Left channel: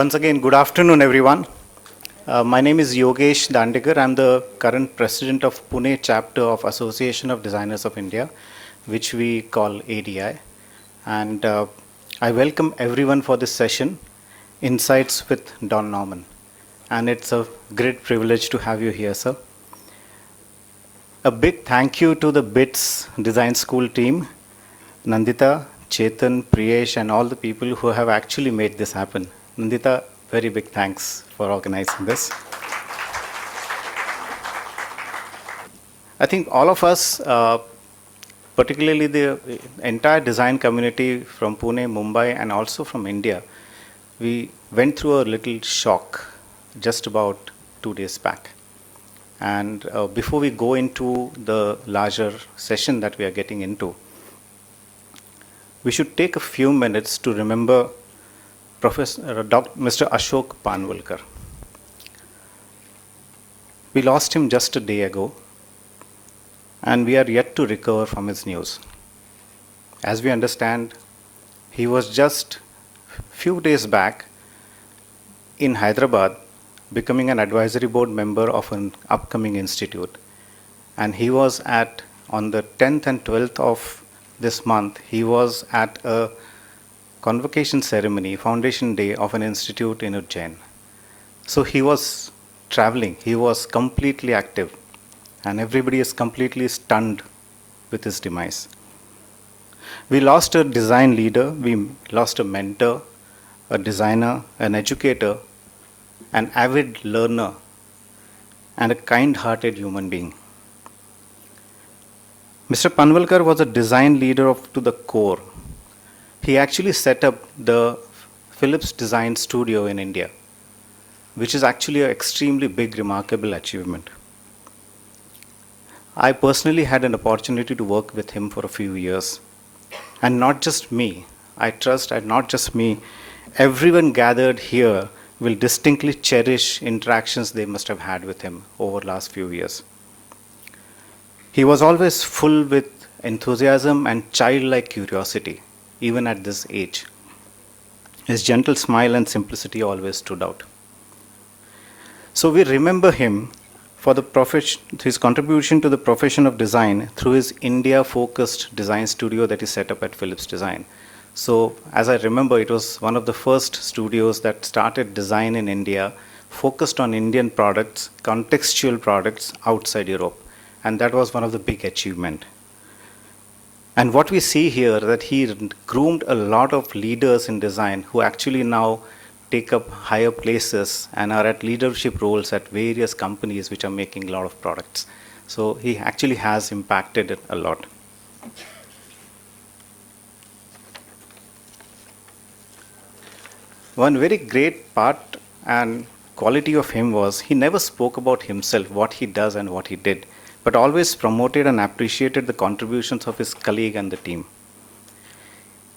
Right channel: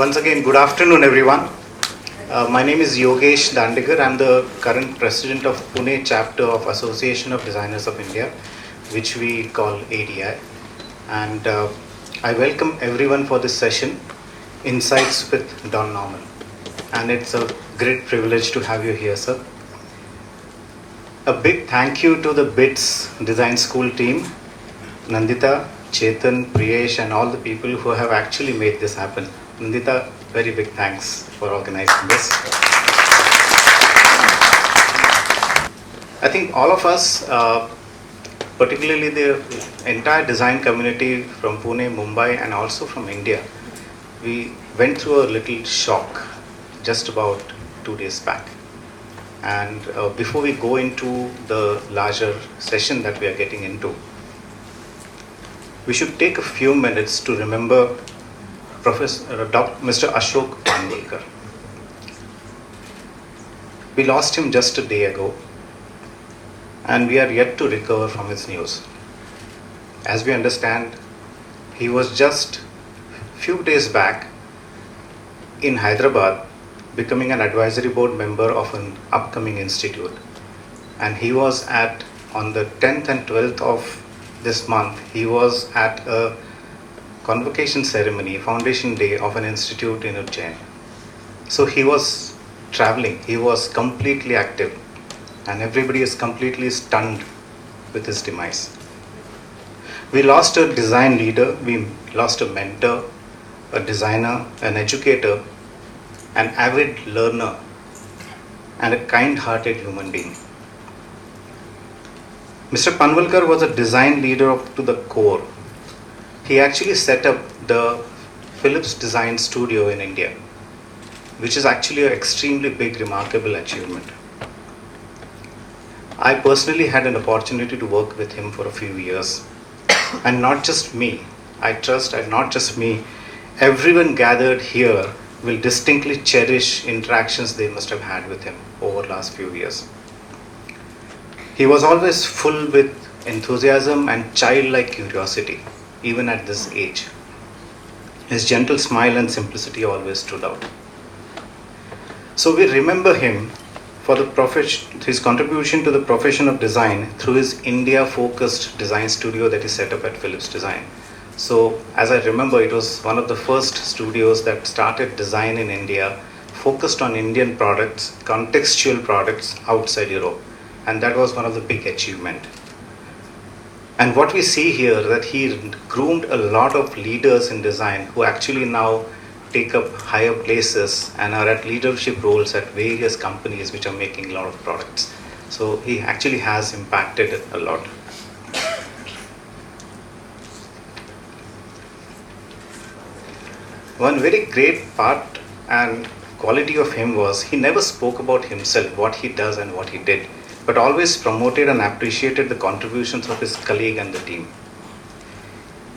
Once again, good afternoon, everyone. My name is Yogesh Dandigar. I'm the current president of Pune chapter of Association of Designers of India, which we call ADI. And I welcome everyone for this session, Insights with Don Norman. And it's a great privilege to have you here, sir. A big thank you to the BITS Design School team, Nandita, Chetan, Priyesh, and all the people who have actually made this happen. Nandita, very big thanks for organizing this. I think all of us, particularly the entire design community from Pune, Mumbai, and also from India, we went through a little shock just about 2 days back. And before we go into the larger session that we are getting into, we should take a few minutes to remember Mr. Ashok Panwalkar. We lost him just a day ago, and we are yet to recover from his news. As we understand, he was just few days back in Hyderabad becoming an advisory board member of an upcoming institute. And he was on the 10th and 12th of this month, he was at a convocation ceremony, foundation day of an institute in Ujjain. So he was traveling, he was completely active, and everybody is completely stunned with his demise. We lost a design leader, we lost a mentor, a designer, an educator, an avid learner, and a kind-hearted human being. Mr. Panwalkar was a design leader to the core. He actually set up the Philips Design Studio in India, which is actually an extremely big, remarkable achievement. I personally had an opportunity to work with him for a few years. And not just me, I trust that not just me, everyone gathered here will distinctly cherish interactions they must have had with him over the last few years. He was always full with enthusiasm and childlike curiosity, even at this age. His gentle smile and simplicity always stood out. So we remember him for his contribution to the profession of design through his India-focused design studio that he set up at Philips Design. So, as I remember, it was one of the first studios that started design in India, focused on Indian products, contextual products outside Europe. And that was one of the big achievements. And what we see here, that he groomed a lot of leaders in design who actually now take up higher places and are at leadership roles at various companies which are making a lot of products. So he actually has impacted it a lot. One very great part and quality of him was he never spoke about himself, what he does and what he did, but always promoted and appreciated the contributions of his colleague and the team.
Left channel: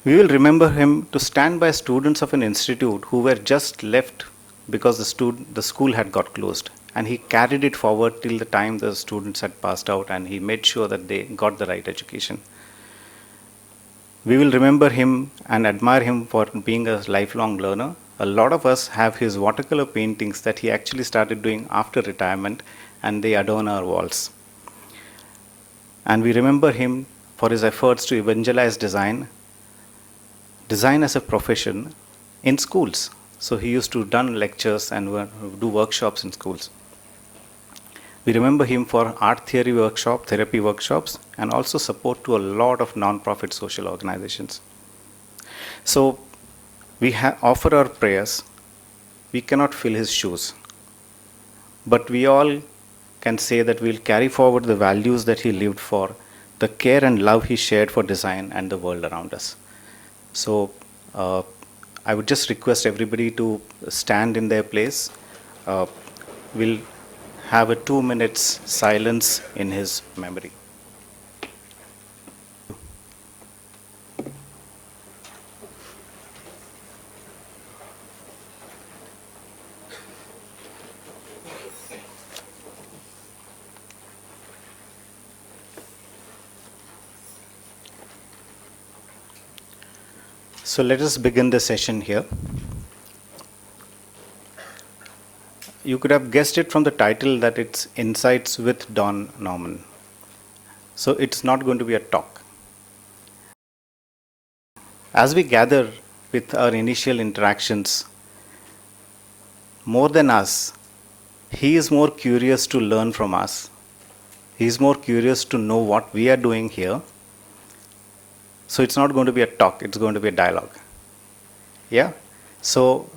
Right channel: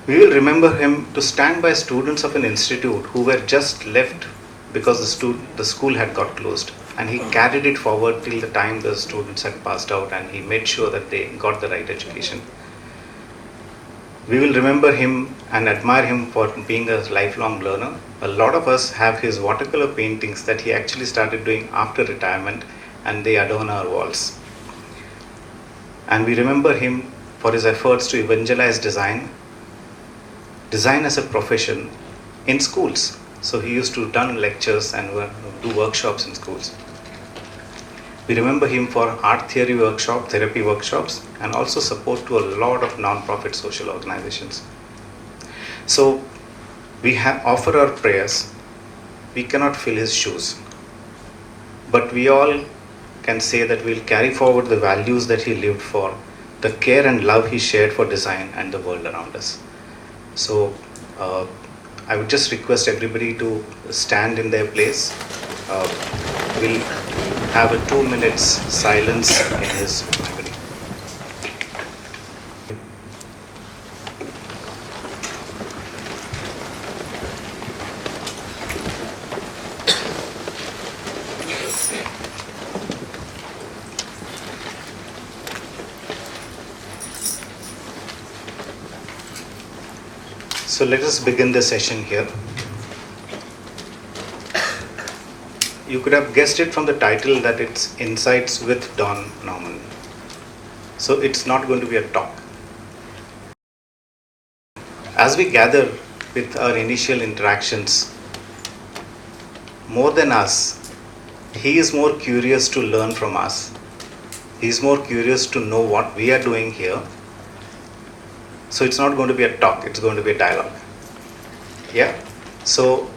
We will remember him to stand by students of an institute who were just left because the school had got closed, and he carried it forward till the time the students had passed out, and he made sure that they got the right education. We will remember him and admire him for being a lifelong learner. A lot of us have his watercolor paintings that he actually started doing after retirement, and they adorn our walls. And we remember him for his efforts to evangelize design as a profession in schools. So he used to run lectures and do workshops in schools. We remember him for art therapy workshops, and also support to a lot of non-profit social organizations. So we offer our prayers. We cannot fill his shoes, but we all can say that we'll carry forward the values that he lived for, the care and love he shared for design and the world around us. So I would just request everybody to stand in their place. We'll have a 2 minutes silence in his memory. So let us begin the session here. you could have guessed it from the title that it's Insights with Don Norman. So it's not going to be a talk. As we gather with our initial interactions, more than us, he is more curious to learn from us. He is more curious to know what we are doing here. So it's not going to be a talk, it's going to be a dialogue. Yeah? So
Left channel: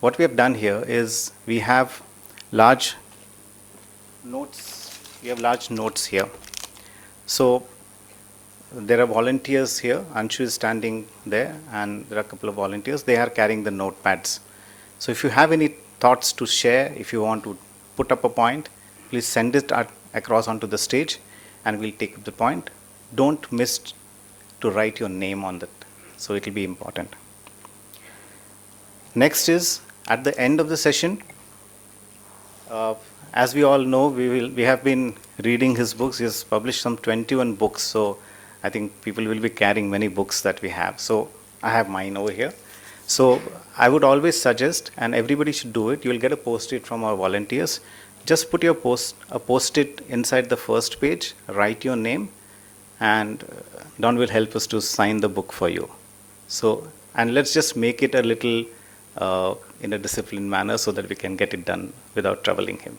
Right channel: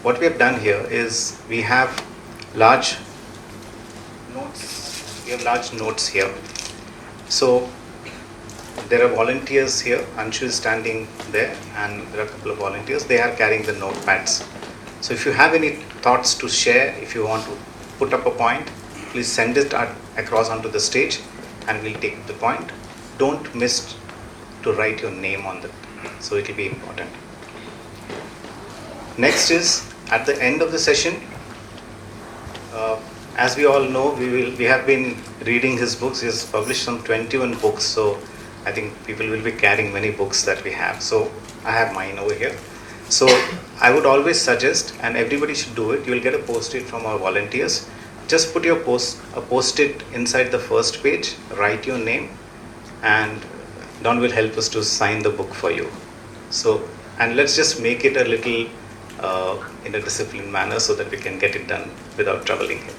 what we have done here is we have large notes. We have large notes here. So there are volunteers here. Anshu is standing there, and there are a couple of volunteers. They are carrying the notepads. So if you have any thoughts to share, if you want to put up a point, please send it across onto the stage, and we'll take the point. Don't miss to write your name on that. So it will be important. Next is at the end of the session. As we all know, we have been reading his books. He has published some 21 books, so I think people will be carrying many books that we have. So I have mine over here. So I would always suggest, and everybody should do it, you will get a post-it from our volunteers. Just put your post-it inside the first page, write your name, and Don will help us to sign the book for you. So, and let's just make it a little in a disciplined manner so that we can get it done without troubling him.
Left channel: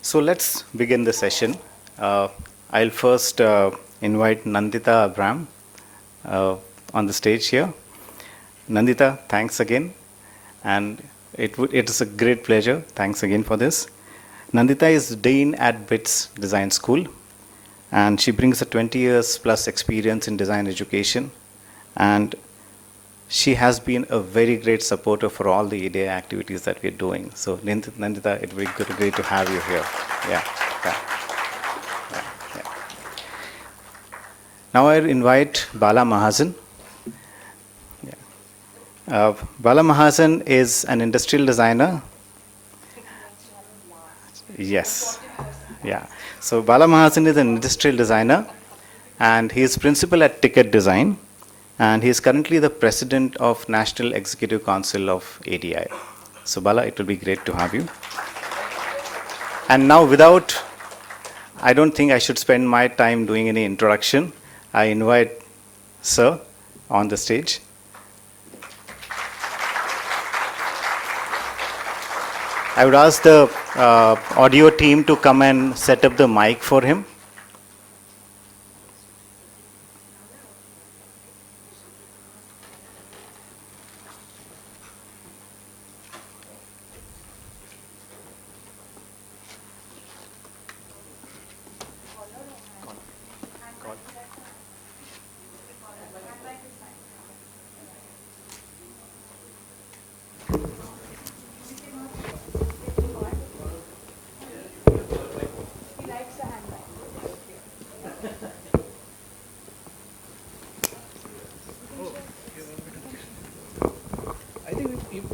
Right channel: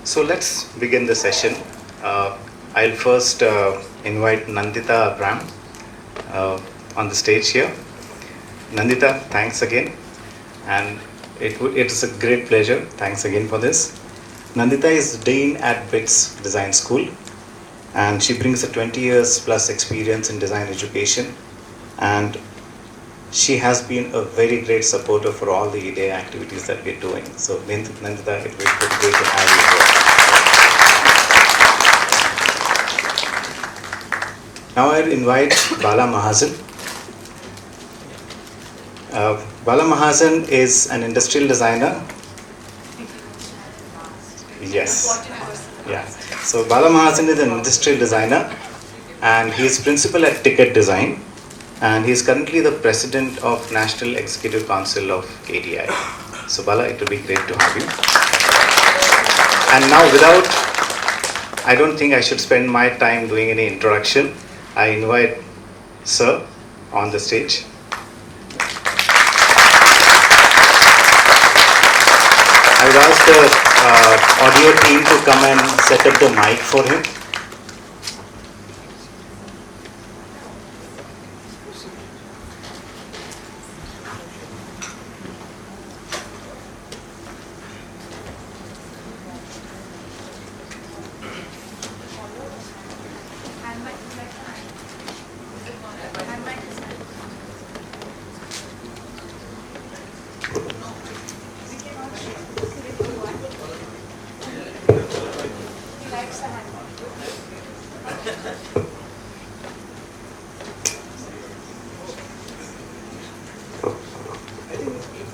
So let's begin the session. I'll first invite Nandita Abram on the stage here. Nandita, thanks again, and it's a great pleasure. Thanks again for this. Nandita is Dean at BITS Design School, and she brings a 20 years plus experience in design education, and she has been a very great supporter for all the ADI activities that we're doing. So Nandita, it's great to have you here. Now I'll invite Bala Mahajan. Bala Mahajan is an industrial designer. Yes. Yeah. So Bala Mahajan is an industrial designer, and he is principal at Ticket Design, and he is currently the president of National Executive Council of ADI. So Bala, it will be great to have you. And now I don't think I should spend my time doing any introduction. I invite Sir on the stage. I would ask the audio team to come and set up the mic for him.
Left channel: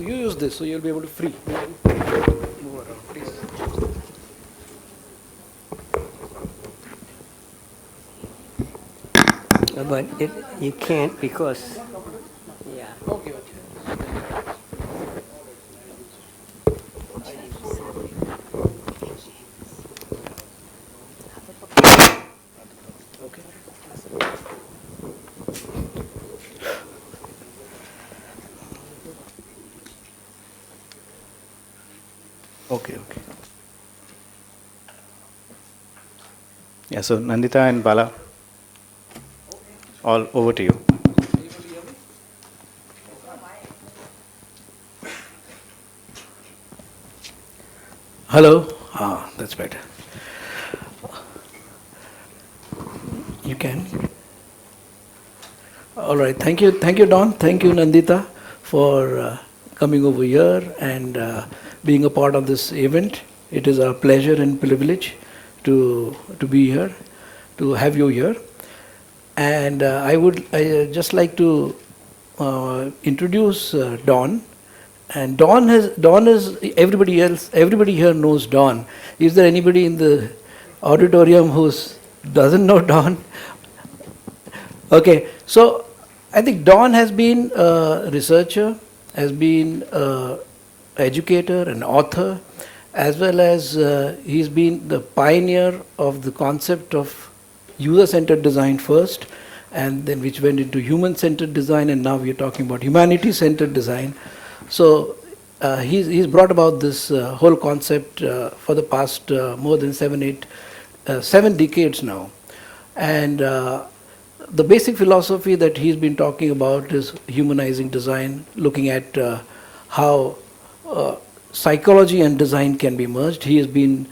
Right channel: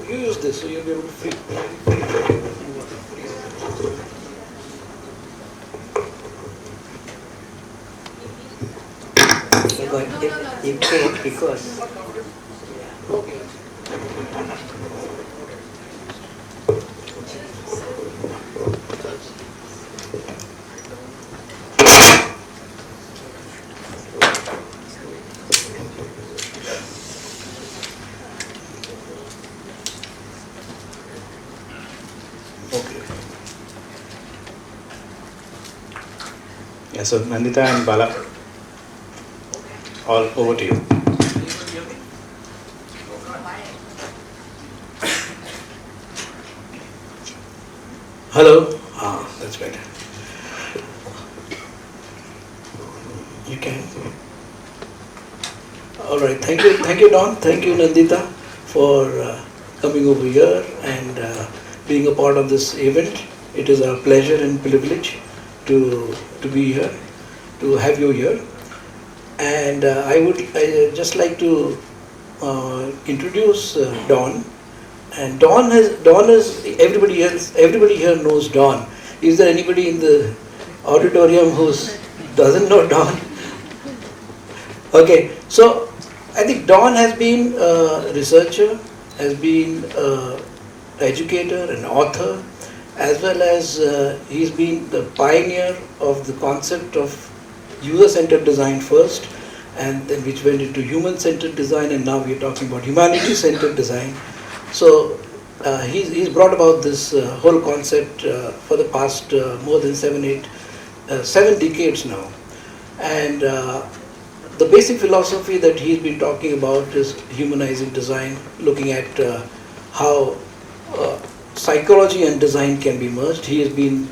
You use this, so you'll be able to free. But you can't because Okay. Yeah, so Nandita and Bala, all over to you. Hello. That's better. You can. All right. Thank you, Don. Thank you, Nandita, for coming over here and being a part of this event. It is our pleasure and privilege to be here, to have you here. And I just like to introduce Don. And Don is everybody here knows Don. Is there anybody in the auditorium who doesn't know Don? Okay, so I think Don has been a researcher, has been an educator, an author, as well as he's been the pioneer of the concept of user-centered design first, and then which went into human-centered design, and now we're talking about humanity-centered design. So he's brought about this whole concept for the past more than 7 decades now. And the basic philosophy that he's been talking about is humanizing design, looking at how psychology and design can be merged. He has been,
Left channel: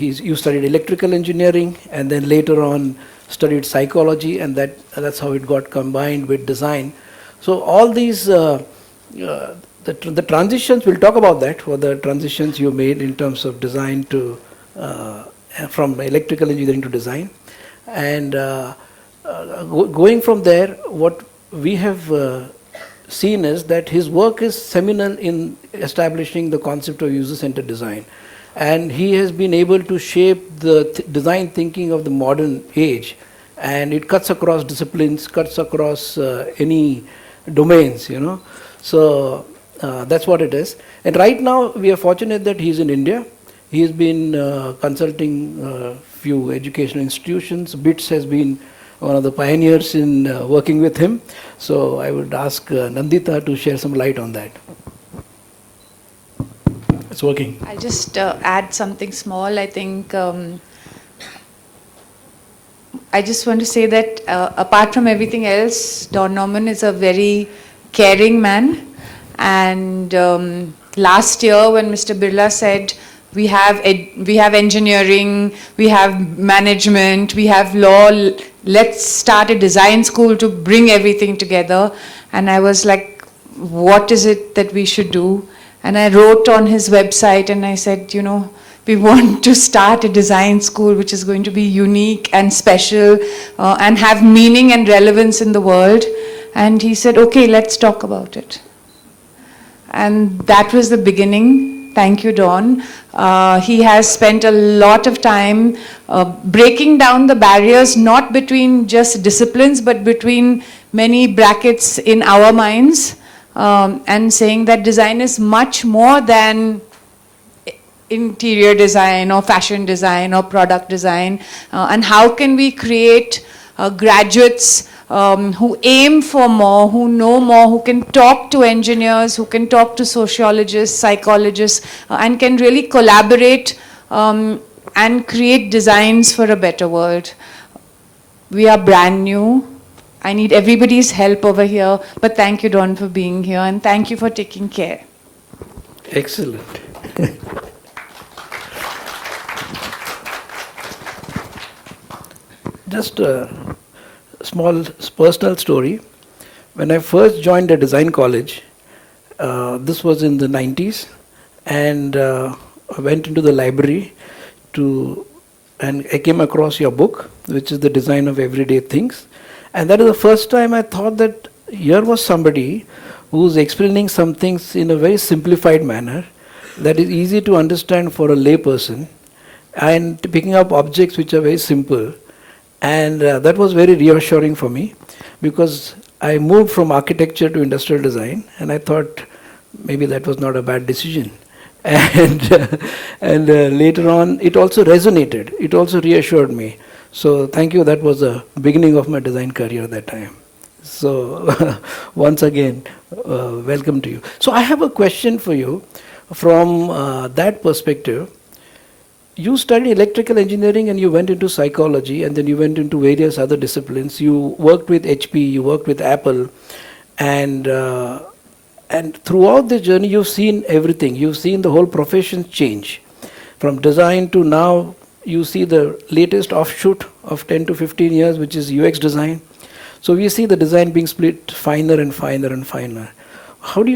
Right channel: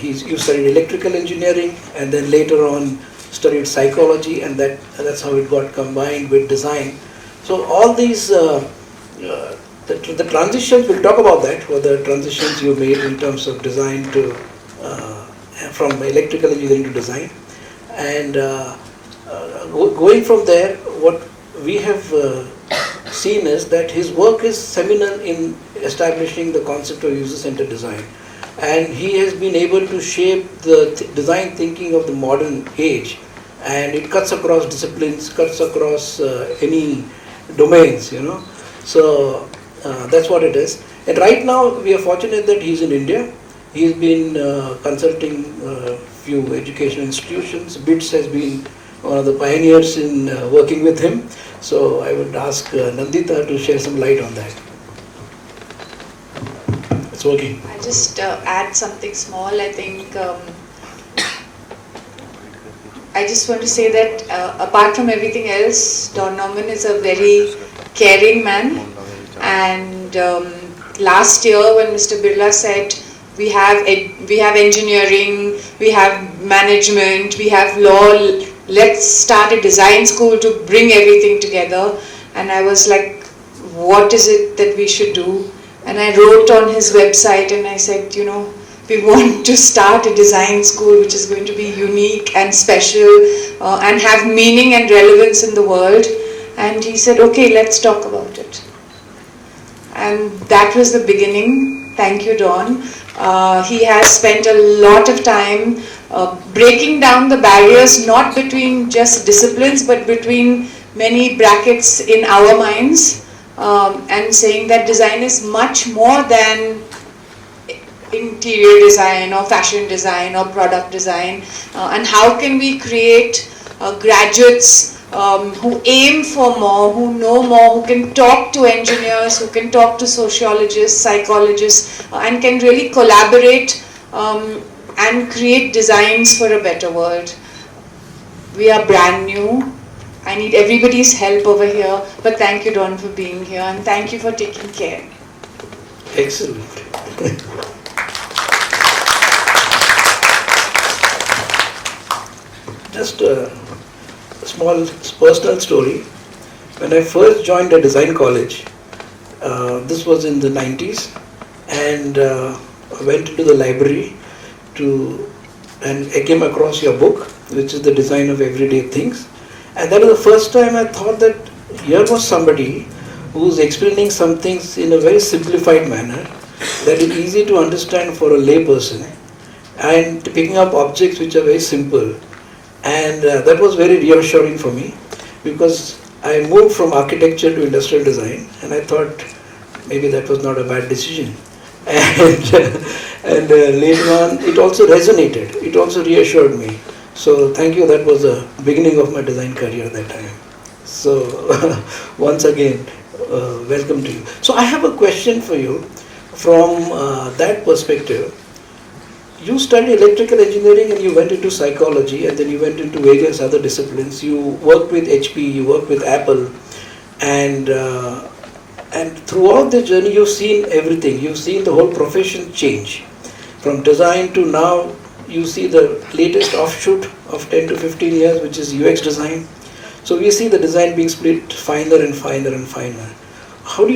you studied electrical engineering and then later on studied psychology, and that's how it got combined with design. So all these, the transitions, we'll talk about that, what the transitions you made in terms of design to, from electrical engineering to design. And going from there, what we have seen is that his work is seminal in establishing the concept of user-centered design. And he has been able to shape the design thinking of the modern age, and it cuts across disciplines, cuts across any domains, you know. So that's what it is. And right now we are fortunate that he's in India. He has been consulting few educational institutions. BITS has been one of the pioneers in working with him. So I would ask Nandita to share some light on that. It's working. I'll just add something small. I think I just want to say that apart from everything else, Don Norman is a very caring man. And last year when Mr. Birla said, we have engineering, we have management, we have law, let's start a design school to bring everything together. And I was like, what is it that we should do? And I wrote on his website and I said, you know, we want to start a design school which is going to be unique and special and have meaning and relevance in the world. And he said, okay, let's talk about it. And that was the beginning. Thank you, Don. He has spent a lot of time breaking down the barriers, not between just disciplines, but between many brackets in our minds, and saying that design is much more than interior design or fashion design or product design, and how can we create graduates who aim for more, who know more, who can talk to engineers, who can talk to sociologists, psychologists, and can really collaborate and create designs for a better world. We are brand new. I need everybody's help over here, but thank you, Don, for being here, and thank you for taking care. Excellent. Just a small personal story. When I first joined a design college, this was in the 90s, and I went into the library and I came across your book, which is The Design of Everyday Things. And that was the first time I thought that here was somebody who's explaining some things in a very simplified manner that is easy to understand for a lay person, and picking up objects which are very simple. And that was very reassuring for me, because I moved from architecture to industrial design, and I thought maybe that was not a bad decision. And later on it also resonated, it also reassured me. So thank you, that was the beginning of my design career that time. So once again, welcome to you. So I have a question for you from that perspective. You studied electrical engineering and you went into psychology, and then you went into various other disciplines. You worked with HP, you worked with Apple, and throughout the journey you've seen everything. You've seen the whole profession change. From design to now, you see the latest offshoot of 10 to 15 years, which is UX design. So we see the design being split finer and finer and finer. What do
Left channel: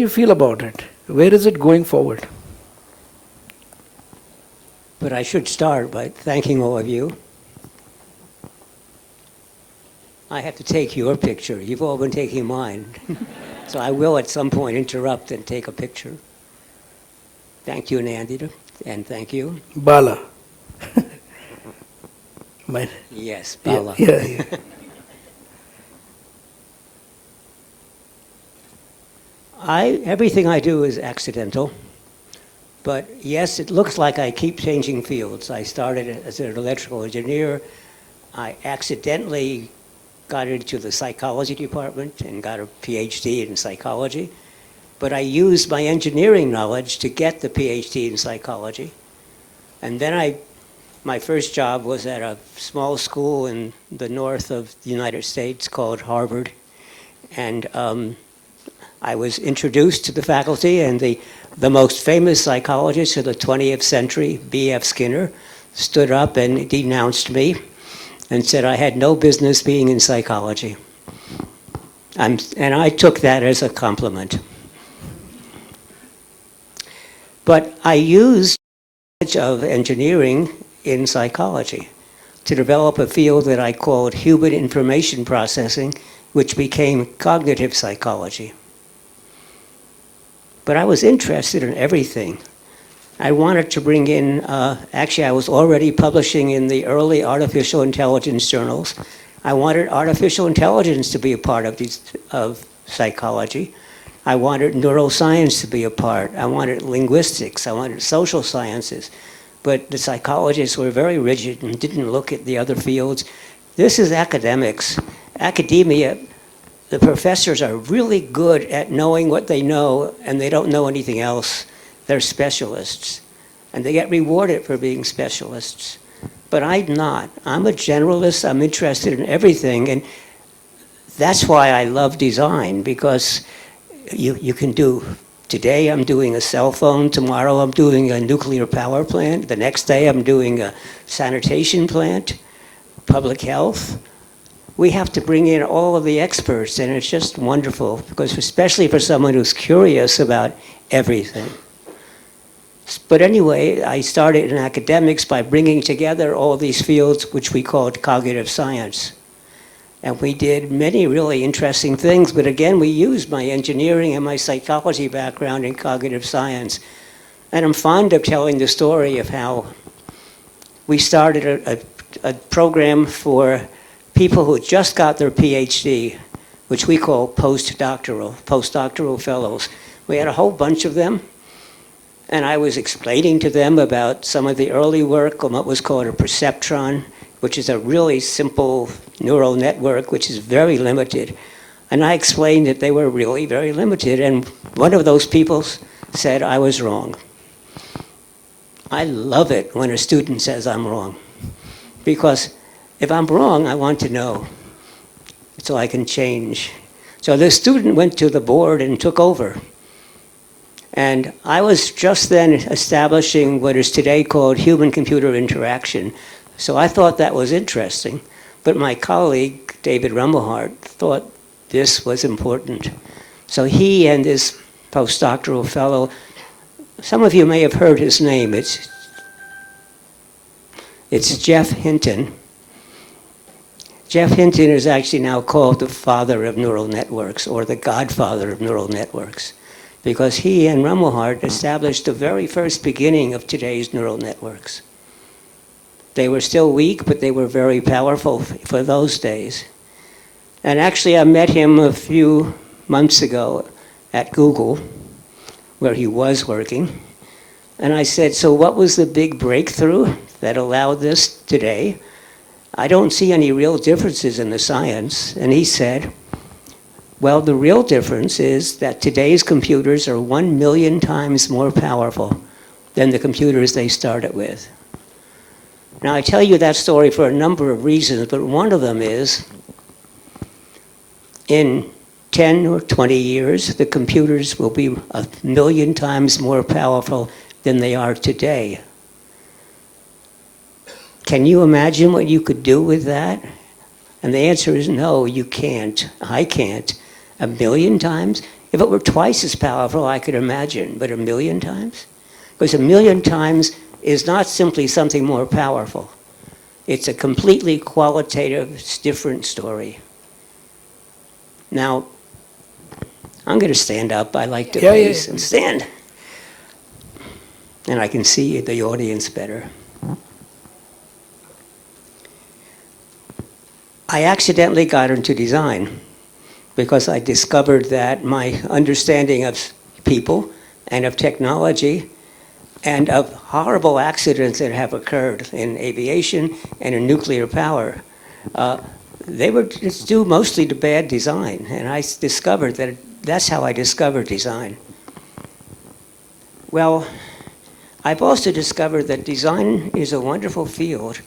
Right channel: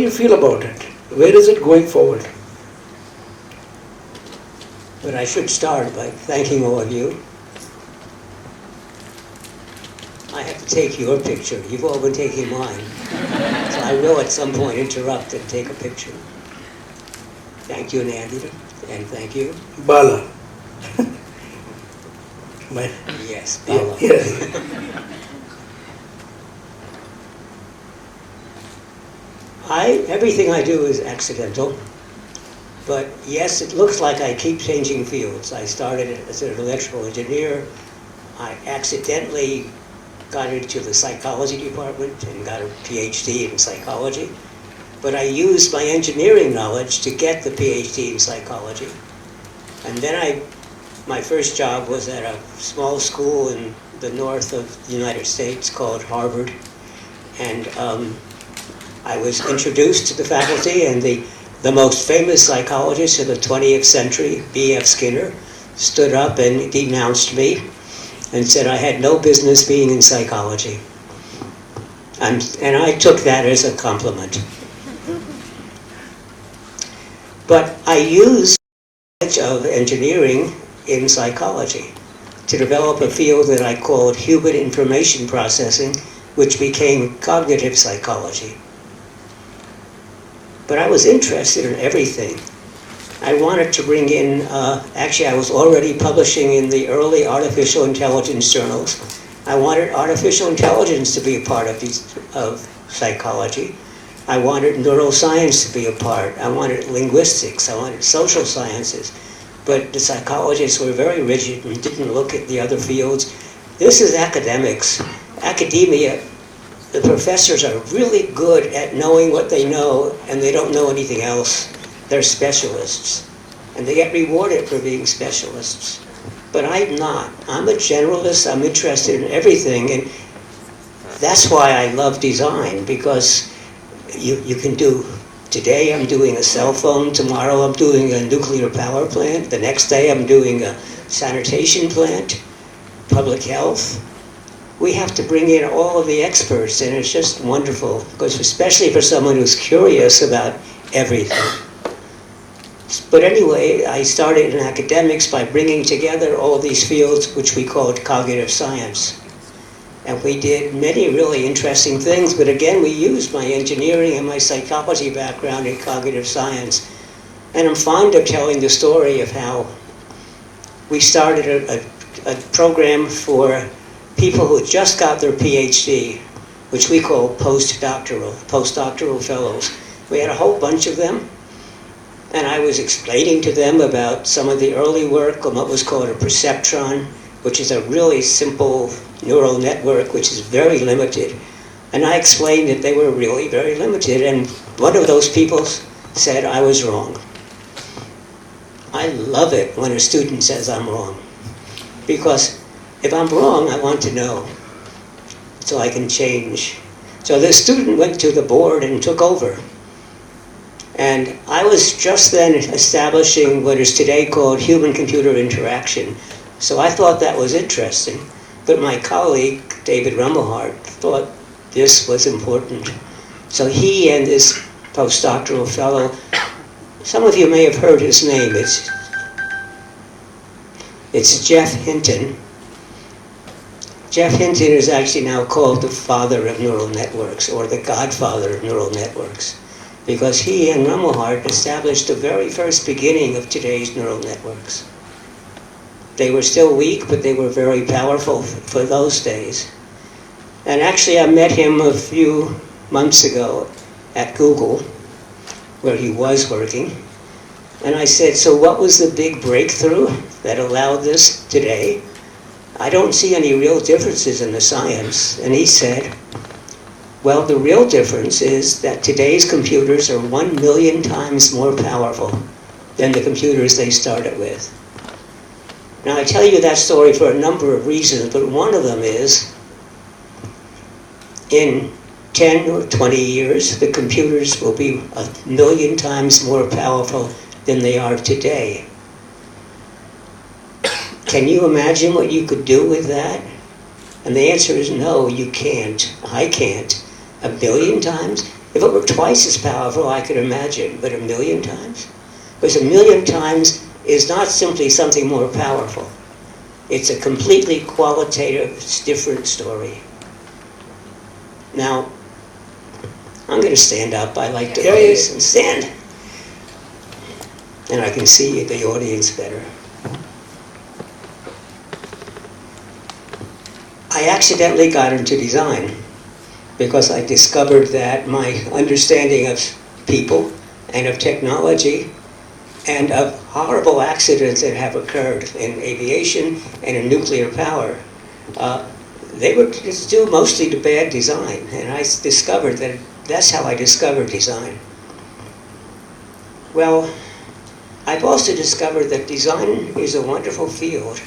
you feel about it? Where is it going forward? But I should start by thanking all of you. I have to take your picture. You've all been taking mine. So I will at some point interrupt and take a picture. Thank you, Nandita, and thank you. Bala. Yes, Bala. Yeah. Everything I do is accidental. But yes, it looks like I keep changing fields. I started as an electrical engineer. I accidentally got into the psychology department and got a PhD in psychology. But I used my engineering knowledge to get the PhD in psychology. And then my first job was at a small school in the north of the United States called Harvard. And I was introduced to the faculty, and the most famous psychologist of the 20th century, B.F. Skinner, stood up and denounced me and said I had no business being in psychology. And I took that as a compliment. But I used knowledge of engineering in psychology to develop a field that I called human information processing, which became cognitive psychology. But I was interested in everything. I wanted to bring in, actually I was already publishing in the early artificial intelligence journals. I wanted artificial intelligence to be a part of psychology. I wanted neuroscience to be a part. I wanted linguistics. I wanted social sciences. But the psychologists were very rigid and didn't look at the other fields. This is academics. Academia, the professors are really good at knowing what they know, and they don't know anything else. They're specialists, and they get rewarded for being specialists. But I'm not. I'm a generalist. I'm interested in everything, and that's why I love design, because you can do, today I'm doing a cell phone, tomorrow I'm doing a nuclear power plant, the next day I'm doing a sanitation plant, public health. We have to bring in all of the experts, and it's just wonderful, because especially for someone who's curious about everything. But anyway, I started in academics by bringing together all these fields which we called cognitive science. And we did many really interesting things, but again, we used my engineering and my psychology background in cognitive science. And I'm fond of telling the story of how we started a program for people who just got their PhD, which we call postdoctoral fellows. We had a whole bunch of them, and I was explaining to them about some of the early work on what was called a perceptron, which is a really simple neural network which is very limited. And I explained that they were really very limited, and one of those people said I was wrong. I love it when a student says I'm wrong, because if I'm wrong, I want to know so I can change. So this student went to the board and took over. And I was just then establishing what is today called human-computer interaction. So I thought that was interesting. But my colleague, David Rummelhart, thought this was important. So he and this postdoctoral fellow, some of you may have heard his name. It's Jeff Hinton. Jeff Hinton is actually now called the father of neural networks, or the godfather of neural networks, because he and Rummelhart established the very first beginning of today's neural networks. They were still weak, but they were very powerful for those days. And actually, I met him a few months ago at Google, where he was working. And I said, so what was the big breakthrough that allowed this today? I don't see any real differences in the science. And he said, well, the real difference is that today's computers are 1 million times more powerful than the computers they started with. Now, I tell you that story for a number of reasons, but one of them is, in 10 or 20 years, the computers will be 1 million times more powerful than they are today. Can you imagine what you could do with that? And the answer is no, you can't. I can't. 1 million times? If it were twice as powerful, I could imagine, but 1 million times? Because 1 million times is not simply something more powerful. It's a completely qualitative, different story. Now, I'm going to stand up. I like to raise and stand. And I can see the audience better. I accidentally got into design. because I discovered that my understanding of people and of technology and of horrible accidents that have occurred in aviation and in nuclear power, they were just due mostly to bad design. And I discovered that that's how I discovered design. Well, I've also discovered that design is a wonderful field,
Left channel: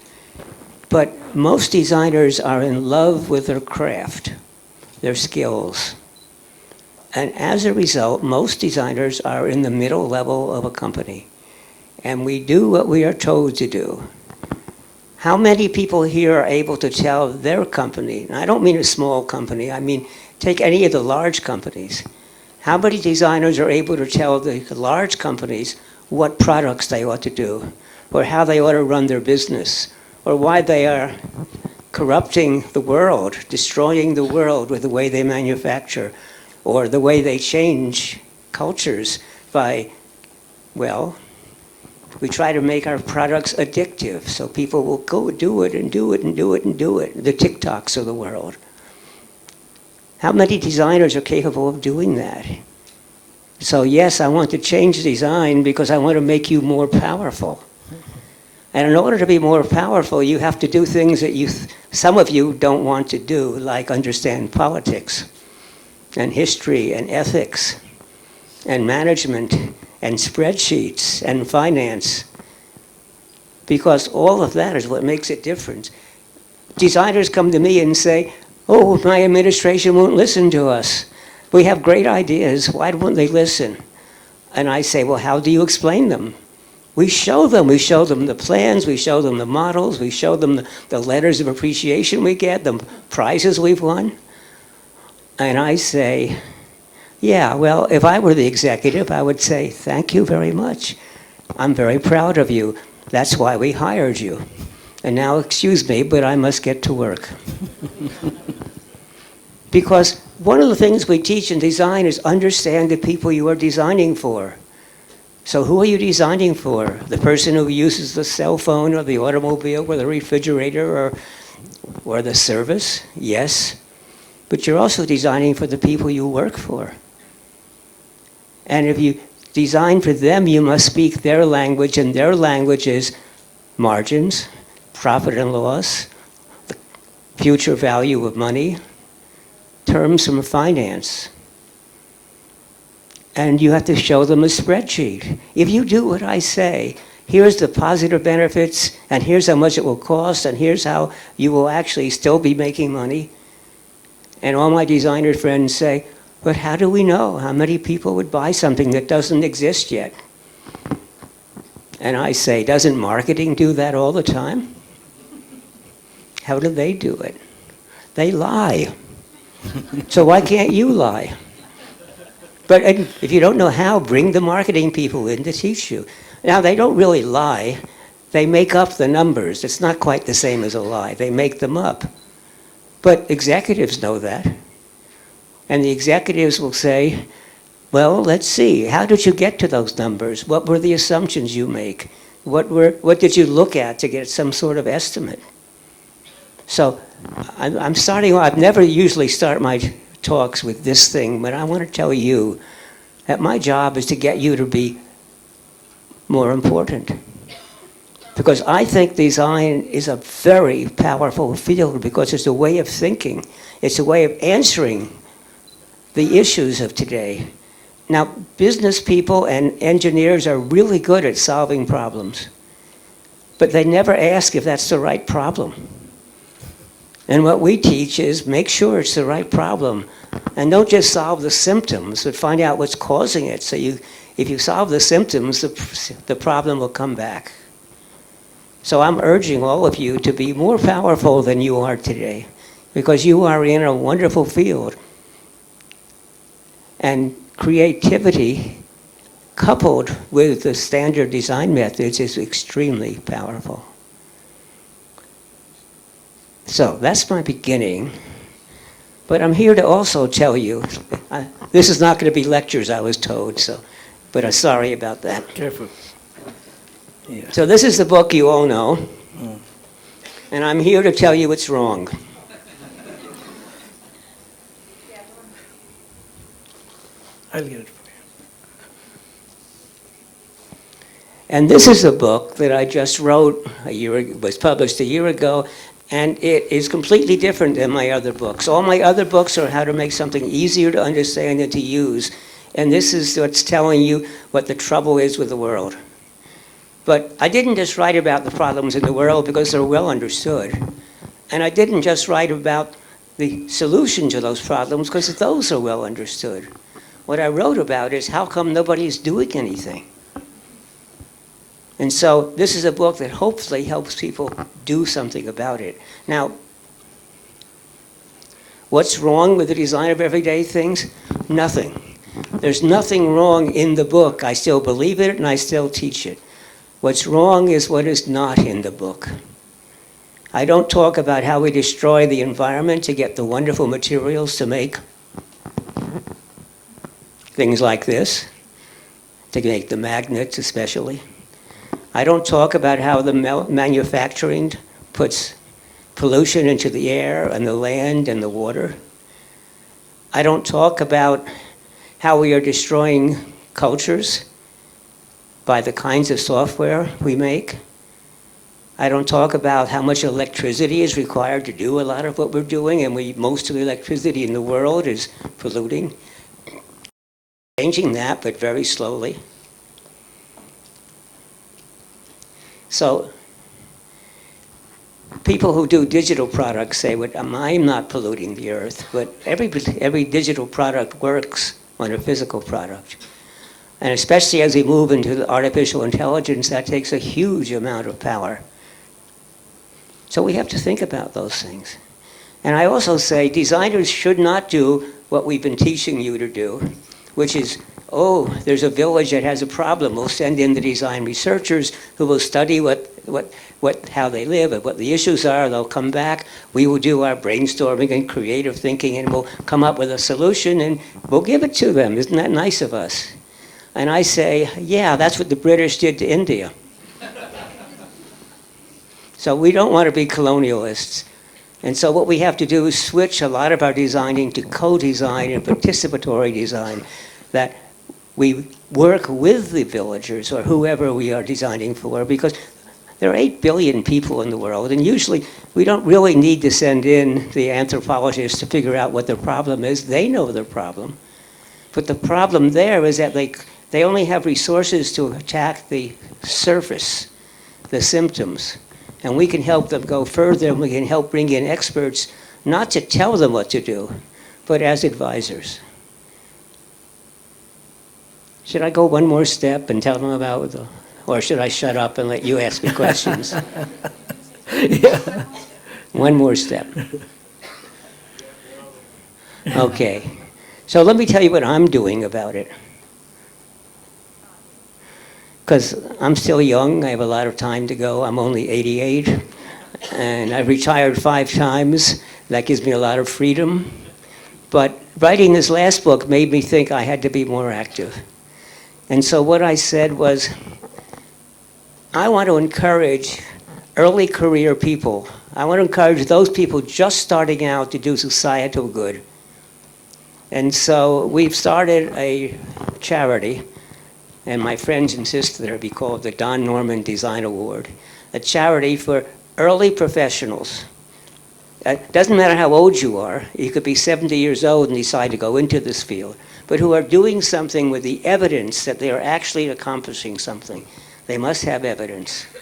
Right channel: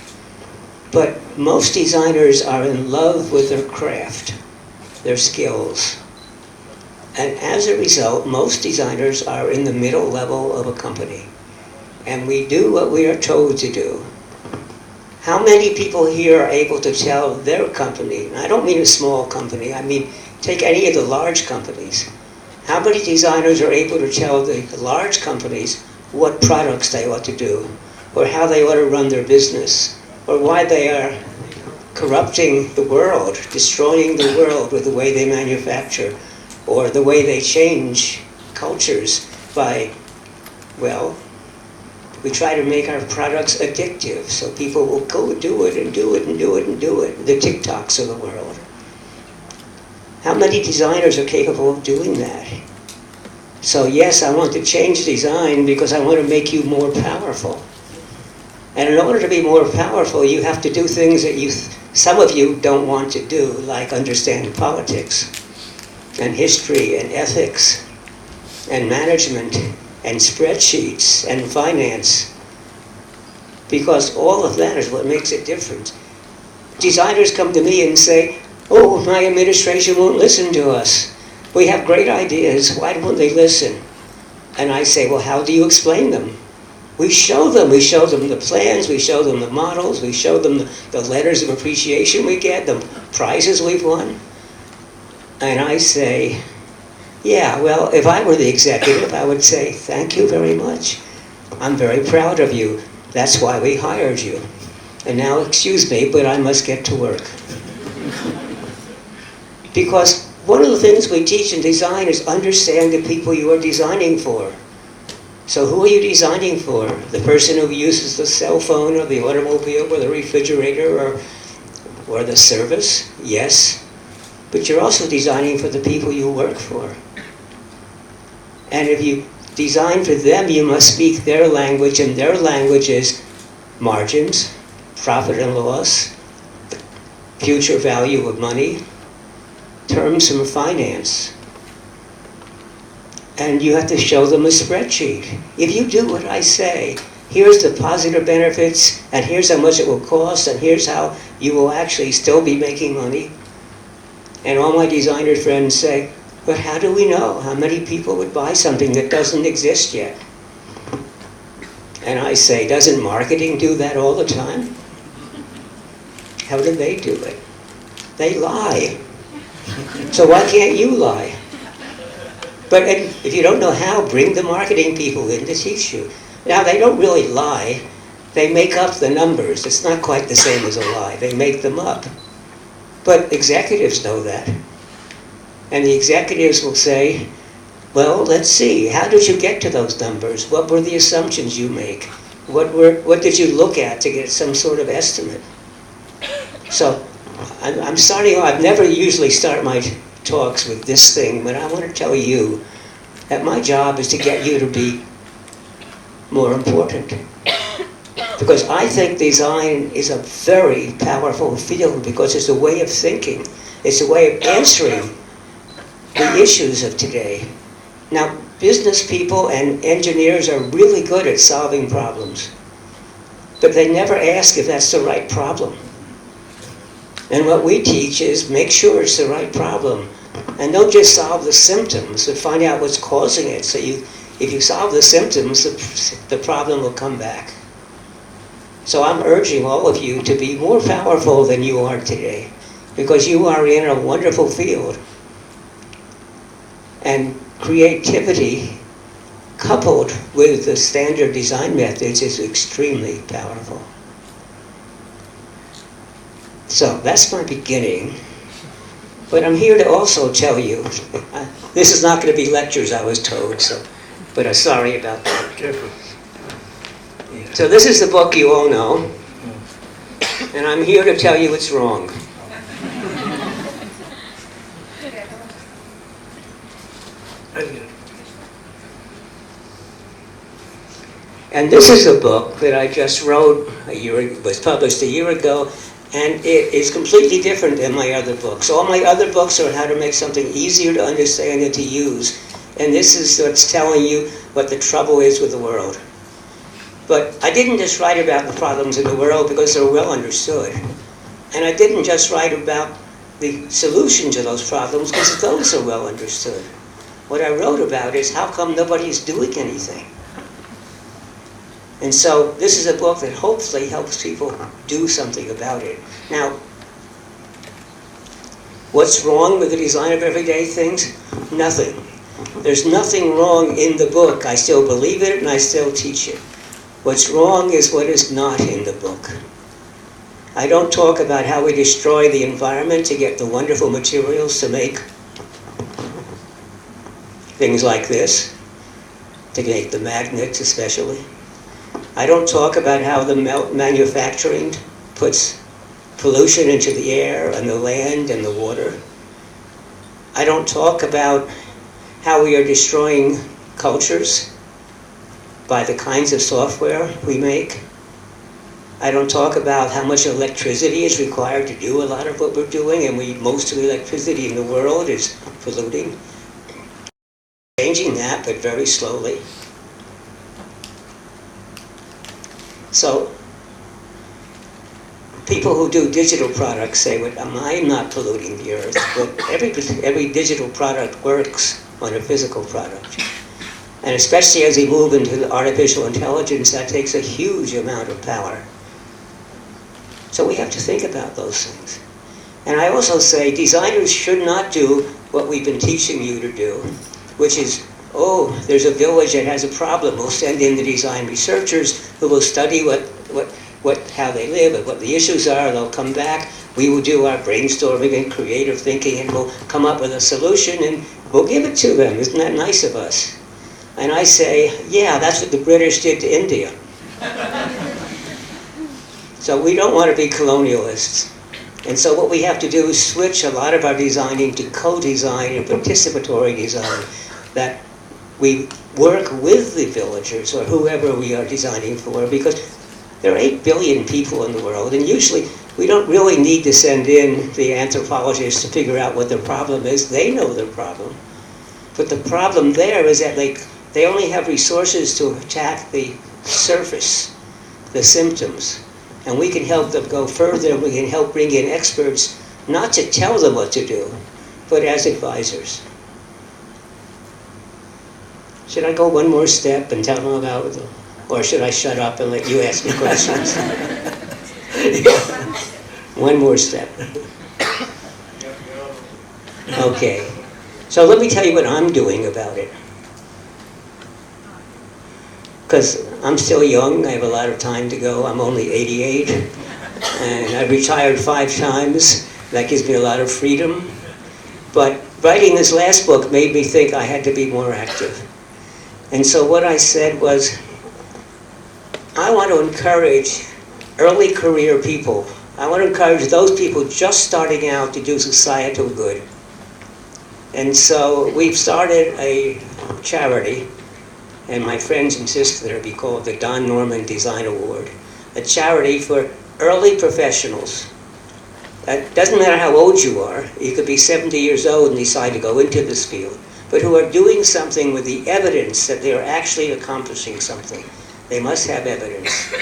but most designers are in love with their craft, their skills. And as a result, most designers are in the middle level of a company. And we do what we are told to do. How many people here are able to tell their company, and I don't mean a small company, I mean take any of the large companies. How many designers are able to tell the large companies what products they ought to do, or how they ought to run their business, or why they are corrupting the world, destroying the world with the way they manufacture, or the way they change cultures by, well, we try to make our products addictive so people will go do it and do it and do it and do it, the TikToks of the world. How many designers are capable of doing that? So yes, I want to change design because I want to make you more powerful. And in order to be more powerful, you have to do things that some of you don't want to do, like understand politics and history and ethics and management and spreadsheets and finance, because all of that is what makes it different. Designers come to me and say, oh, my administration won't listen to us. We have great ideas, why won't they listen? And I say, well, how do you explain them? We show them the plans, we show them the models, we show them the letters of appreciation we get, the prizes we've won. And I say, yeah, well, if I were the executive, I would say, thank you very much. I'm very proud of you. That's why we hired you. And now, excuse me, but I must get to work. Because one of the things we teach in design is understand the people you are designing for. So who are you designing for? The person who uses the cell phone or the automobile or the refrigerator or the service? Yes. But you're also designing for the people you work for. And if you design for them, you must speak their language, and their language is margins, profit and loss, future value of money, terms from finance. And you have to show them a spreadsheet. If you do what I say, here's the positive benefits, and here's how much it will cost, and here's how you will actually still be making money. And all my designer friends say, but how do we know how many people would buy something that doesn't exist yet? And I say, doesn't marketing do that all the time? How do they do it? They lie. So why can't you lie? But if you don't know how, bring the marketing people in to teach you. Now, they don't really lie. They make up the numbers. It's not quite the same as a lie. They make them up. But executives know that. And the executives will say, well, let's see, how did you get to those numbers? What were the assumptions you make? What did you look at to get some sort of estimate? So I'm starting, I never usually start my talks with this thing, but I want to tell you that my job is to get you to be more important. Because I think design is a very powerful field because it's a way of thinking. It's a way of answering the issues of today. Now, business people and engineers are really good at solving problems, but they never ask if that's the right problem. And what we teach is make sure it's the right problem, and don't just solve the symptoms, but find out what's causing it. So if you solve the symptoms, the problem will come back. So I'm urging all of you to be more powerful than you are today, because you are in a wonderful field. And creativity coupled with the standard design methods is extremely powerful. So that's my beginning. But I'm here to also tell you, this is not going to be lectures, I was told, but I'm sorry about that. Careful. Yeah. So this is the book you all know, and I'm here to tell you it's wrong. I read it. And this is a book that I just wrote it was published a year ago, and it is completely different than my other books. All my other books are how to make something easier to understand and to use. And this is what's telling you what the trouble is with the world. But I didn't just write about the problems in the world because they're well understood. And I didn't just write about the solution to those problems because those are well understood. What I wrote about is how come nobody's doing anything. And so this is a book that hopefully helps people do something about it. Now, what's wrong with the design of everyday things? Nothing. There's nothing wrong in the book. I still believe it and I still teach it. What's wrong is what is not in the book. I don't talk about how we destroy the environment to get the wonderful materials to make things like this, to make the magnets especially. I don't talk about how the manufacturing puts pollution into the air and the land and the water. I don't talk about how we are destroying cultures by the kinds of software we make. I don't talk about how much electricity is required to do a lot of what we're doing, and most of the electricity in the world is polluting. Changing that, but very slowly. So, people who do digital products say, well, am I not polluting the earth? But every digital product works on a physical product. And especially as we move into the artificial intelligence, that takes a huge amount of power. So we have to think about those things. And I also say designers should not do what we've been teaching you to do, which is, oh, there's a village that has a problem. We'll send in the design researchers who will study how they live and what the issues are. They'll come back. We will do our brainstorming and creative thinking, and we'll come up with a solution, and we'll give it to them. Isn't that nice of us? And I say, yeah, that's what the British did to India. So we don't want to be colonialists. And so what we have to do is switch a lot of our designing to co-design and participatory design, that we work with the villagers or whoever we are designing for, because there are 8 billion people in the world, and usually we don't really need to send in the anthropologists to figure out what the problem is. They know the problem. But the problem there is that they only have resources to attack the surface, the symptoms. And we can help them go further. We can help bring in experts, not to tell them what to do, but as advisors. Should I go one more step and tell them about it? Or should I shut up and let you ask the questions? Yeah. One more step. Okay. So let me tell you what I'm doing about it. Because I'm still young, I have a lot of time to go. I'm only 88, and I retired 5 times. That gives me a lot of freedom. But writing this last book made me think I had to be more active. And so what I said was, I want to encourage early career people. I want to encourage those people just starting out to do societal good. And so we've started a charity, and my friends insist that it be called the Don Norman Design Award, a charity for early professionals. It doesn't matter how old you are. You could be 70 years old and decide to go into this field, but who are doing something with the evidence that they are actually accomplishing something. They must have evidence.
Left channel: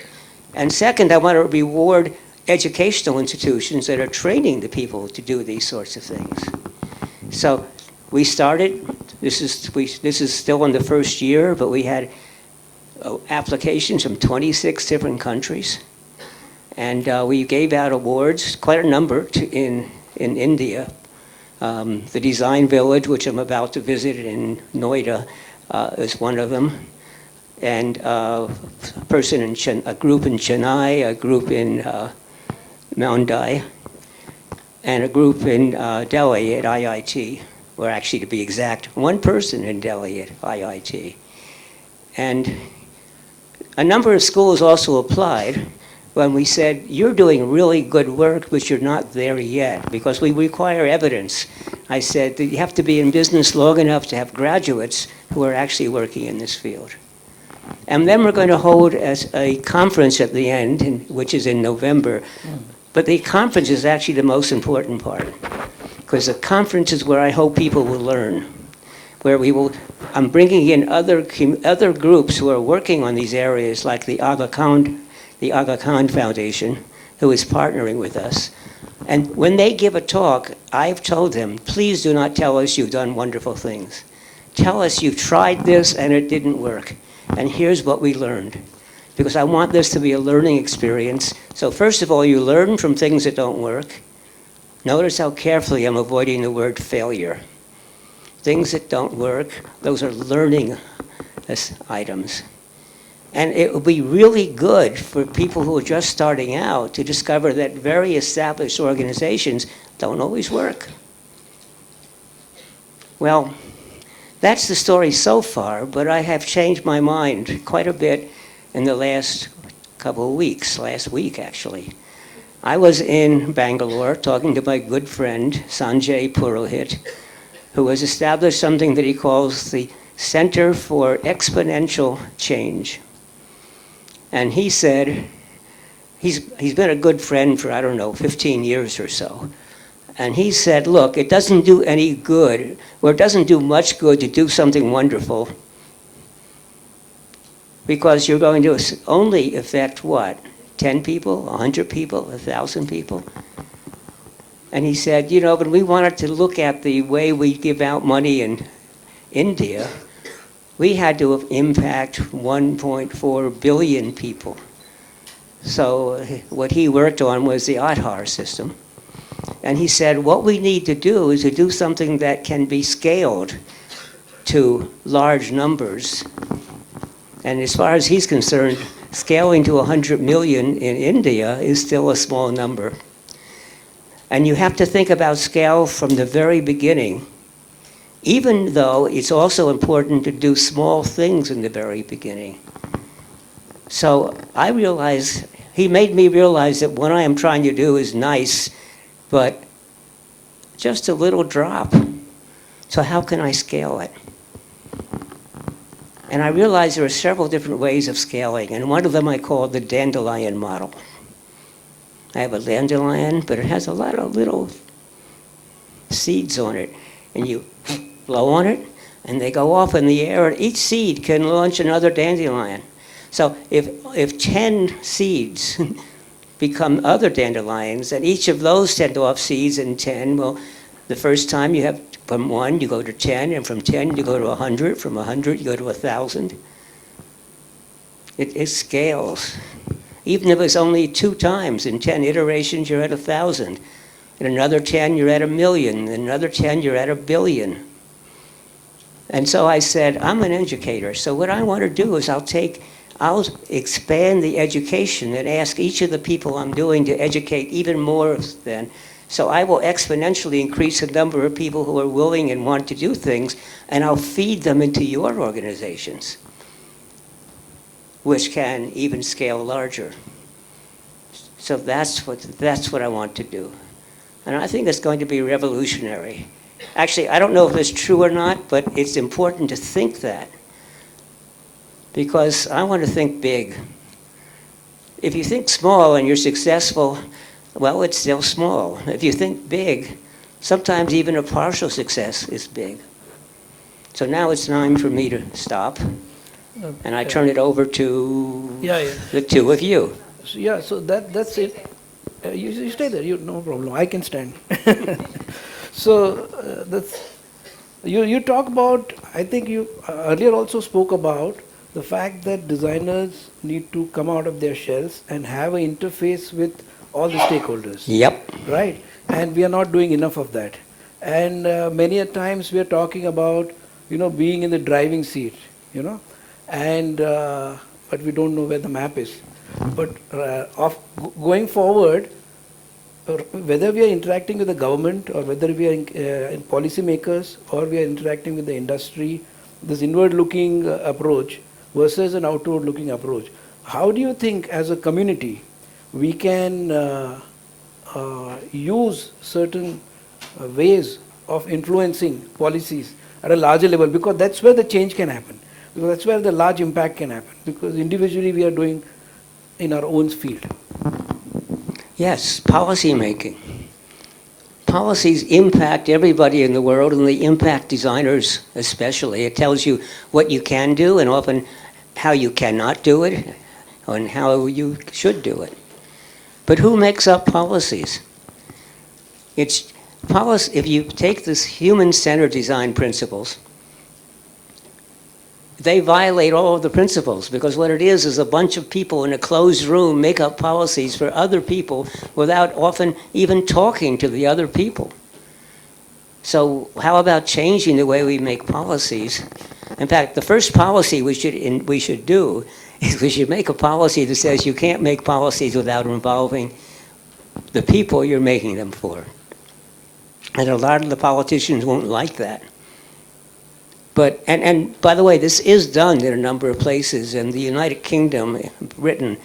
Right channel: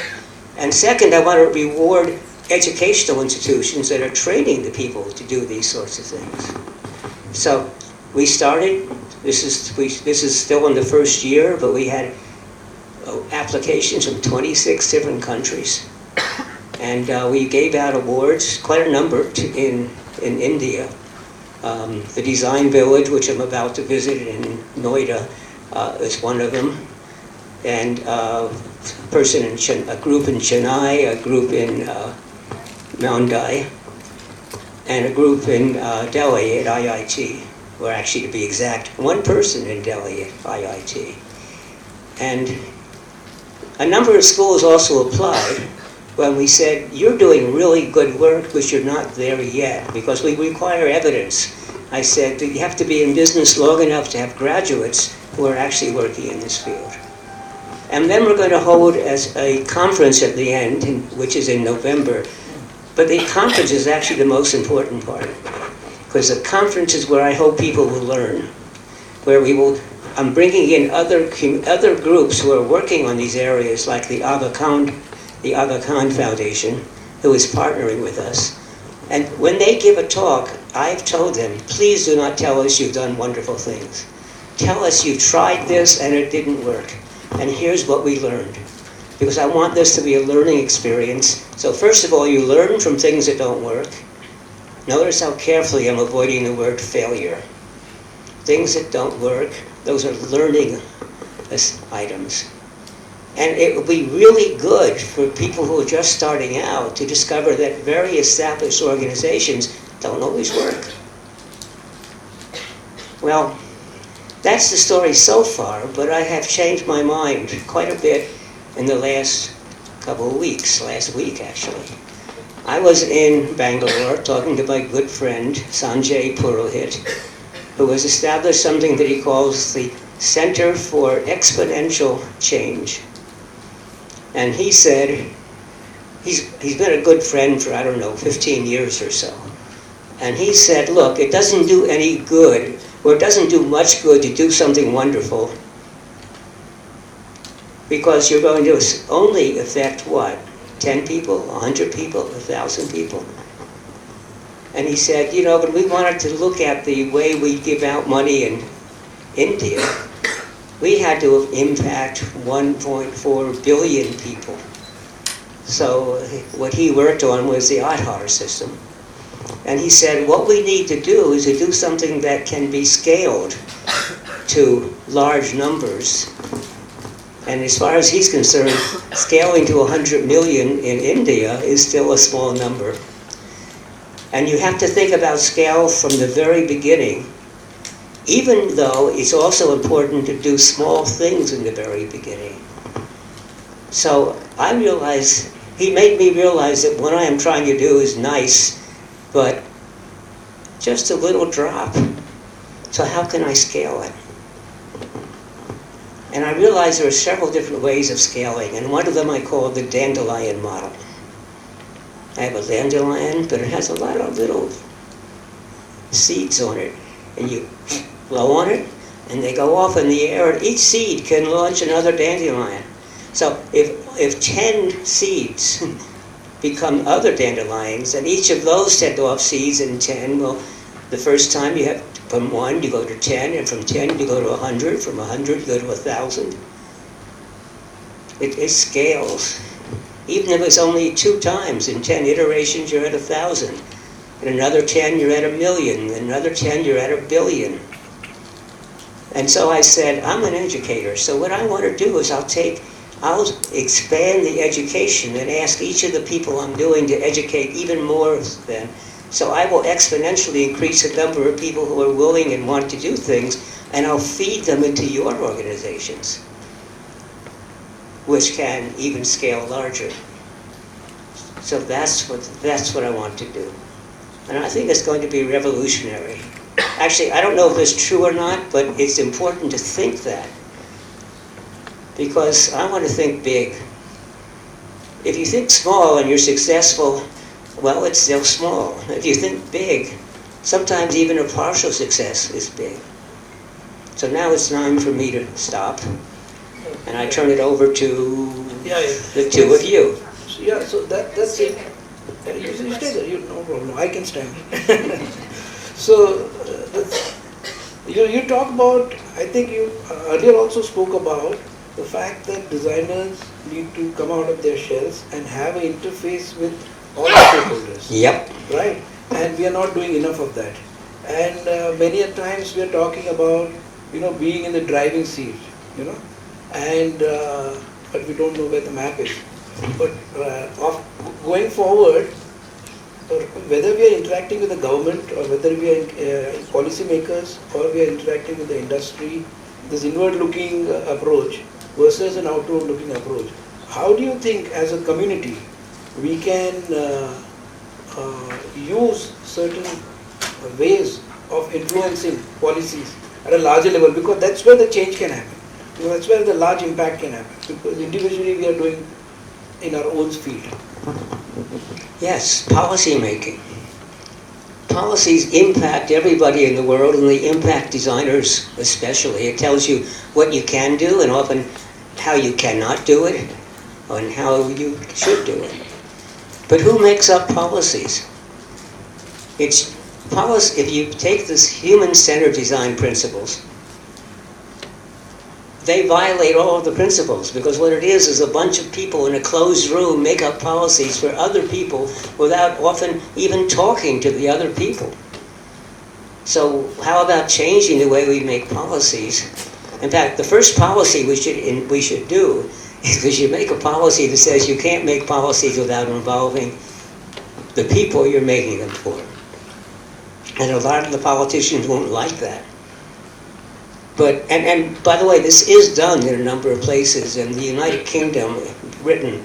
And second, I want to reward educational institutions that are training the people to do these sorts of things. So we started, this is still in the first year, but we had applications from 26 different countries. And we gave out awards, quite a number, in India. The Design Village, which I'm about to visit in Noida, is one of them. And a group in Chennai, a group in Mumbai, and a group in Delhi at IIT, or actually to be exact, one person in Delhi at IIT. And a number of schools also applied, when we said, you're doing really good work, but you're not there yet, because we require evidence. I said that you have to be in business long enough to have graduates who are actually working in this field. And then we're going to hold as a conference at the end, which is in November. But the conference is actually the most important part, because the conference is where I hope people will learn, where I'm bringing in other groups who are working on these areas, like the Aga Khan Foundation, who is partnering with us. And when they give a talk, I've told them, please do not tell us you've done wonderful things. Tell us you tried this and it didn't work. And here's what we learned. Because I want this to be a learning experience. So first of all, you learn from things that don't work. Notice how carefully I'm avoiding the word failure. Things that don't work, those are learning items. And it would be really good for people who are just starting out to discover that very established organizations don't always work. Well, that's the story so far, but I have changed my mind quite a bit in the last couple of weeks, last week actually. I was in Bangalore talking to my good friend Sanjay Purohit, who has established something that he calls the Center for Exponential Change. And he said, he's been a good friend for, 15 years or so. And he said, look, it doesn't do any good, or it doesn't do much good to do something wonderful, because you're going to only affect what? 10 people, 100 people, 1,000 people? And he said, when we wanted to look at the way we give out money in India, we had to impact 1.4 billion people. So what he worked on was the Aadhaar system. And he said, what we need to do is to do something that can be scaled to large numbers. And as far as he's concerned, scaling to 100 million in India is still a small number. And you have to think about scale from the very beginning, even though it's also important to do small things in the very beginning. So I realized, he made me realize that what I am trying to do is nice, but just a little drop. So how can I scale it? And I realized there are several different ways of scaling, and one of them I call the dandelion model. I have a dandelion, but it has a lot of little seeds on it, and you blow on it, and they go off in the air, and each seed can launch another dandelion. So if 10 seeds become other dandelions, and each of those send off seeds in 10, well, the first time you have, from 1 you go to 10, and from 10 you go to 100, from 100 you go to 1,000. It scales. Even if it's only 2 times, in 10 iterations you're at 1,000. In another 10 you're at 1,000,000, in another 10 you're at 1,000,000,000. And so I said, I'm an educator, so what I want to do is I'll expand the education and ask each of the people I'm doing to educate even more than. So I will exponentially increase the number of people who are willing and want to do things, and I'll feed them into your organizations, which can even scale larger. So that's what I want to do. And I think it's going to be revolutionary. Actually, I don't know if it's true or not, but it's important to think that. Because I want to think big. If you think small and you're successful, well, it's still small. If you think big, sometimes even a partial success is big. So now it's time for me to stop. And I turn it over to the two of you. Yeah, so that's it. You stay there, no problem, I can stand. So you talk about, I think you earlier also spoke about the fact that designers need to come out of their shells and have an interface with all the stakeholders. Yep. Right? And we are not doing enough of that. And many a times we are talking about, being in the driving seat, and but we don't know where the map is. But going forward, whether we are interacting with the government or whether we are policymakers or we are interacting with the industry, this inward-looking approach versus an outward-looking approach. How do you think as a community we can use certain ways of influencing policies at a larger level, because that's where the change can happen. Because that's where the large impact can happen. Because individually we are doing in our own field. Yes, policy making. Policies impact everybody in the world, and they impact designers especially. It tells you what you can do and often how you cannot do it and how you should do it. But who makes up policies? It's policy. If you take this human-centered design principles, they violate all of the principles, because what it is a bunch of people in a closed room make up policies for other people without often even talking to the other people. So how about changing the way we make policies? In fact, the first policy we should do is we should make a policy that says you can't make policies without involving the people you're making them for. And a lot of the politicians won't like that. But, and by the way, this is done in a number of places. In the United Kingdom, Britain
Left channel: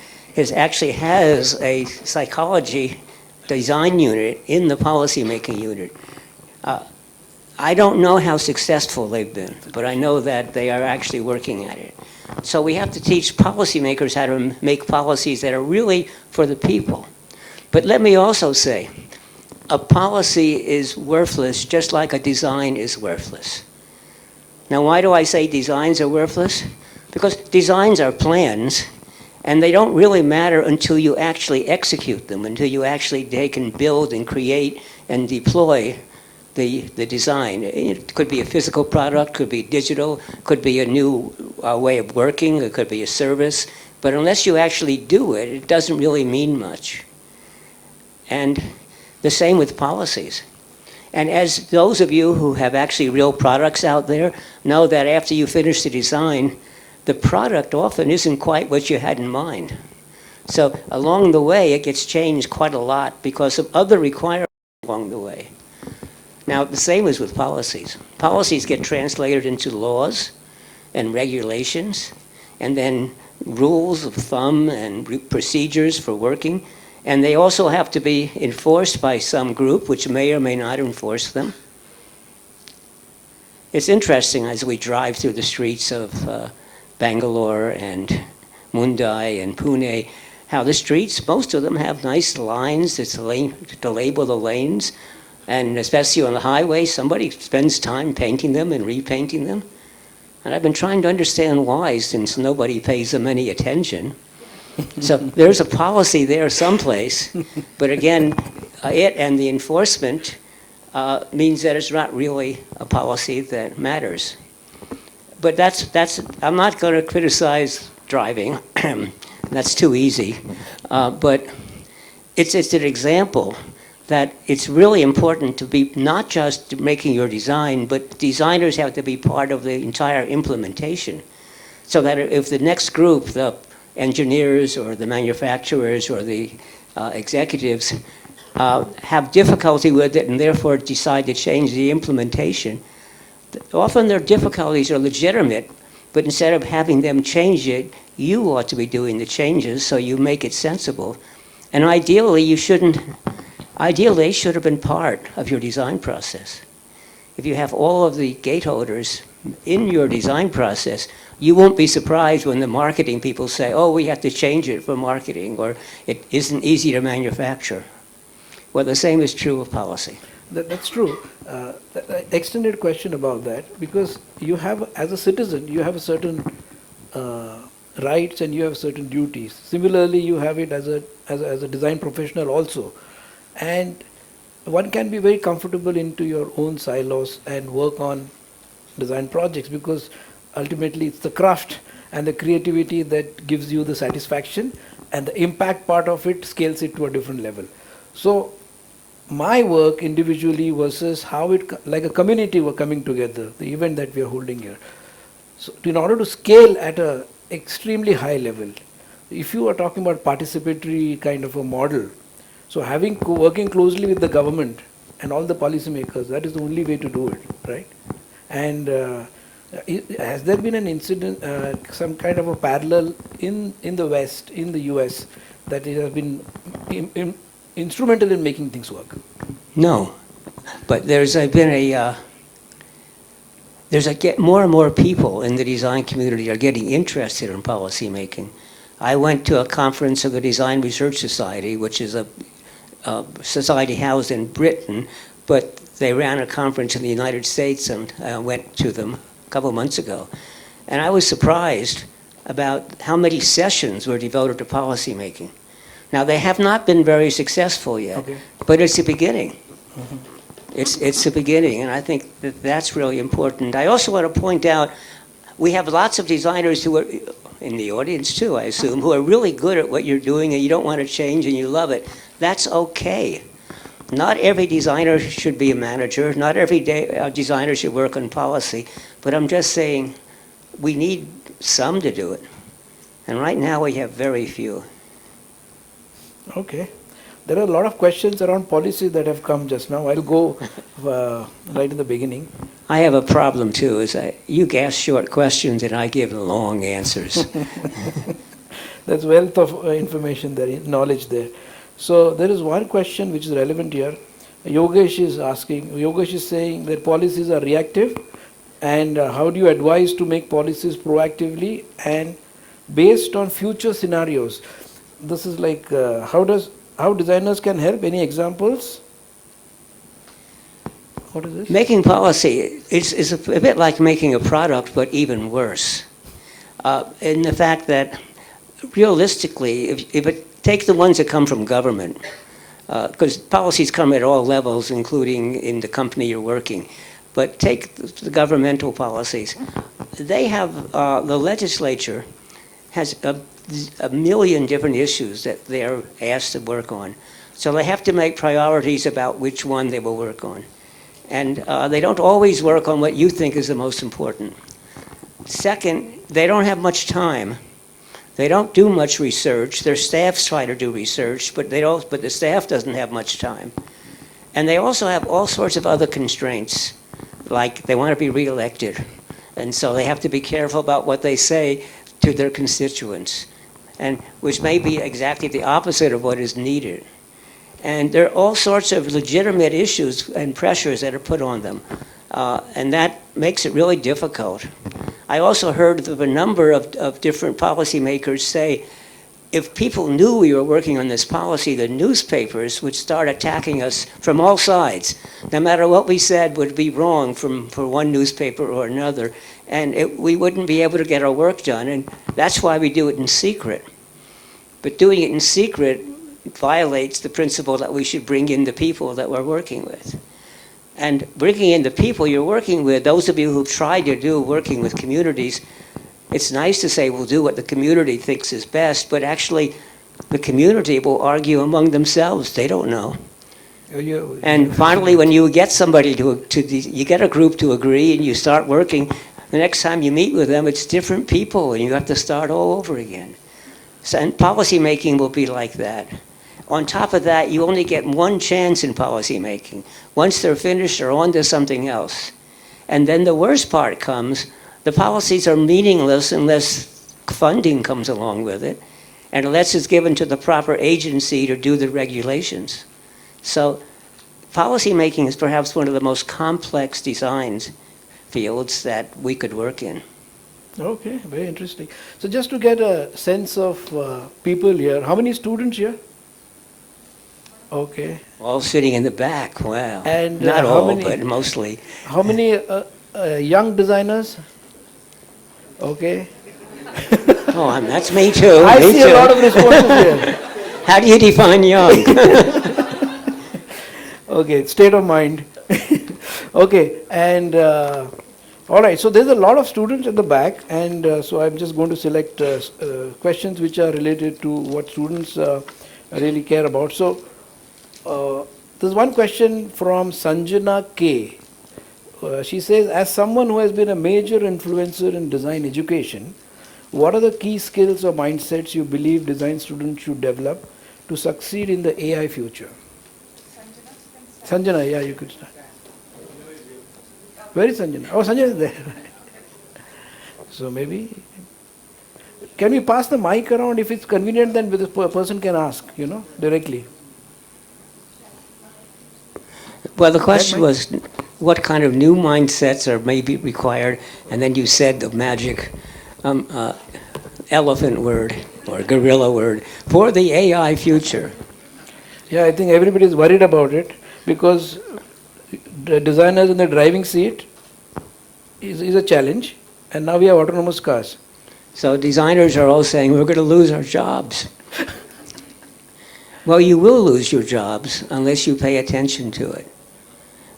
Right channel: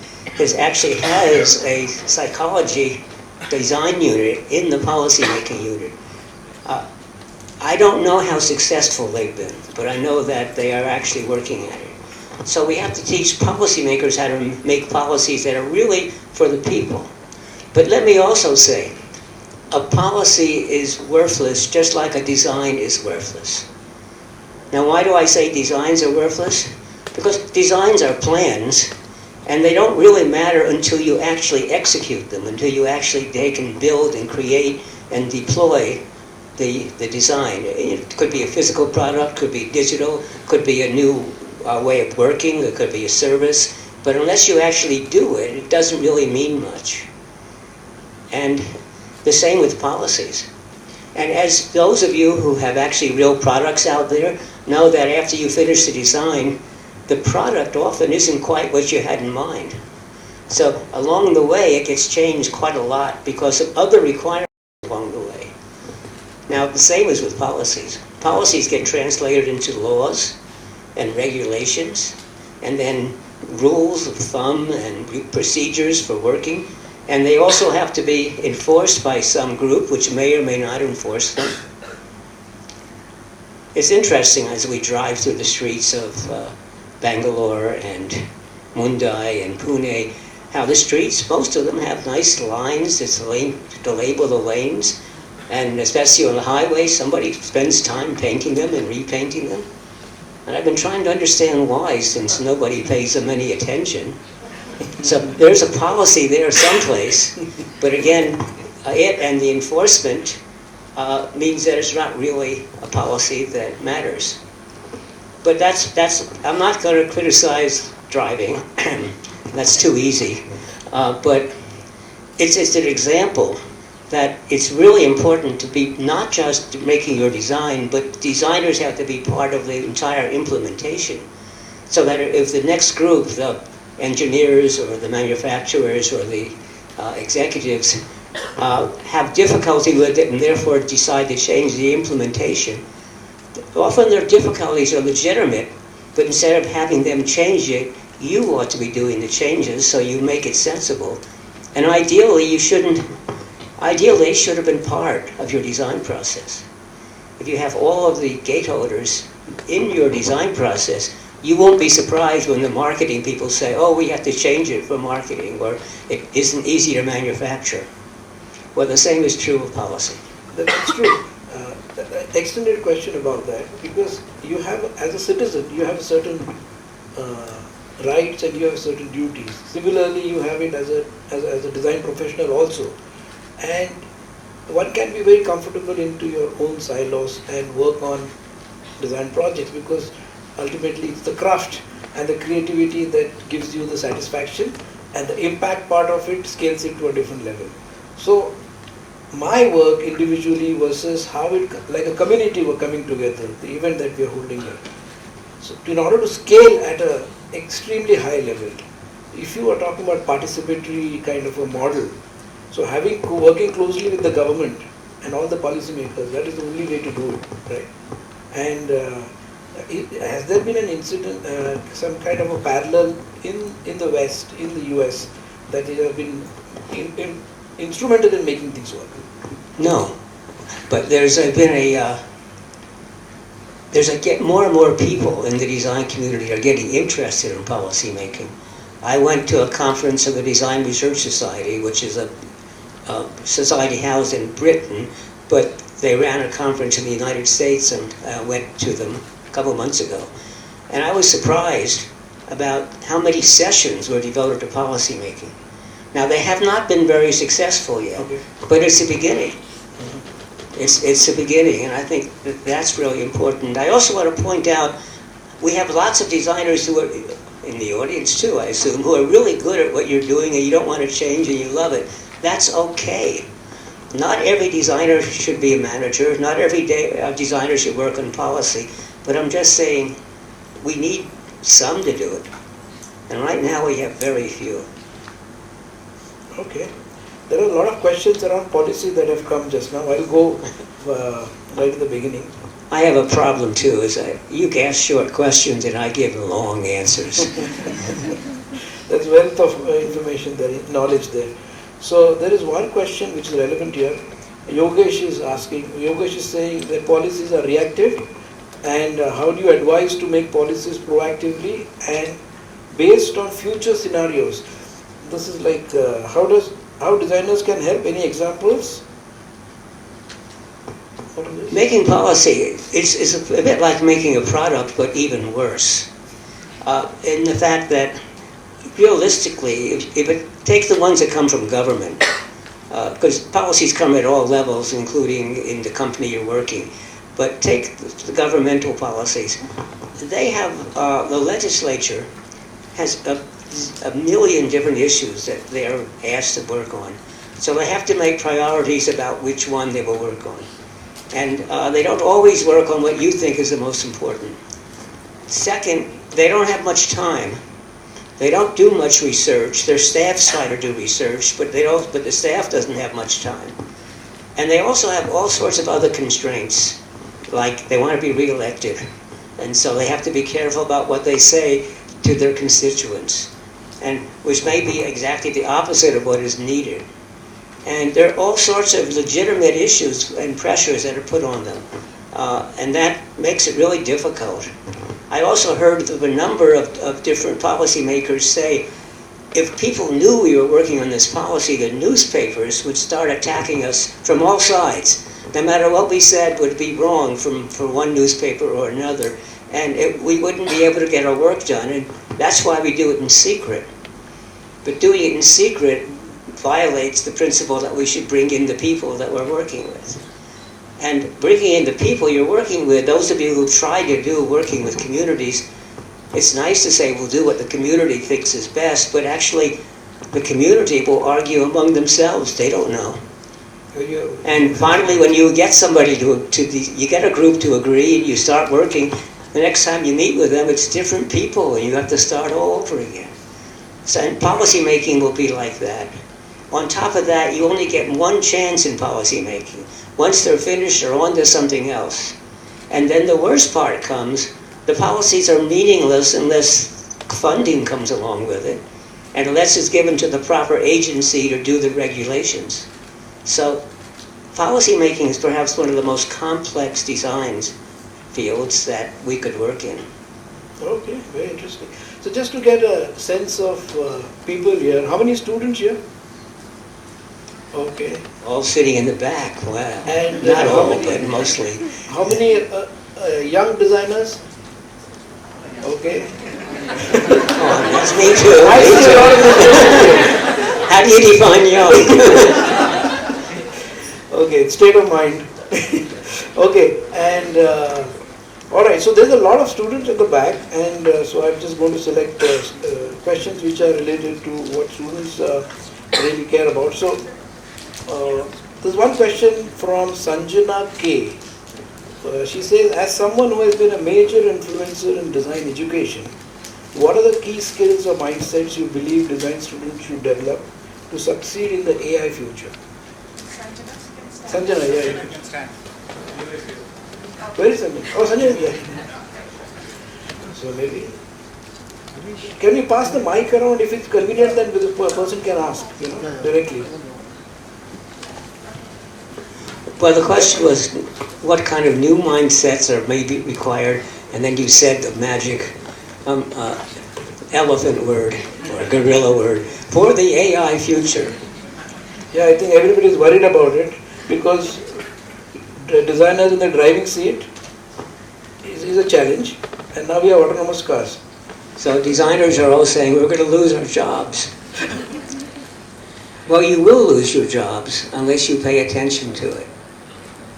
actually has a psychology design unit in the policy-making unit. I don't know how successful they've been, but I know that they are actually working at it. So we have to teach policymakers how to make policies that are really for the people. But let me also say, a policy is worthless just like a design is worthless. Now, why do I say designs are worthless? Because designs are plans, and they don't really matter until you actually execute them, until you actually take and build and create and deploy the design. It could be a physical product, could be digital, could be a new way of working, it could be a service, but unless you actually do it, it doesn't really mean much. And the same with policies. And as those of you who have actually real products out there know that after you finish the design, the product often isn't quite what you had in mind. So along the way, it gets changed quite a lot because of other requirements along the way. Now, the same is with policies. Policies get translated into laws and regulations, and then rules of thumb and procedures for working. And they also have to be enforced by some group, which may or may not enforce them. It's interesting as we drive through the streets of Bangalore and Mumbai and Pune, how the streets, most of them have nice lines to label the lanes. And especially on the highway, somebody spends time painting them and repainting them. And I've been trying to understand why, since nobody pays them any attention. So there's a policy there someplace, but again, it and the enforcement means that it's not really a policy that matters. But I'm not going to criticize driving. That's too easy. But it's an example that it's really important to be not just making your design, but designers have to be part of the entire implementation. So that if the next group, the engineers or the manufacturers or the executives have difficulty with it and therefore decide to change the implementation, often their difficulties are legitimate, but instead of having them change it, you ought to be doing the changes so you make it sensible. And ideally, they should have been part of your design process. If you have all of the gateholders in your design process, you won't be surprised when the marketing people say, oh, we have to change it for marketing, or it isn't easy to manufacture. Well, the same is true of policy. That's true. Extended question about that, because you have, as a citizen, you have certain rights and you have certain duties. Similarly, you have it as a design professional also. And one can be very comfortable into your own silos and work on design projects, because ultimately it's the craft and the creativity that gives you the satisfaction, and the impact part of it scales it to a different level. So my work individually versus how it, like a community were coming together, the event that we are holding here. So in order to scale at an extremely high level, if you are talking about participatory kind of a model, so working closely with the government and all the policymakers, that is the only way to do it, right? And has there been an incident, some kind of a parallel in the West, in the US, that you have been instrumental in making things work. No, but there's more and more people in the design community are getting interested in policy making. I went to a conference of the Design Research Society, which is a society housed in Britain, but they ran a conference in the United States, and I went to them a couple months ago. And I was surprised about how many sessions were devoted to policy making. Now, they have not been very successful yet, but it's a beginning. It's a beginning, and I think that that's really important. I also want to point out, we have lots of designers who are, in the audience too, I assume, who are really good at what you're doing and you don't want to change and you love it. That's okay. Not every designer should be a manager, not every designer should work on policy, but I'm just saying we need some to do it. And right now we have very few. Okay. There are a lot of questions around policy that have come just now. I'll go right in the beginning. I have a problem too, is that you ask short questions and I give long answers. There's wealth of information there, knowledge there. So there is one question which is relevant here. Yogesh is asking, Yogesh is saying that policies are reactive, and how do you advise to make policies proactively and based on future scenarios? This is like, how designers can help? Any examples? What is this? Making policy is a bit like making a product, but even worse. In the fact that, realistically, if it take the ones that come from government, because policies come at all levels, including in the company you're working, but take the governmental policies. They have, the legislature has a million different issues that they're asked to work on. So they have to make priorities about which one they will work on. And they don't always work on what you think is the most important. Second, they don't have much time. They don't do much research. Their staffs try to do research, but the staff doesn't have much time. And they also have all sorts of other constraints, like they want to be reelected. And so they have to be careful about what they say to their constituents, and which may be exactly the opposite of what is needed. And there are all sorts of legitimate issues and pressures that are put on them. And that makes it really difficult. I also heard of a number of different policymakers say, if people knew we were working on this policy, the newspapers would start attacking us from all sides. No matter what we said would be wrong from one newspaper or another, and we wouldn't be able to get our work done. And that's why we do it in secret. But doing it in secret violates the principle that we should bring in the people that we're working with. And bringing in the people you're working with, those of you who try to do working with communities, it's nice to say we'll do what the community thinks is best, but actually the community will argue among themselves. They don't know. And finally, when you get somebody you get a group to agree and you start working, the next time you meet with them, it's different people and you have to start all over again. So, and policy making will be like that. On top of that, you only get one chance in policy making. Once they're finished, they're on to something else. And then the worst part comes, the policies are meaningless unless funding comes along with it, and unless it's given to the proper agency to do the regulations. So policy making is perhaps one of the most complex designs fields that we could work in. Okay, very interesting. So just to get a sense of people here, how many students here? Okay. All sitting in the back, wow. And not all, but mostly. How many young designers? Okay. Come on, that's me too. I Me see a lot of too. How do you define young? Okay, state of mind. Okay, and all right, so there's a lot of students at the back, and so I'm just going to select questions which are related to what students really care about. So there's one question from Sanjana K. She says, as someone who has been a major influencer in design education, what are the key skills or mindsets you believe design students should develop to succeed in the AI future? Sanjana, yeah, you can stand. Where is Sanjana? Oh, Sanjana is there. So maybe Can we pass the mic around? If it's convenient, then the person can ask, directly. Well, the question was, what kind of new mindsets are maybe required? And then you said the magic elephant word or gorilla word for the AI future. Yeah, I think everybody is worried about it because the designers in the driving seat is a challenge, and now we have autonomous cars. So designers are all saying we're going to lose our jobs. Well, you will lose your jobs unless you pay attention to it.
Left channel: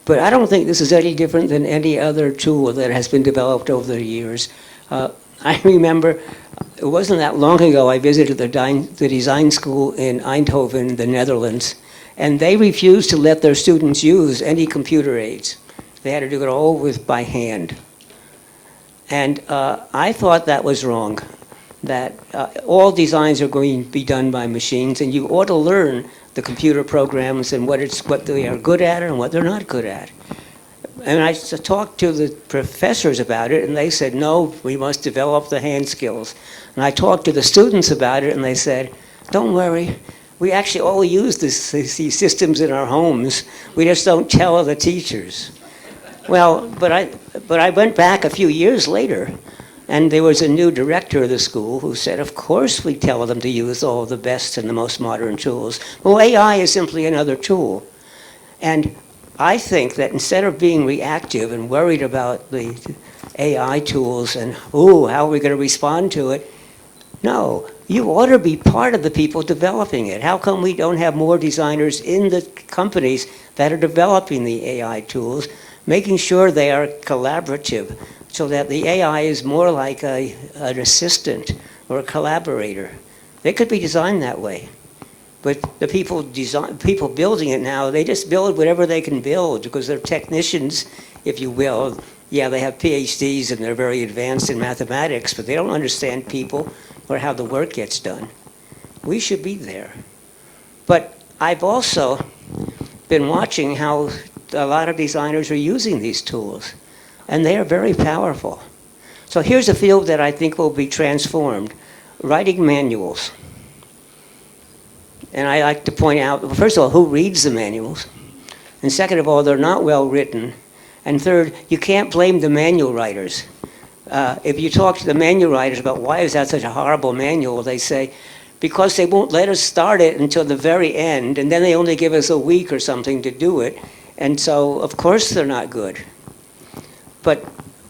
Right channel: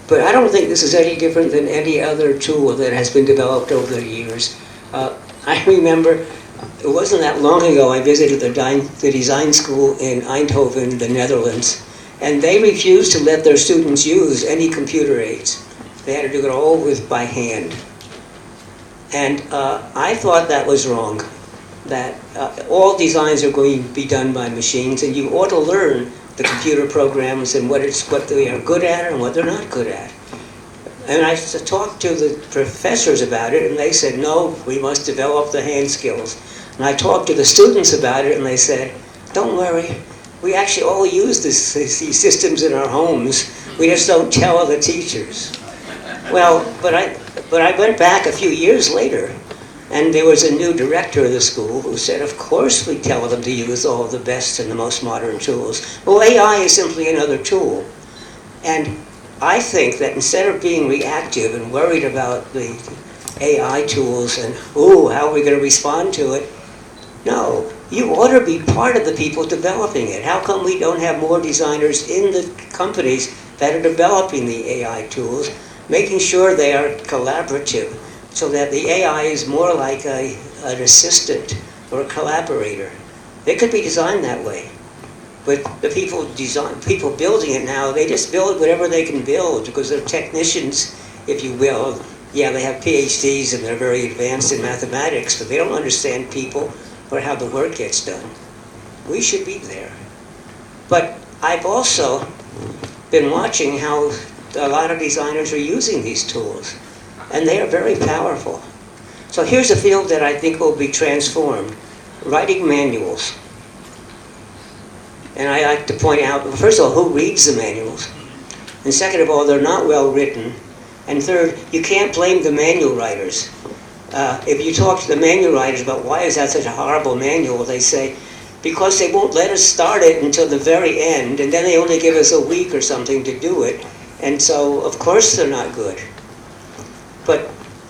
But I don't think this is any different than any other tool that has been developed over the years. I remember, it wasn't that long ago, I visited the design school in Eindhoven, the Netherlands, and they refused to let their students use any computer aids. They had to do it all by hand. And I thought that was wrong, that all designs are going to be done by machines, and you ought to learn the computer programs and what they are good at and what they're not good at. And I talked to the professors about it, and they said, no, we must develop the hand skills. And I talked to the students about it, and they said, don't worry, we actually all use these systems in our homes. We just don't tell the teachers. Well, but I went back a few years later, and there was a new director of the school who said, of course we tell them to use all the best and the most modern tools. Well, AI is simply another tool. And I think that instead of being reactive and worried about the AI tools and, how are we going to respond to it? No, you ought to be part of the people developing it. How come we don't have more designers in the companies that are developing the AI tools, making sure they are collaborative, so that the AI is more like an assistant or a collaborator. They could be designed that way. But the people building it now, they just build whatever they can build because they're technicians, if you will. Yeah, they have PhDs and they're very advanced in mathematics, but they don't understand people or how the work gets done. We should be there. But I've also been watching how a lot of designers are using these tools, and they are very powerful. So here's a field that I think will be transformed: writing manuals. And I like to point out, first of all, who reads the manuals? And second of all, they're not well written. And third, you can't blame the manual writers. If you talk to the manual writers about why is that such a horrible manual, they say, because they won't let us start it until the very end, and then they only give us a week or something to do it. And so, of course, they're not good. But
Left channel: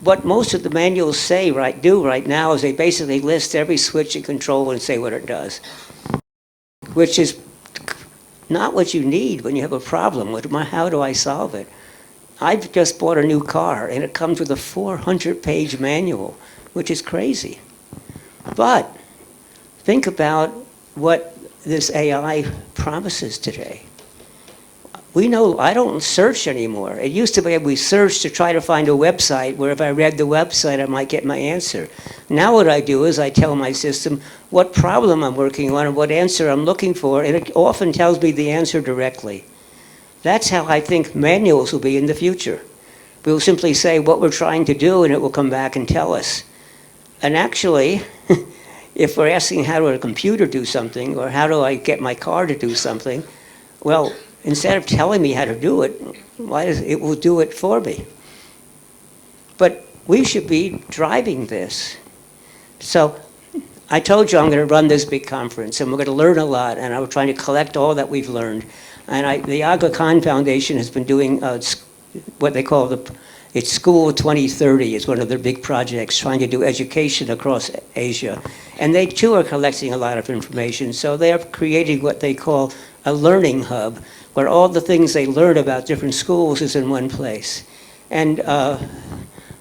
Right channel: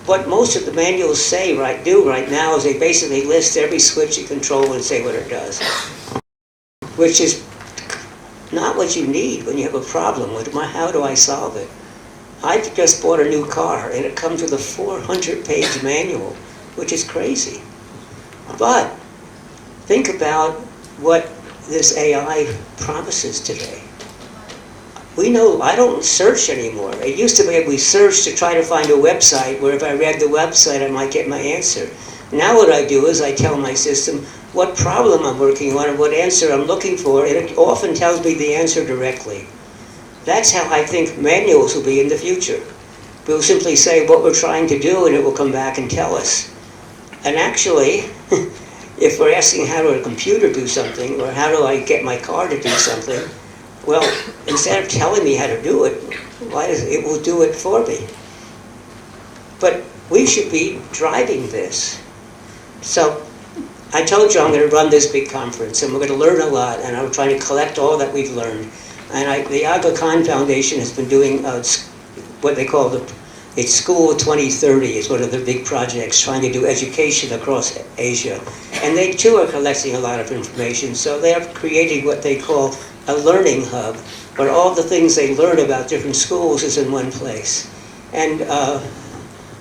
what most of the manuals do right now is they basically list every switch and control and say what it does, which is not what you need when you have a problem with how do I solve it. I've just bought a new car, and it comes with a 400-page manual, which is crazy. But think about what this AI promises today. We know I don't search anymore. It used to be we searched to try to find a website where if I read the website I might get my answer. Now what I do is I tell my system what problem I'm working on and what answer I'm looking for, and it often tells me the answer directly. That's how I think manuals will be in the future. We'll simply say what we're trying to do and it will come back and tell us. And actually, if we're asking how do a computer do something or how do I get my car to do something, well, instead of telling me how to do it, it will do it for me. But we should be driving this. So I told you I'm going to run this big conference and we're going to learn a lot, and I'm trying to collect all that we've learned. And the Aga Khan Foundation has been doing what they call it's School 2030 is one of the big projects trying to do education across Asia. And they too are collecting a lot of information. So they're creating what they call a learning hub, where all the things they learn about different schools is in one place. And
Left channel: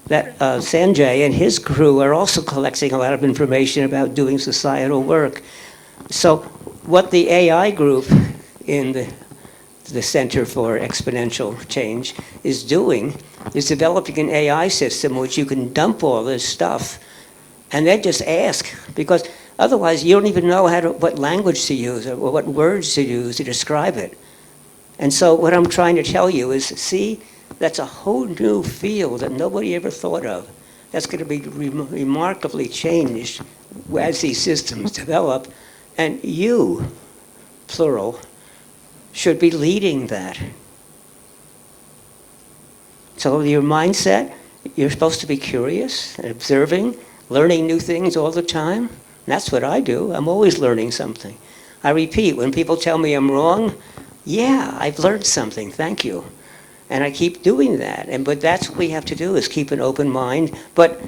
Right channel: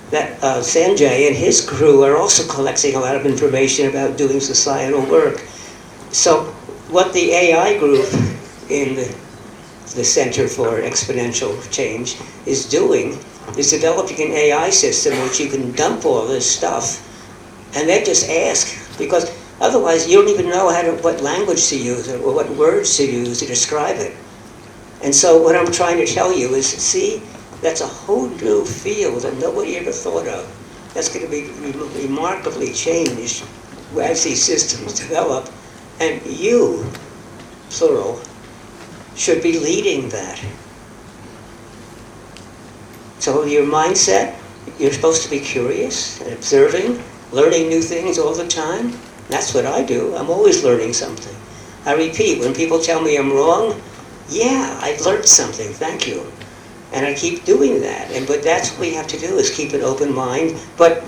Sanjay and his crew are also collecting a lot of information about doing societal work. So what the AI group in the Center for Exponential Change is doing is developing an AI system which you can dump all this stuff and then just ask, because otherwise you don't even know what language to use or what words to use to describe it. And so what I'm trying to tell you is, see, that's a whole new field that nobody ever thought of. That's going to be remarkably changed as these systems develop, and you, plural, should be leading that. So your mindset, you're supposed to be curious and observing, learning new things all the time. That's what I do. I'm always learning something. I repeat, when people tell me I'm wrong, yeah, I've learned something, thank you. And I keep doing that. But that's what we have to do, is keep an open mind. But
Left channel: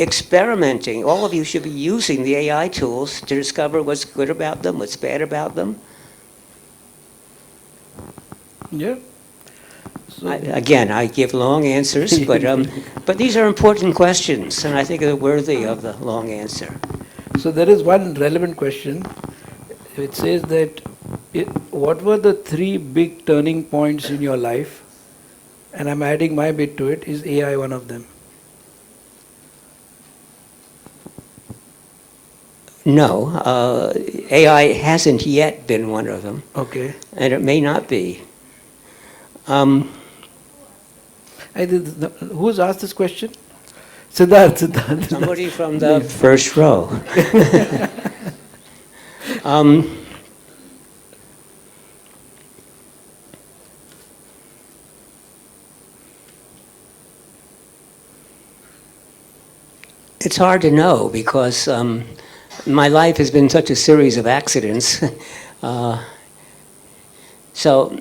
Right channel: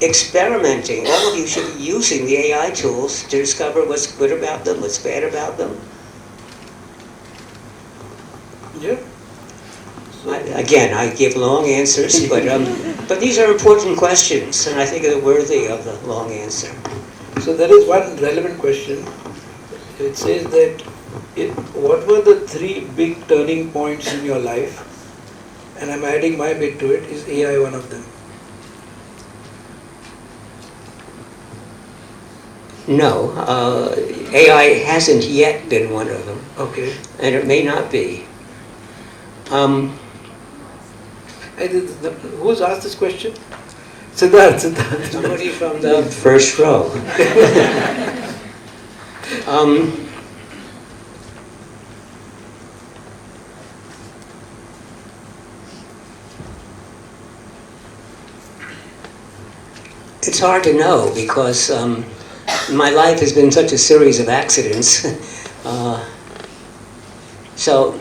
experimenting, all of you should be using the AI tools to discover what's good about them, what's bad about them. Yeah. Again, I give long answers, but these are important questions, and I think they're worthy of the long answer. So there is one relevant question. It says that what were the 3 big turning points in your life? And I'm adding my bit to it. Is AI one of them? No, AI hasn't yet been one of them, Okay. and it may not be. Who's asked this question? Siddharth. Somebody from the first row. It's hard to know because my life has been such a series of accidents. So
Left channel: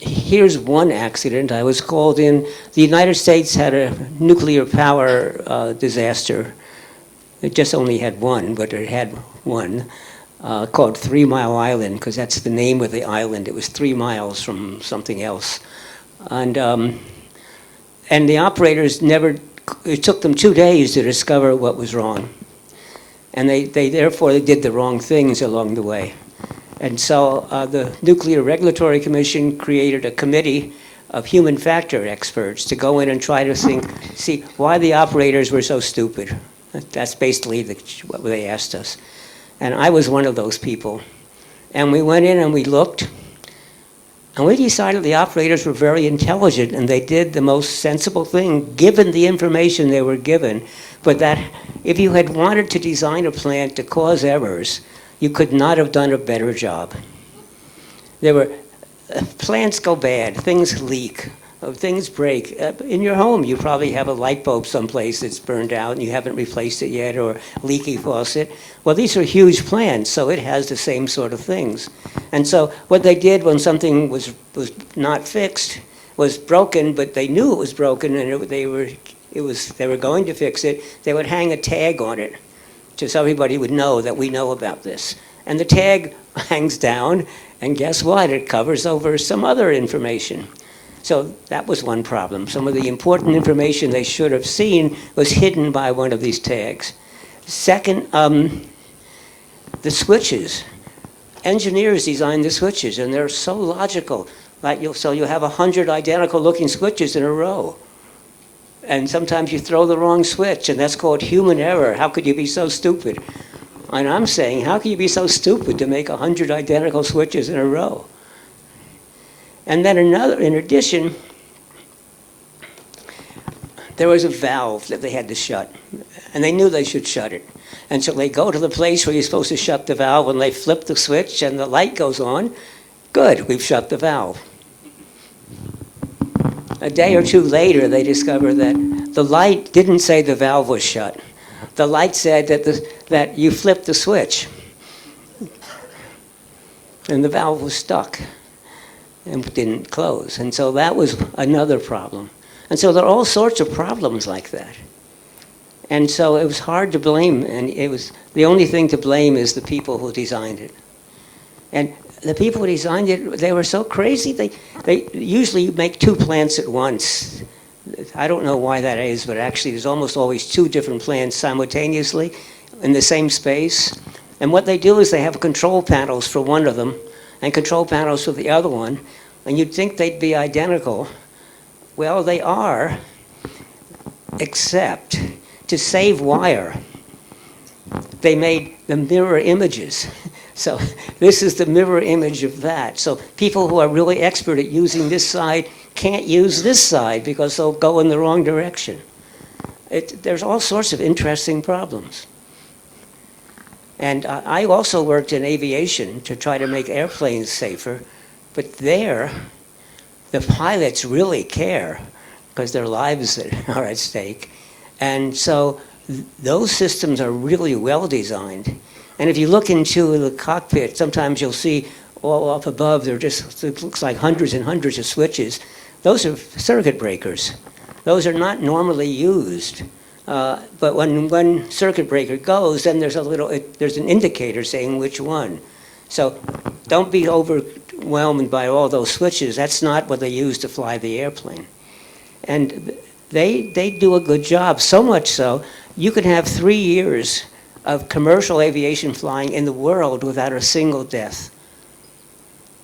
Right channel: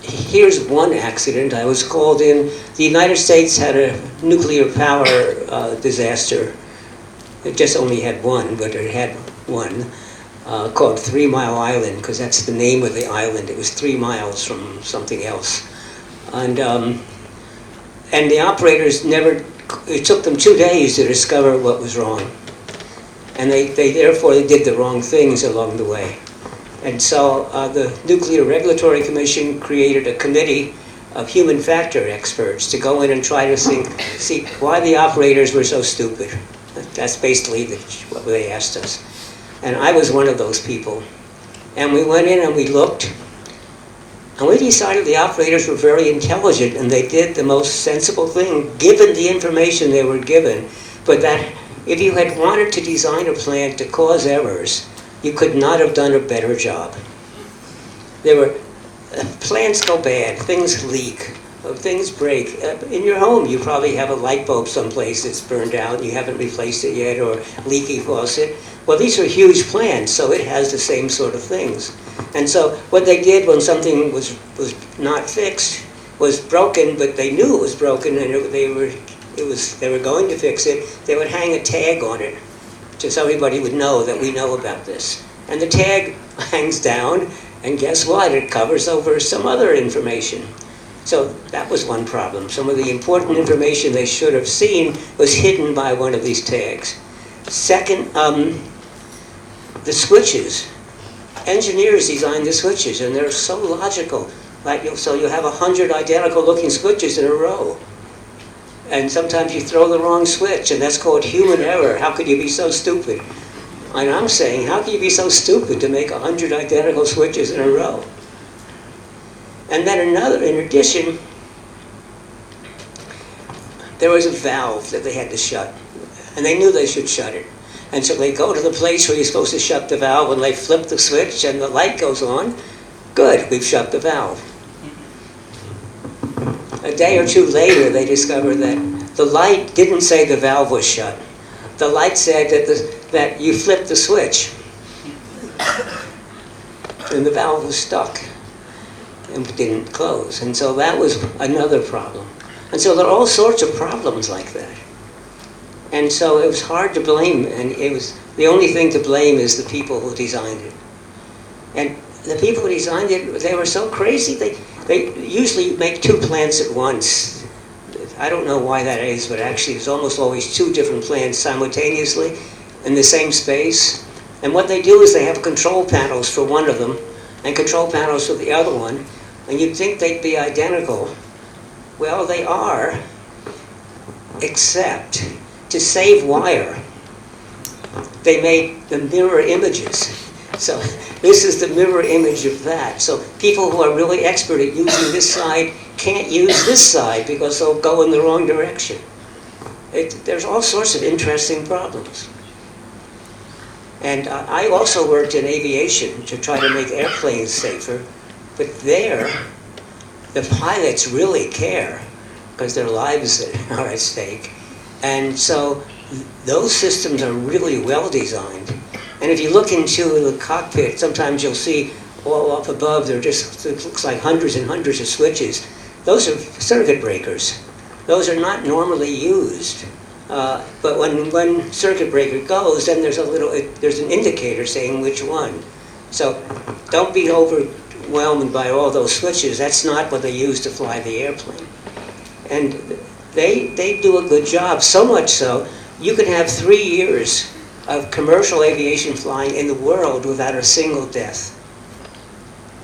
here's one accident. I was called in. The United States had a nuclear power disaster. It just only had one, but it had one, called 3 Mile Island, because that's the name of the island. It was 3 miles from something else. And the operators never, it took them 2 days to discover what was wrong. And therefore they did the wrong things along the way. And so the Nuclear Regulatory Commission created a committee of human factor experts to go in and try to see why the operators were so stupid. That's basically what they asked us. And I was one of those people. And we went in and we looked, and we decided the operators were very intelligent and they did the most sensible thing given the information they were given. But that if you had wanted to design a plant to cause errors, you could not have done a better job. Plants go bad, things leak, things break. In your home, you probably have a light bulb someplace that's burned out and you haven't replaced it yet, or leaky faucet. Well, these are huge plants, so it has the same sort of things. And so what they did when something was not fixed, was broken, but they knew it was broken and they were going to fix it, they would hang a tag on it, just so everybody would know that we know about this. And the tag hangs down, and guess what? It covers over some other information. So that was one problem. Some of the important information they should have seen was hidden by one of these tags. Second, the switches. Engineers design the switches, and they're so logical. So you have 100 identical looking switches in a row. And sometimes you throw the wrong switch, and that's called human error. How could you be so stupid? And I'm saying, how can you be so stupid to make 100 identical switches in a row? And then in addition, there was a valve that they had to shut. And they knew they should shut it. And so they go to the place where you're supposed to shut the valve, and they flip the switch, and the light goes on. Good, we've shut the valve. A day or two later, they discovered that the light didn't say the valve was shut. The light said that you flipped the switch, and the valve was stuck and didn't close. And so that was another problem. And so there are all sorts of problems like that. And so it was hard to blame, and the only thing to blame is the people who designed it. And the people who designed it, they were so crazy. They usually make 2 plants at once. I don't know why that is, but actually there's almost always 2 different plants simultaneously in the same space. And what they do is they have control panels for one of them and control panels for the other one. And you'd think they'd be identical. Well, they are, except to save wire, they made the mirror images. So this is the mirror image of that. So people who are really expert at using this side can't use this side because they'll go in the wrong direction. There's all sorts of interesting problems. And I also worked in aviation to try to make airplanes safer, but there, the pilots really care because their lives are at stake. And so those systems are really well designed. And if you look into the cockpit, sometimes you'll see all up above, there just, it looks like hundreds and hundreds of switches. Those are circuit breakers. Those are not normally used. But when one circuit breaker goes, then there's there's an indicator saying which one. So don't be overwhelmed by all those switches. That's not what they use to fly the airplane. And they do a good job, so much so, you can have 3 years of commercial aviation flying in the world without a single death.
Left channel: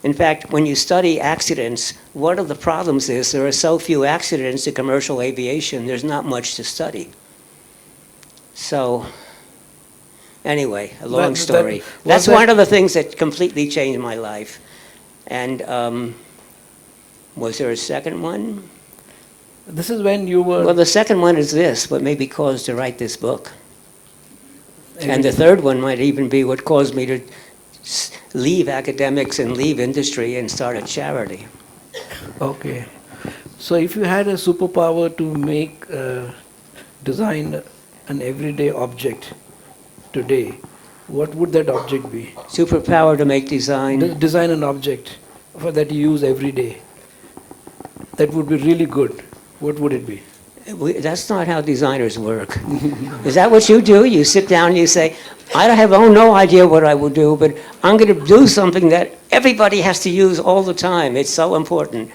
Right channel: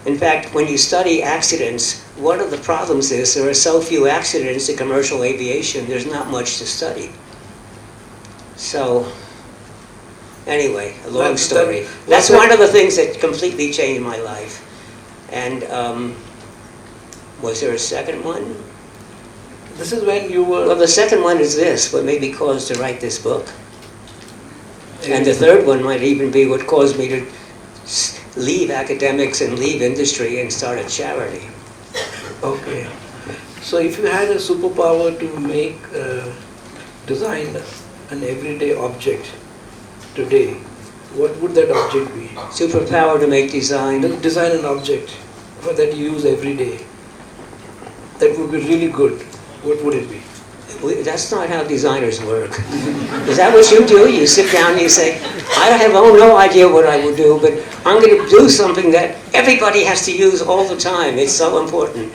In fact, when you study accidents, one of the problems is there are so few accidents in commercial aviation, there's not much to study. So, anyway, a long story. That's one of the things that completely changed my life. And was there a second one? This is when you were... Well, the second one is this, what made me cause to write this book. And the third one might even be what caused me to leave academics and leave industry and start a charity. Okay. So if you had a superpower to make, design an everyday object today, what would that object be? Superpower to make design. Design an object that you use every day. That would be really good. What would it be? That's not how designers work. Is that what you do? You sit down and you say, I have no idea what I will do, but I'm going to do something that everybody has to use all the time. It's so important.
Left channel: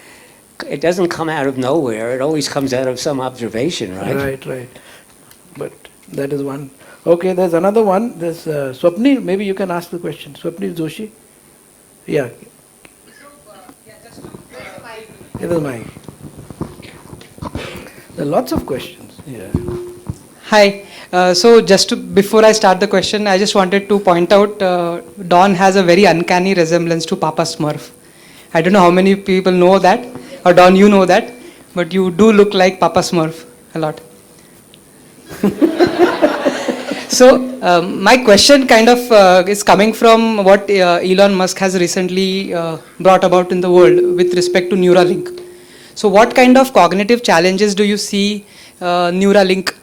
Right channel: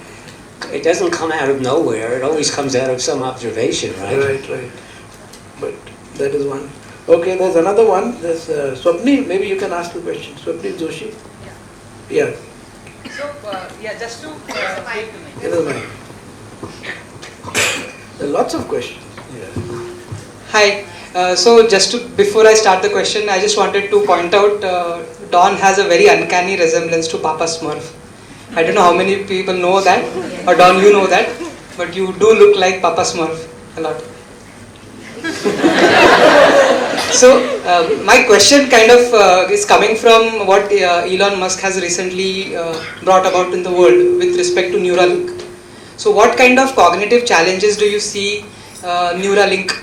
It doesn't come out of nowhere. It always comes out of some observation, right? Right. But that is one. Okay, there's another one. There's Swapnil. Maybe you can ask the question. Swapnil Joshi. Yeah. So, just to It is mine. There are lots of questions. Yeah. Hi. So just before I start the question, I just wanted to point out Don has a very uncanny resemblance to Papa Smurf. I don't know how many people know that, or Don, you know that, but you do look like Papa Smurf a lot. So my question kind of is coming from what Elon Musk has recently brought about in the world with respect to Neuralink. So what kind of cognitive challenges do you see Neuralink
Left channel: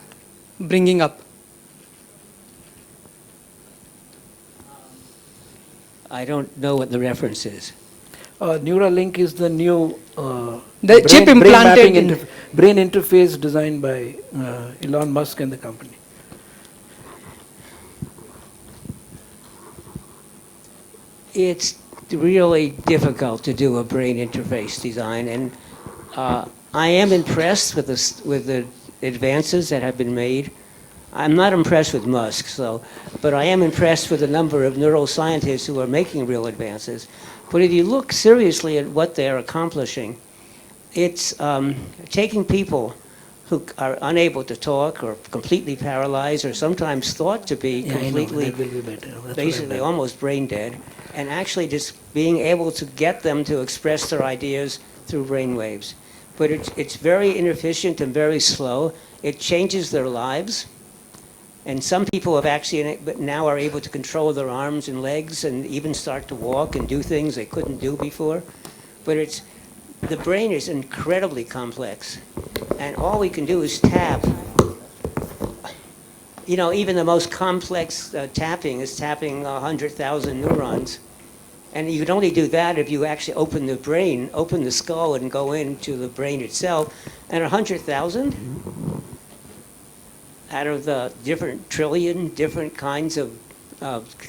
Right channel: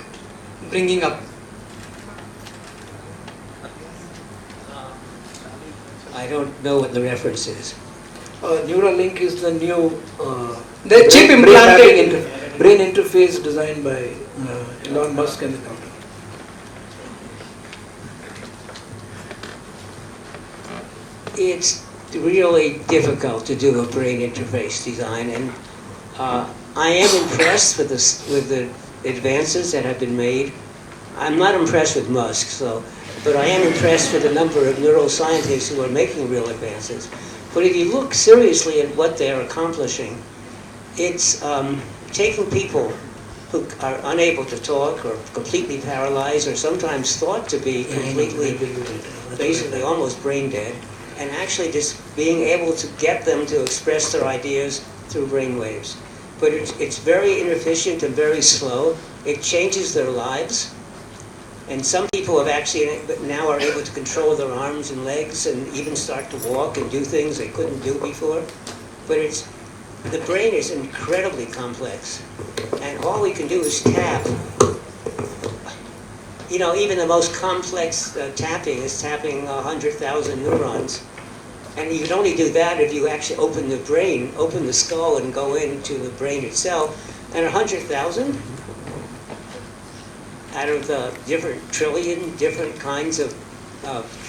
bringing up? I don't know what the reference is. Neuralink is the new The chip implanted in brain interface designed by Elon Musk and the company. It's really difficult to do a brain interface design, and I am impressed with the advances that have been made. I'm not impressed with Musk, but I am impressed with the number of neuroscientists who are making real advances. But if you look seriously at what they're accomplishing, it's taking people who are unable to talk or completely paralyzed or sometimes thought to be completely, basically almost brain dead, and actually just being able to get them to express their ideas through brain waves. But it's very inefficient and very slow. It changes their lives. And some people have actually now are able to control their arms and legs and even start to walk and do things they couldn't do before. But the brain is incredibly complex. And all we can do is tap. You know, even the most complex tapping is tapping 100,000 neurons. And you can only do that if you actually open the brain, open the skull and go into the brain itself. And 100,000 out of the different trillion different kinds of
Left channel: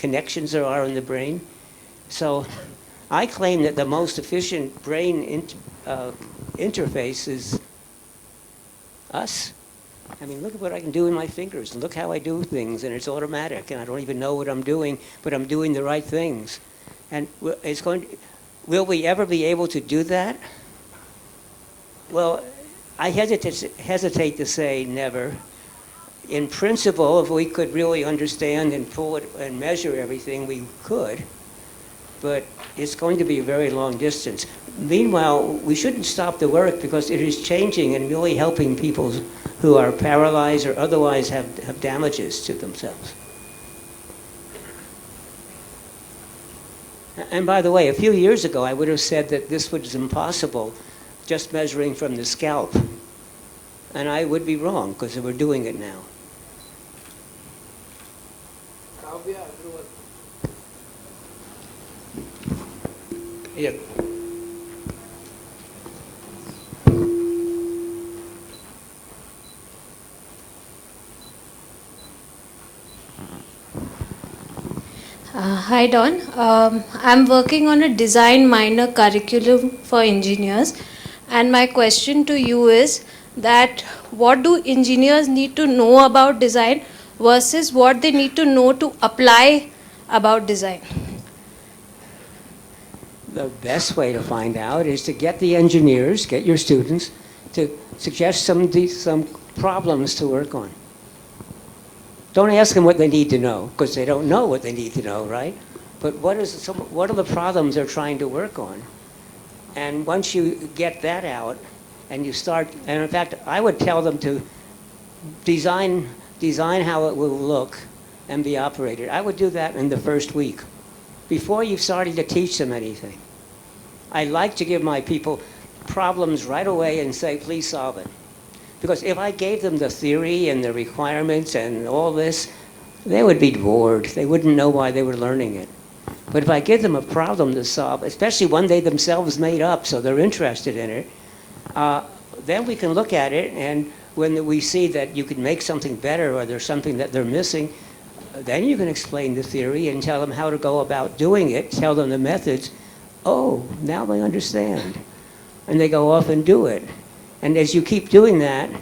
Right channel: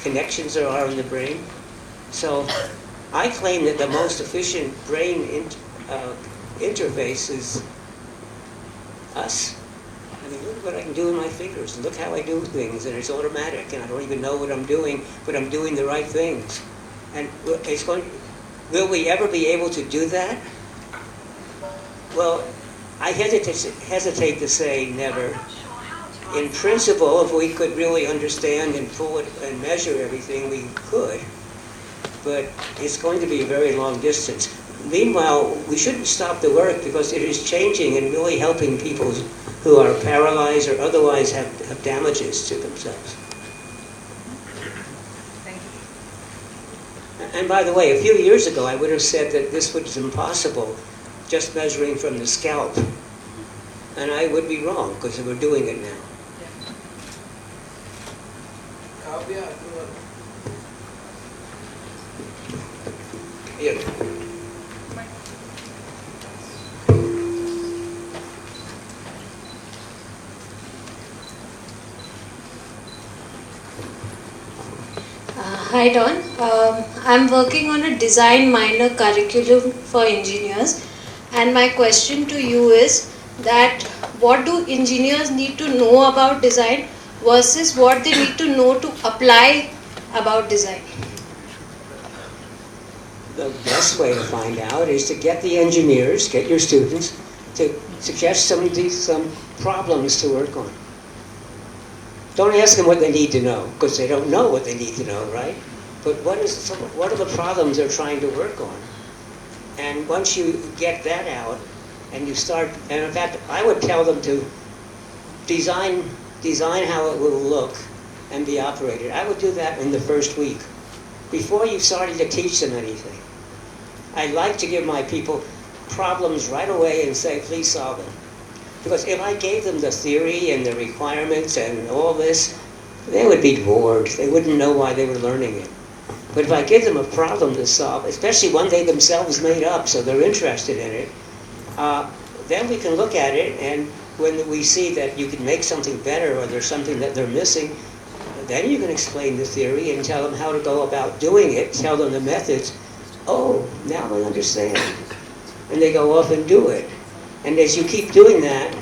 connections there are in the brain. So I claim that the most efficient brain interface is us. I mean, look at what I can do with my fingers, and look how I do things, and it's automatic, and I don't even know what I'm doing, but I'm doing the right things. And will we ever be able to do that? Well, I hesitate to say never. In principle, if we could really understand and pull it and measure everything, we could. But it's going to be a very long distance. Meanwhile, we shouldn't stop the work because it is changing and really helping people who are paralyzed or otherwise have damages to themselves. And by the way, a few years ago, I would have said that this was impossible, just measuring from the scalp. And I would be wrong, because we're doing it now. Yeah. Hi Don, I'm working on a design minor curriculum for engineers, and my question to you is that what do engineers need to know about design versus what they need to know to apply about design? The best way to find out is to get the engineers, get your students, to suggest some problems to work on. Don't ask them what they need to know, because they don't know what they need to know, right? But what are the problems they're trying to work on? And once you get that out, and you start, and in fact, I would tell them to design how it will look and be operated. I would do that in the first week, before you started to teach them anything. I like to give my people problems right away and say, please solve it. Because if I gave them the theory and the requirements and all this, they would be bored. They wouldn't know why they were learning it. But if I give them a problem to solve, especially one they themselves made up, so they're interested in it, then we can look at it, and when we see that you can make something better or there's something that they're missing, then you can explain the theory and tell them how to go about doing it, tell them the methods. Oh, now I understand. And they go off and do it. And as you keep doing that,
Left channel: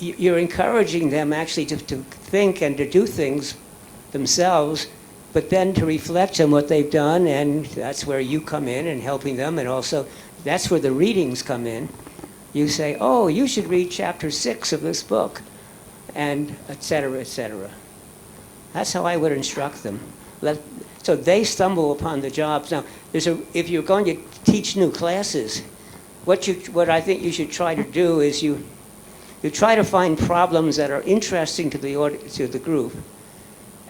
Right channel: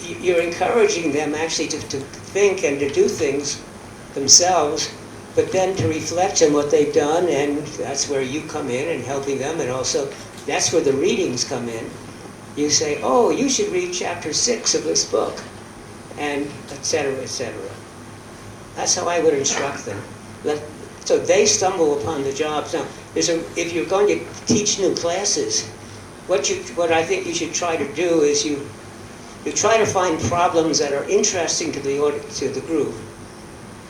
you're encouraging them actually to think and to do things themselves, but then to reflect on what they've done, and that's where you come in and helping them, and also that's where the readings come in. You say, oh, you should read chapter 6 of this book, and et cetera, et cetera. That's how I would instruct them. So they stumble upon the jobs. Now, if you're going to teach new classes, what I think you should try to do is you try to find problems that are interesting to the group,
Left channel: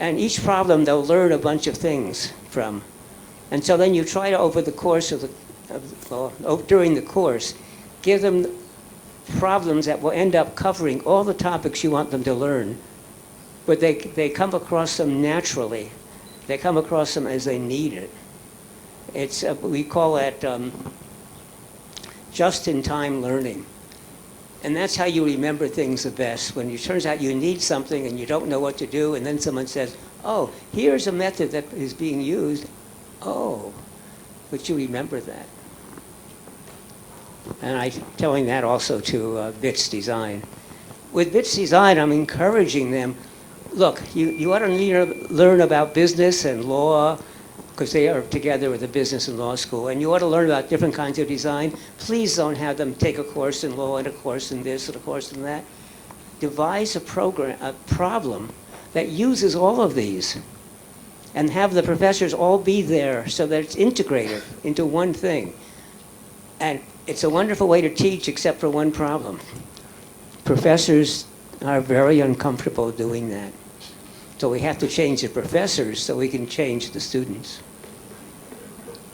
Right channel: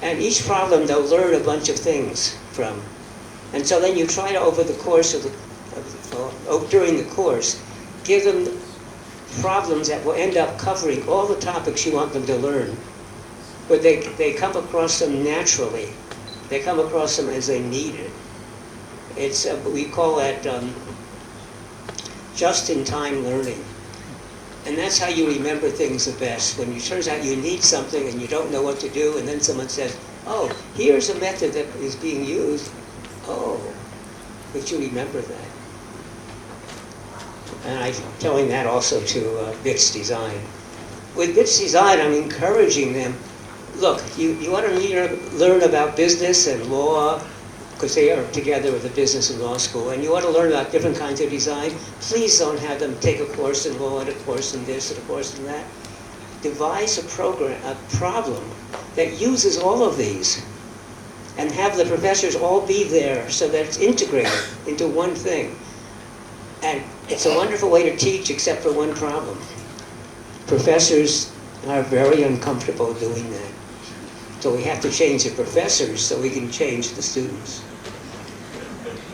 and each problem they'll learn a bunch of things from, and so then you try to over the course during the course give them problems that will end up covering all the topics you want them to learn, but they come across them naturally. They come across them as they need it. It's we call that just-in-time learning. And that's how you remember things the best. When it turns out you need something and you don't know what to do, and then someone says, oh, here's a method that is being used. Oh, but you remember that. And I'm telling that also to BITS Design. With BITS Design, I'm encouraging them, look, you ought to learn about business and law, because they are together with the business and law school, and you ought to learn about different kinds of design. Please don't have them take a course in law and a course in this and a course in that. Devise a problem that uses all of these, and have the professors all be there so that it's integrated into one thing. And it's a wonderful way to teach, except for one problem. Professors are very uncomfortable doing that. So we have to change the professors so we can change the students.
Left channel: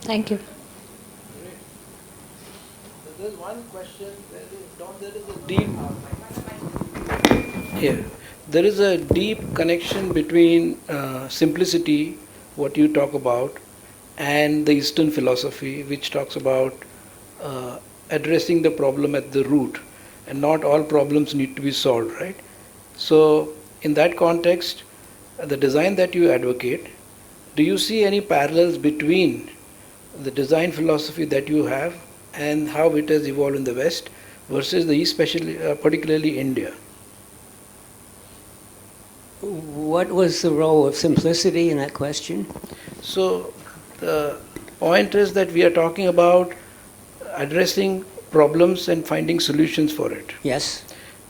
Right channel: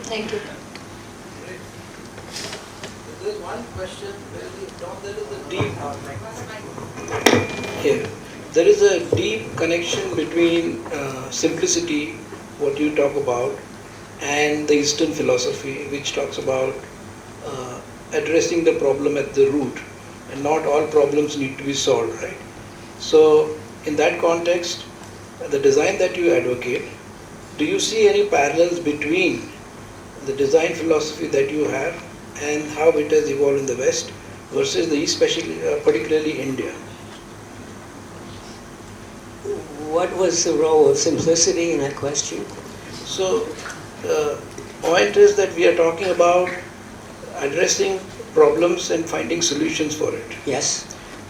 Thank you. There's one question, there is a deep connection between simplicity, what you talk about, and the Eastern philosophy, which talks about addressing the problem at the root, and not all problems need to be solved, right? So in that context, the design that you advocate, do you see any parallels between the design philosophy that you have and how it has evolved in the West versus the East, especially, particularly India? What was the role of simplicity in that question? So the point is that we are talking about addressing problems and finding solutions for it. Yes.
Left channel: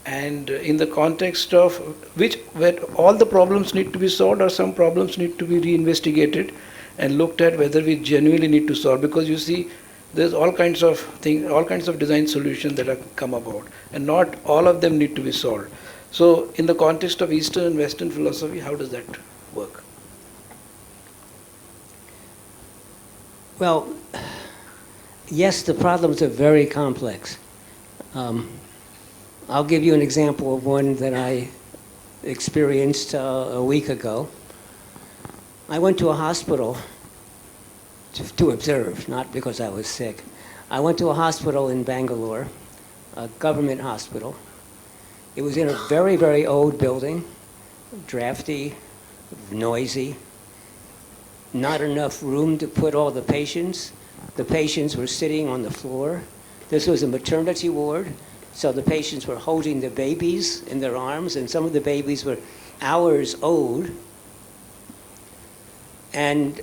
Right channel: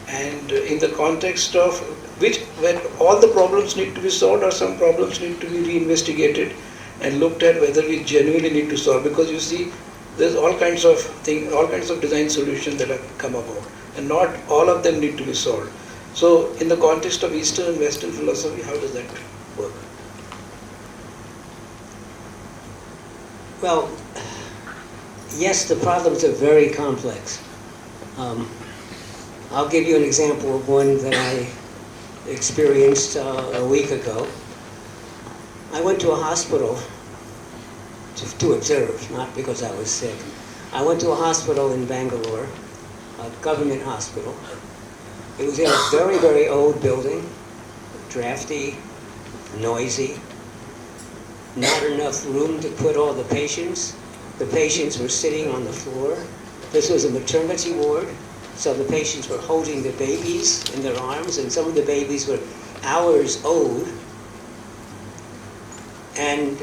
And in the context of where all the problems need to be solved, or some problems need to be reinvestigated and looked at whether we genuinely need to solve, because you see there's all kinds of things, all kinds of design solutions that have come about, and not all of them need to be solved. So in the context of Eastern and Western philosophy, how does that work? Well, yes, the problems are very complex. I'll give you an example of one that I experienced a week ago. I went to a hospital to observe, not because I was sick. I went to a hospital in Bangalore, a government hospital. It was in a very, very old building, drafty, noisy, not enough room to put all the patients. The patients were sitting on the floor. This was a maternity ward, so the patients were holding the babies in their arms, and some of the babies were hours old. And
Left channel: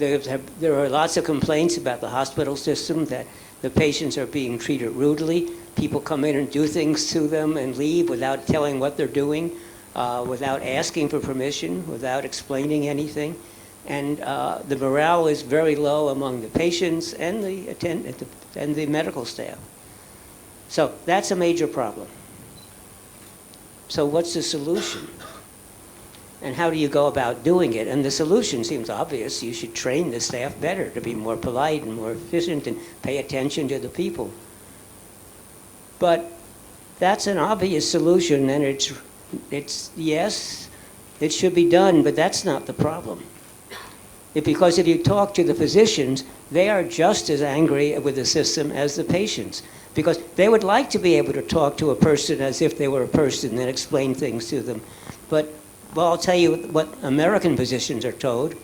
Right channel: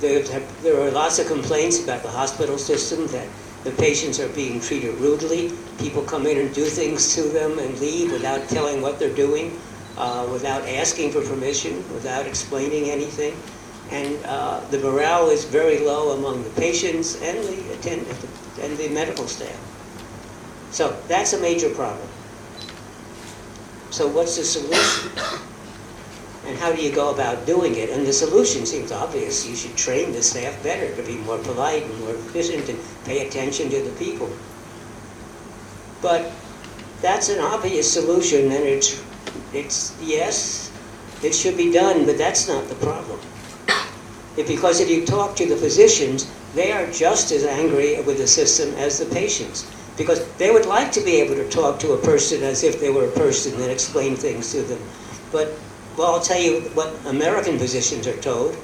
there are lots of complaints about the hospital system, that the patients are being treated rudely. People come in and do things to them and leave without telling what they're doing, without asking for permission, without explaining anything. And the morale is very low among the patients and the medical staff. So that's a major problem. So what's the solution? And how do you go about doing it? And the solution seems obvious. You should train the staff better to be more polite and more efficient and pay attention to the people. But that's an obvious solution, and it's yes, it should be done, but that's not the problem. Because if you talk to the physicians, they are just as angry with the system as the patients, because they would like to be able to talk to a person as if they were a person and explain things to them. But, well, I'll tell you what American physicians are told.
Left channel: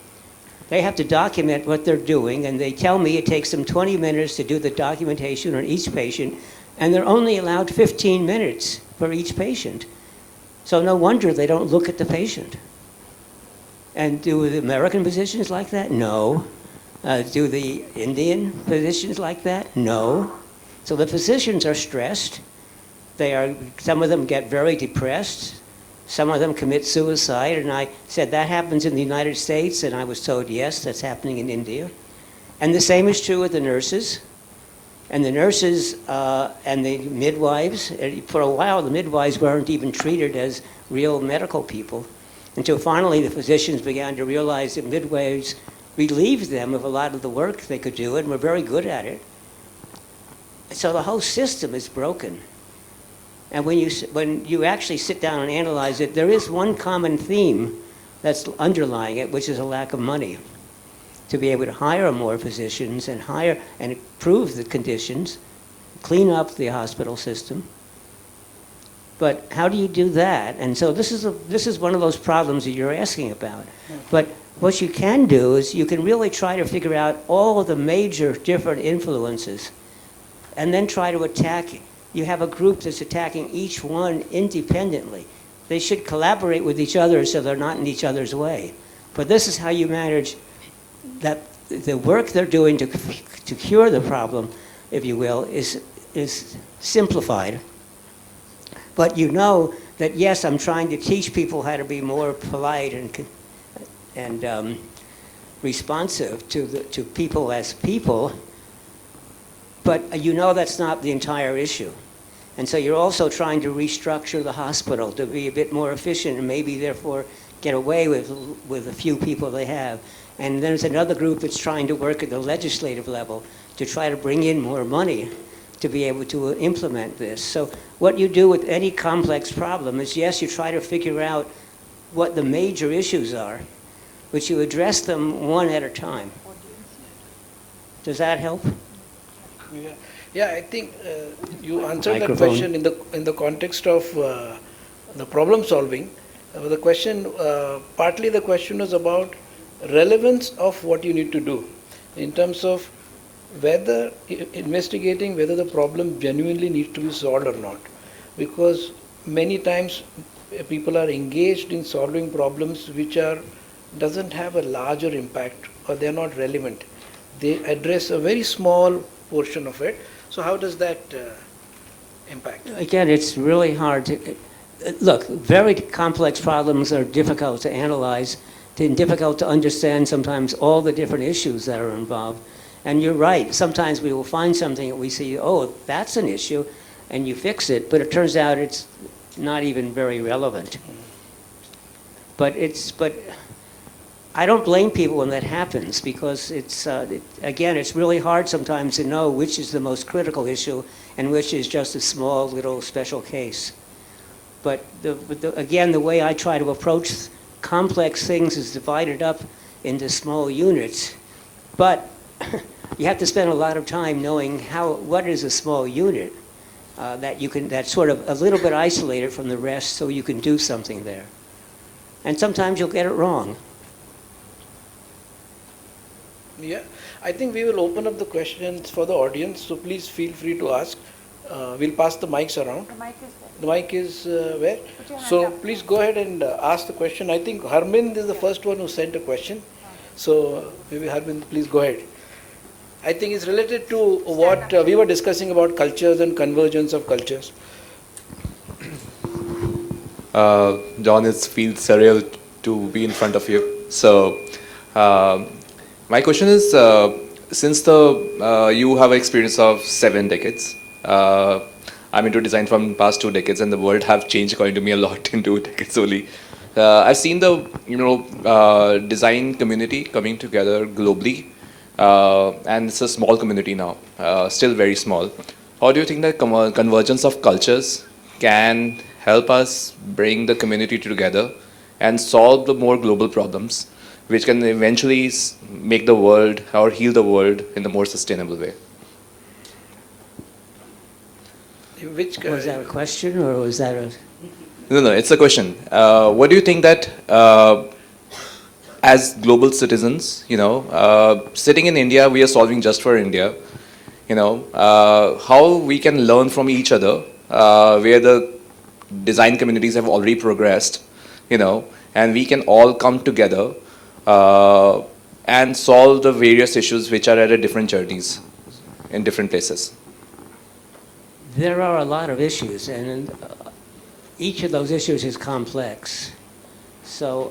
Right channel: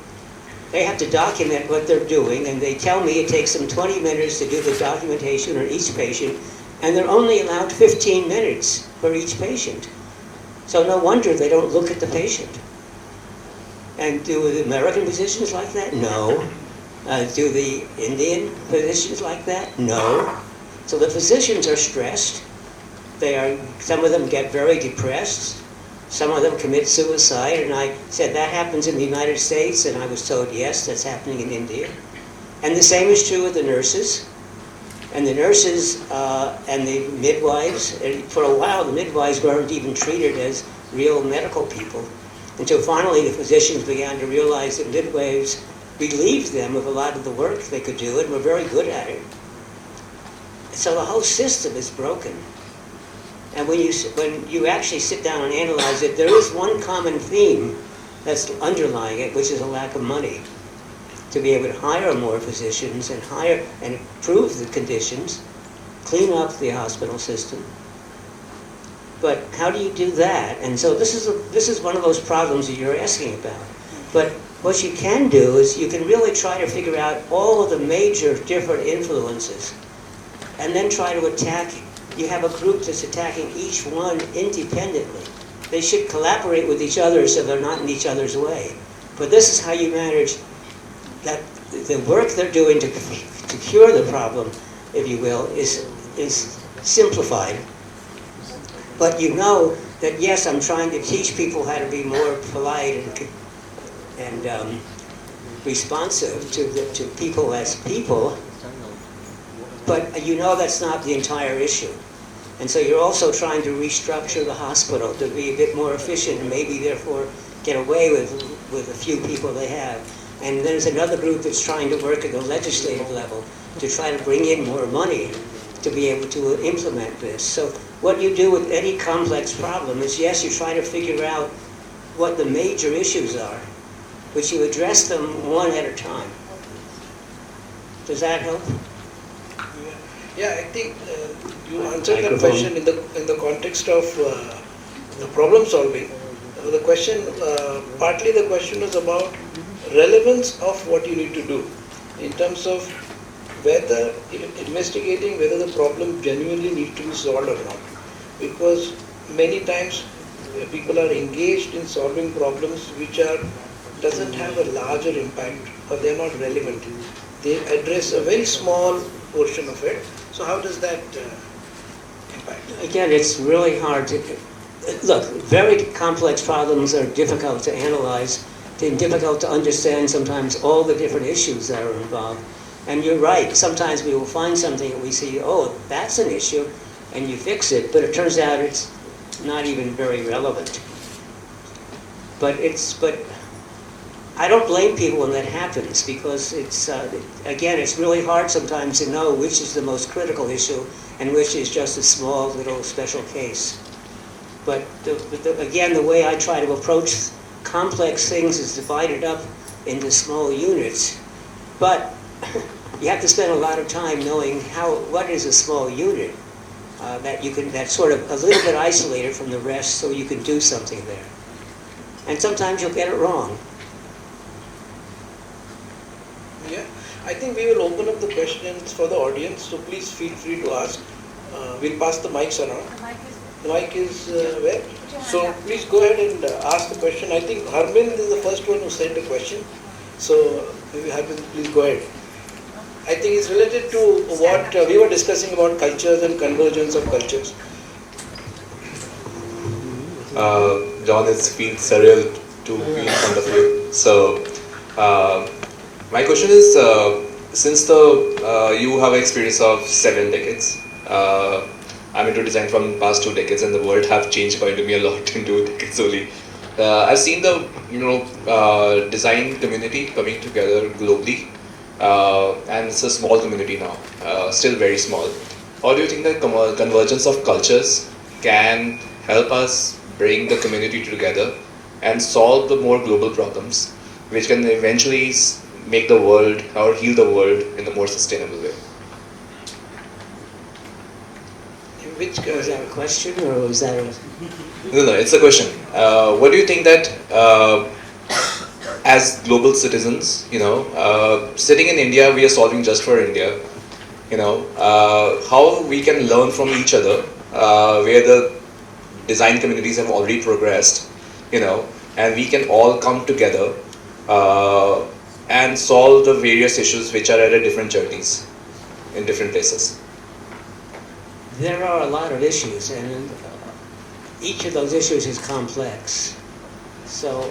They have to document what they're doing, and they tell me it takes them 20 minutes to do the documentation on each patient, and they're only allowed 15 minutes for each patient. So no wonder they don't look at the patient. And do the American physicians like that? No. Do the Indian physicians like that? No. So the physicians are stressed. Some of them get very depressed. Some of them commit suicide. And I said, that happens in the United States? And I was told, yes, that's happening in India. And the same is true with the nurses. And the nurses and the midwives, for a while the midwives weren't even treated as real medical people, until finally the physicians began to realize that midwives relieved them of a lot of the work they could do and were very good at it. So the whole system is broken. And when you actually sit down and analyze it, there is one common theme that's underlying it, which is a lack of money to be able to hire more physicians and hire and improve the conditions, clean up the hospital system. But how do you do that? And so this is one of those problems that you're asking about. But what you can do is you can really try to figure out all of the major different influences, and then try to attack. You have a group that's attacking each one independently. They should collaborate with each other so they're not in each other's way. But this is how you manage that the work they're doing to cure the problem, if you will, is simplified. But you know that, yes, I'm trying to teach people how to be more polite and responsive to people as people, but you know that's not the entire issue. And so you're also trying to restructure the hospital to be a bit more efficient and maybe therefore get away with a few people they have. And there's another group that's trying to work at the legislative level to try to bring in more money to be able to implement this. So what you do with any complex problem is, yes, you try to figure out what the major issues are, but you address them one at a time. Does that help? Yeah, I think you answered the question in the context of the problem solving. The question, partly the question was about relevance of what you need to do in terms of whether investigating whether the problem genuinely needs to be solved or not. Because many times people are engaged in solving problems which doesn't have a larger impact, or they're not relevant. They address a very small portion of it. So how does that impact? Again, it's really hard to look. Very complex problems are difficult to analyze. They're difficult to understand sometimes all the different issues that are involved. And you're right, sometimes we will find something and we see, oh, that's an issue, and you fix it, but it turns out it's not even very relevant. But I don't blame people when that happens because it's, again, it's really hard sometimes to know which is the most critical issue and which is just a small little special case. But again, the way I try to approach complex things is divided up into small units. But you have to spend a lot of time knowing what is a small unit that's sort of a little bit isolated from the rest so you can do something there. And sometimes you'll get it wrong. Yeah, I think we will open up the questions for the audience, so please feel free to ask. We'll pass the mics around. The mic is where? So please go ahead and ask the question. I think Harmind is the first one who sent a question. So maybe Harmind, please go ahead. I think it's related to what we were discussing about cultures and convergence of cultures. John, it feels surreal to be in front of you. So, my question is, since you have experience of 7 decades, I'm into design from past 2 decades, and the world have changed according to me a lot in 2 decades only. I've seen the design community coming together globally, and it's a small community now, still very small. How do you think that convergence of cultures can help us bring the community together and solve the more global problems, which can eventually make the world or heal the world in a more sustainable way? Which Was that a question or was that a... No, it's a question. What do you think that as global citizens, sitting in India, we are solving just for India, how we can learn from each other, where the design communities have already progressed, and we can all come together and solve the various issues which are at a different journeys in different places. There are a lot of issues, and each of those issues is complex. So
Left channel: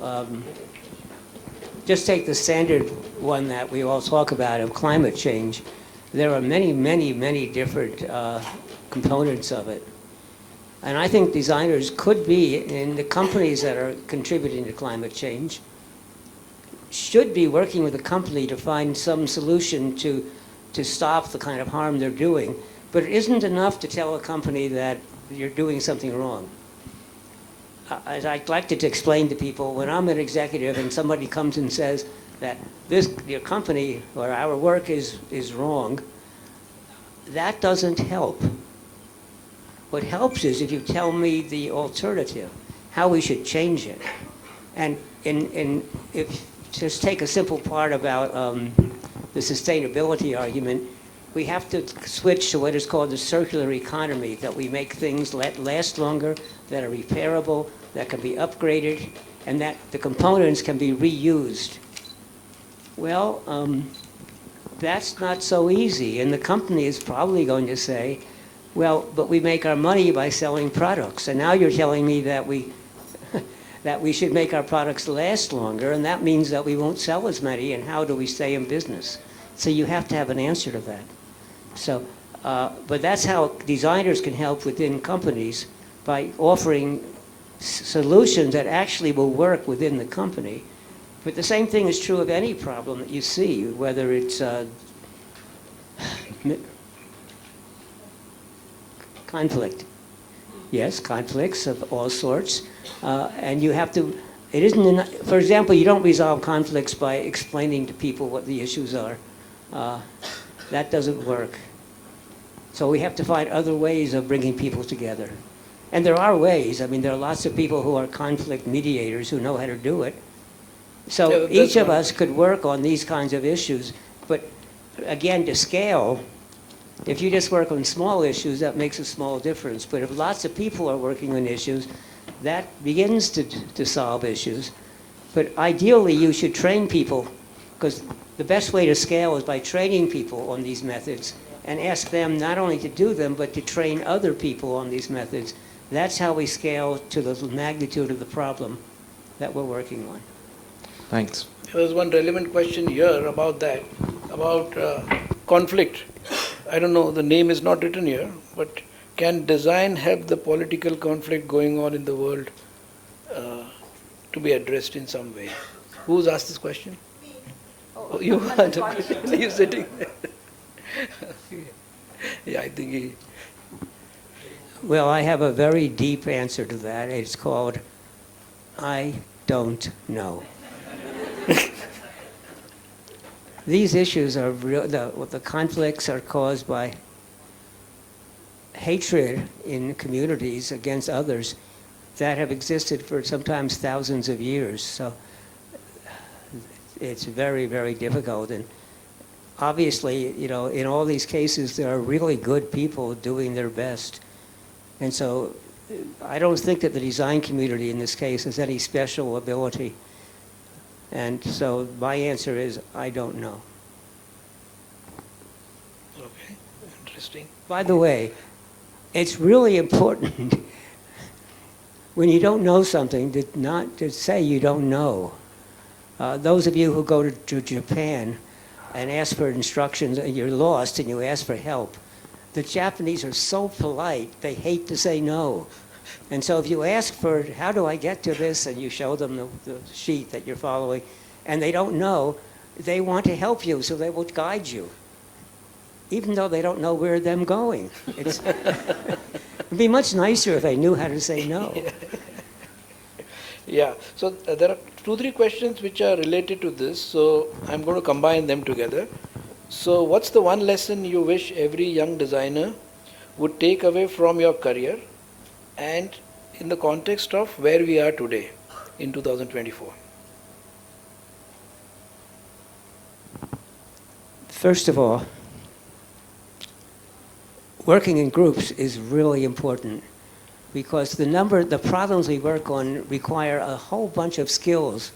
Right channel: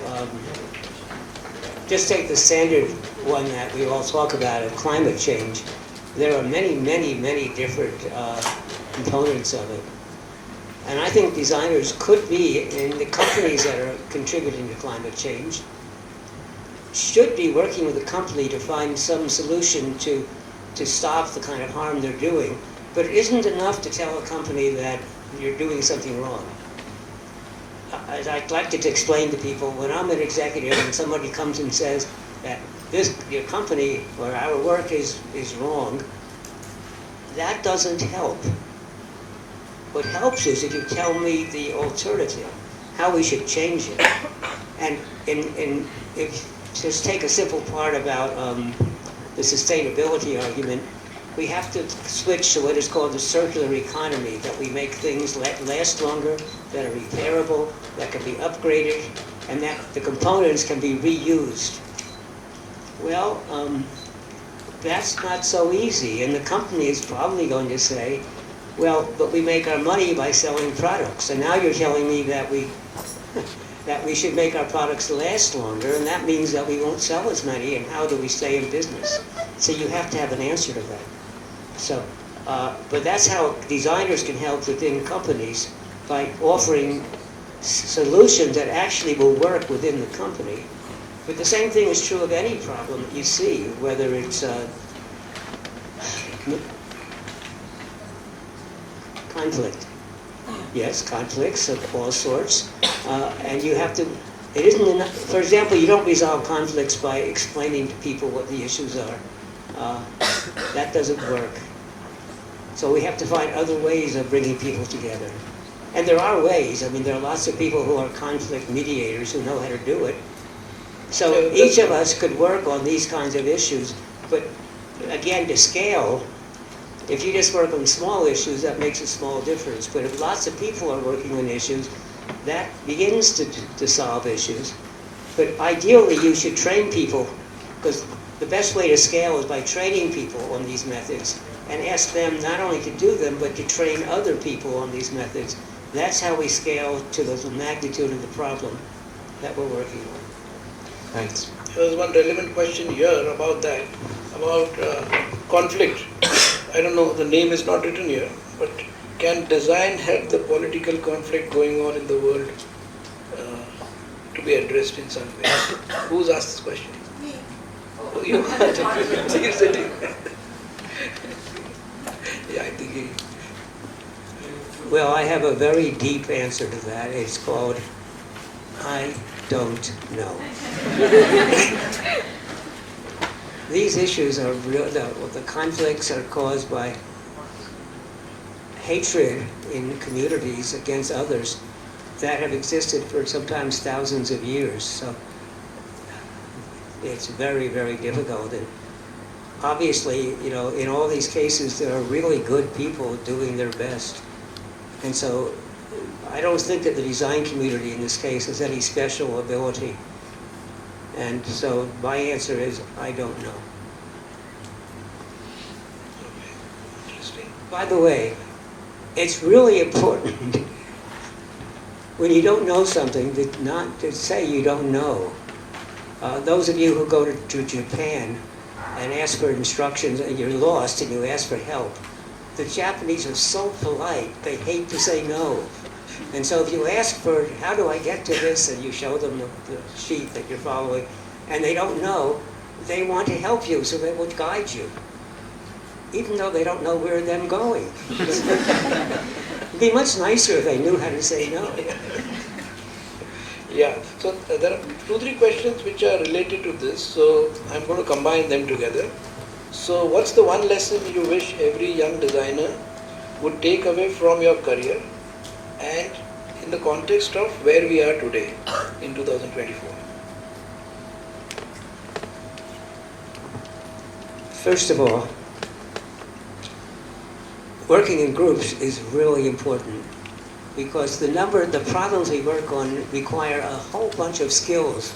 just take the standard one that we all talk about of climate change. There are many, many, many different components of it. And I think designers could be, in the companies that are contributing to climate change, should be working with the company to find some solution to stop the kind of harm they're doing. But it isn't enough to tell a company that you're doing something wrong. As I'd like to explain to people, when I'm an executive and somebody comes and says that your company or our work is wrong, that doesn't help. What helps is if you tell me the alternative, how we should change it. And just take a simple part about the sustainability argument. We have to switch to what is called the circular economy, that we make things last longer, that are repairable, that can be upgraded, and that the components can be reused. Well, that's not so easy, and the company is probably going to say, well, but we make our money by selling products, and now you're telling me that we should make our products last longer, and that means that we won't sell as many, and how do we stay in business? So you have to have an answer to that. So, but that's how designers can help within companies, by offering solutions that actually will work within the company. But the same thing is true of any problem that you see, whether it's conflict. Yes, conflicts of all sorts. And you have to, it isn't enough, for example, you don't resolve conflicts by explaining to people what the issues are. That doesn't work. So we have to find other ways of bringing people together. And there are ways. I mean, there are lots of people who are conflict mediators who know how to do it. So each of us could work on these kinds of issues. But again, to scale, if you just work on small issues, that makes a small difference. But if lots of people are working on issues, that begins to solve issues. But ideally, you should train people, because the best way to scale is by training people on these methods and ask them not only to do them, but to train other people on these methods. That's how we scale to the magnitude of the problem that we're working on. Thanks. There was one relevant question here about that, about conflict. I don't know, the name is not written here, but can design help the political conflict going on in the world? to be addressed in some way. Who's asked this question? Oh, you are. You're sitting. Yeah, I think he... Well, I have a very deep answer to that. It's called, I don't know. These issues are real, the conflicts are caused by hatred in communities against others that have existed for sometimes thousands of years. So it's very, very difficult. And obviously, you know, in all these cases, there are really good people doing their best. And so I don't think that the design community in this case has any special ability. And so my answer is, I don't know. Okay, interesting. By the way, it's really important when you don't know something not to say you don't know. Those of you who go to Japan and ask for instructions and you're lost and you ask for help, the Japanese are so polite, they hate to say no. And so if you ask for, how do I get to this, and you show them the sheet that you're following, and they don't know, they want to help you, so they will guide you, even though they don't know where they're going. It'd be much nicer if they knew how to say no. Yeah, so there are 2-3 questions which are related to this, so I'm going to combine them together. So what's the one lesson you wish every young designer would take away from your career, and in the context of where we are today in 2024? First of all, working in groups is really important because the problems we work on require a whole bunch of skills.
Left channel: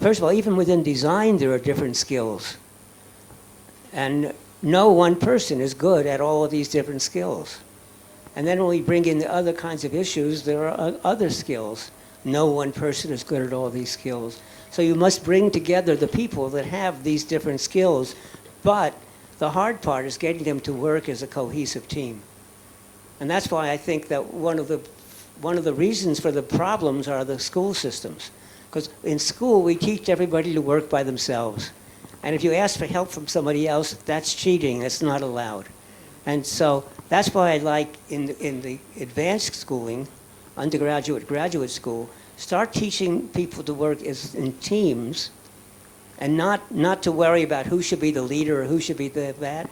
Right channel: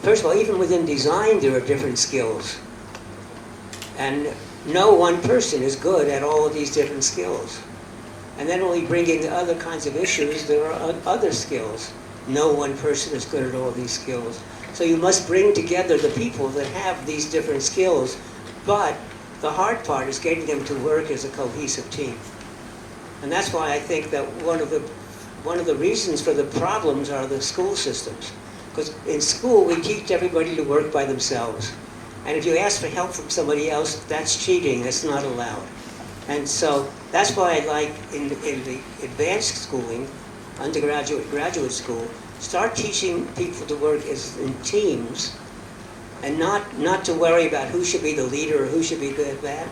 First of all, even within design there are different skills. And no one person is good at all of these different skills. And then when we bring in other kinds of issues, there are other skills. No one person is good at all these skills. So you must bring together the people that have these different skills, but the hard part is getting them to work as a cohesive team. And that's why I think that one of the reasons for the problems are the school systems. Because in school we teach everybody to work by themselves. And if you ask for help from somebody else, that's cheating, it's not allowed. And so that's why I like in the advanced schooling, undergraduate, graduate school, start teaching people to work in teams and not to worry about who should be the leader or who should be that.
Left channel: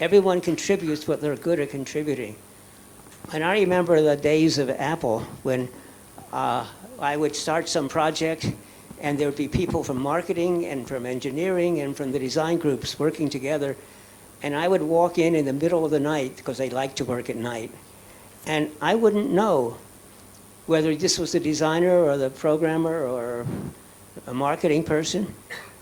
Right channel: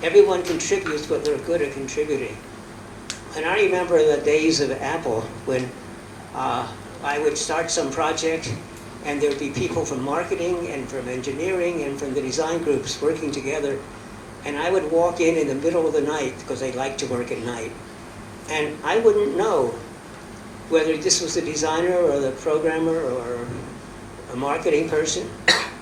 Everyone contributes what they're good at contributing. And I remember the days of Apple when I would start some project and there would be people from marketing and from engineering and from the design groups working together. And I would walk in the middle of the night, because they like to work at night, and I wouldn't know whether this was the designer or the programmer or a marketing person,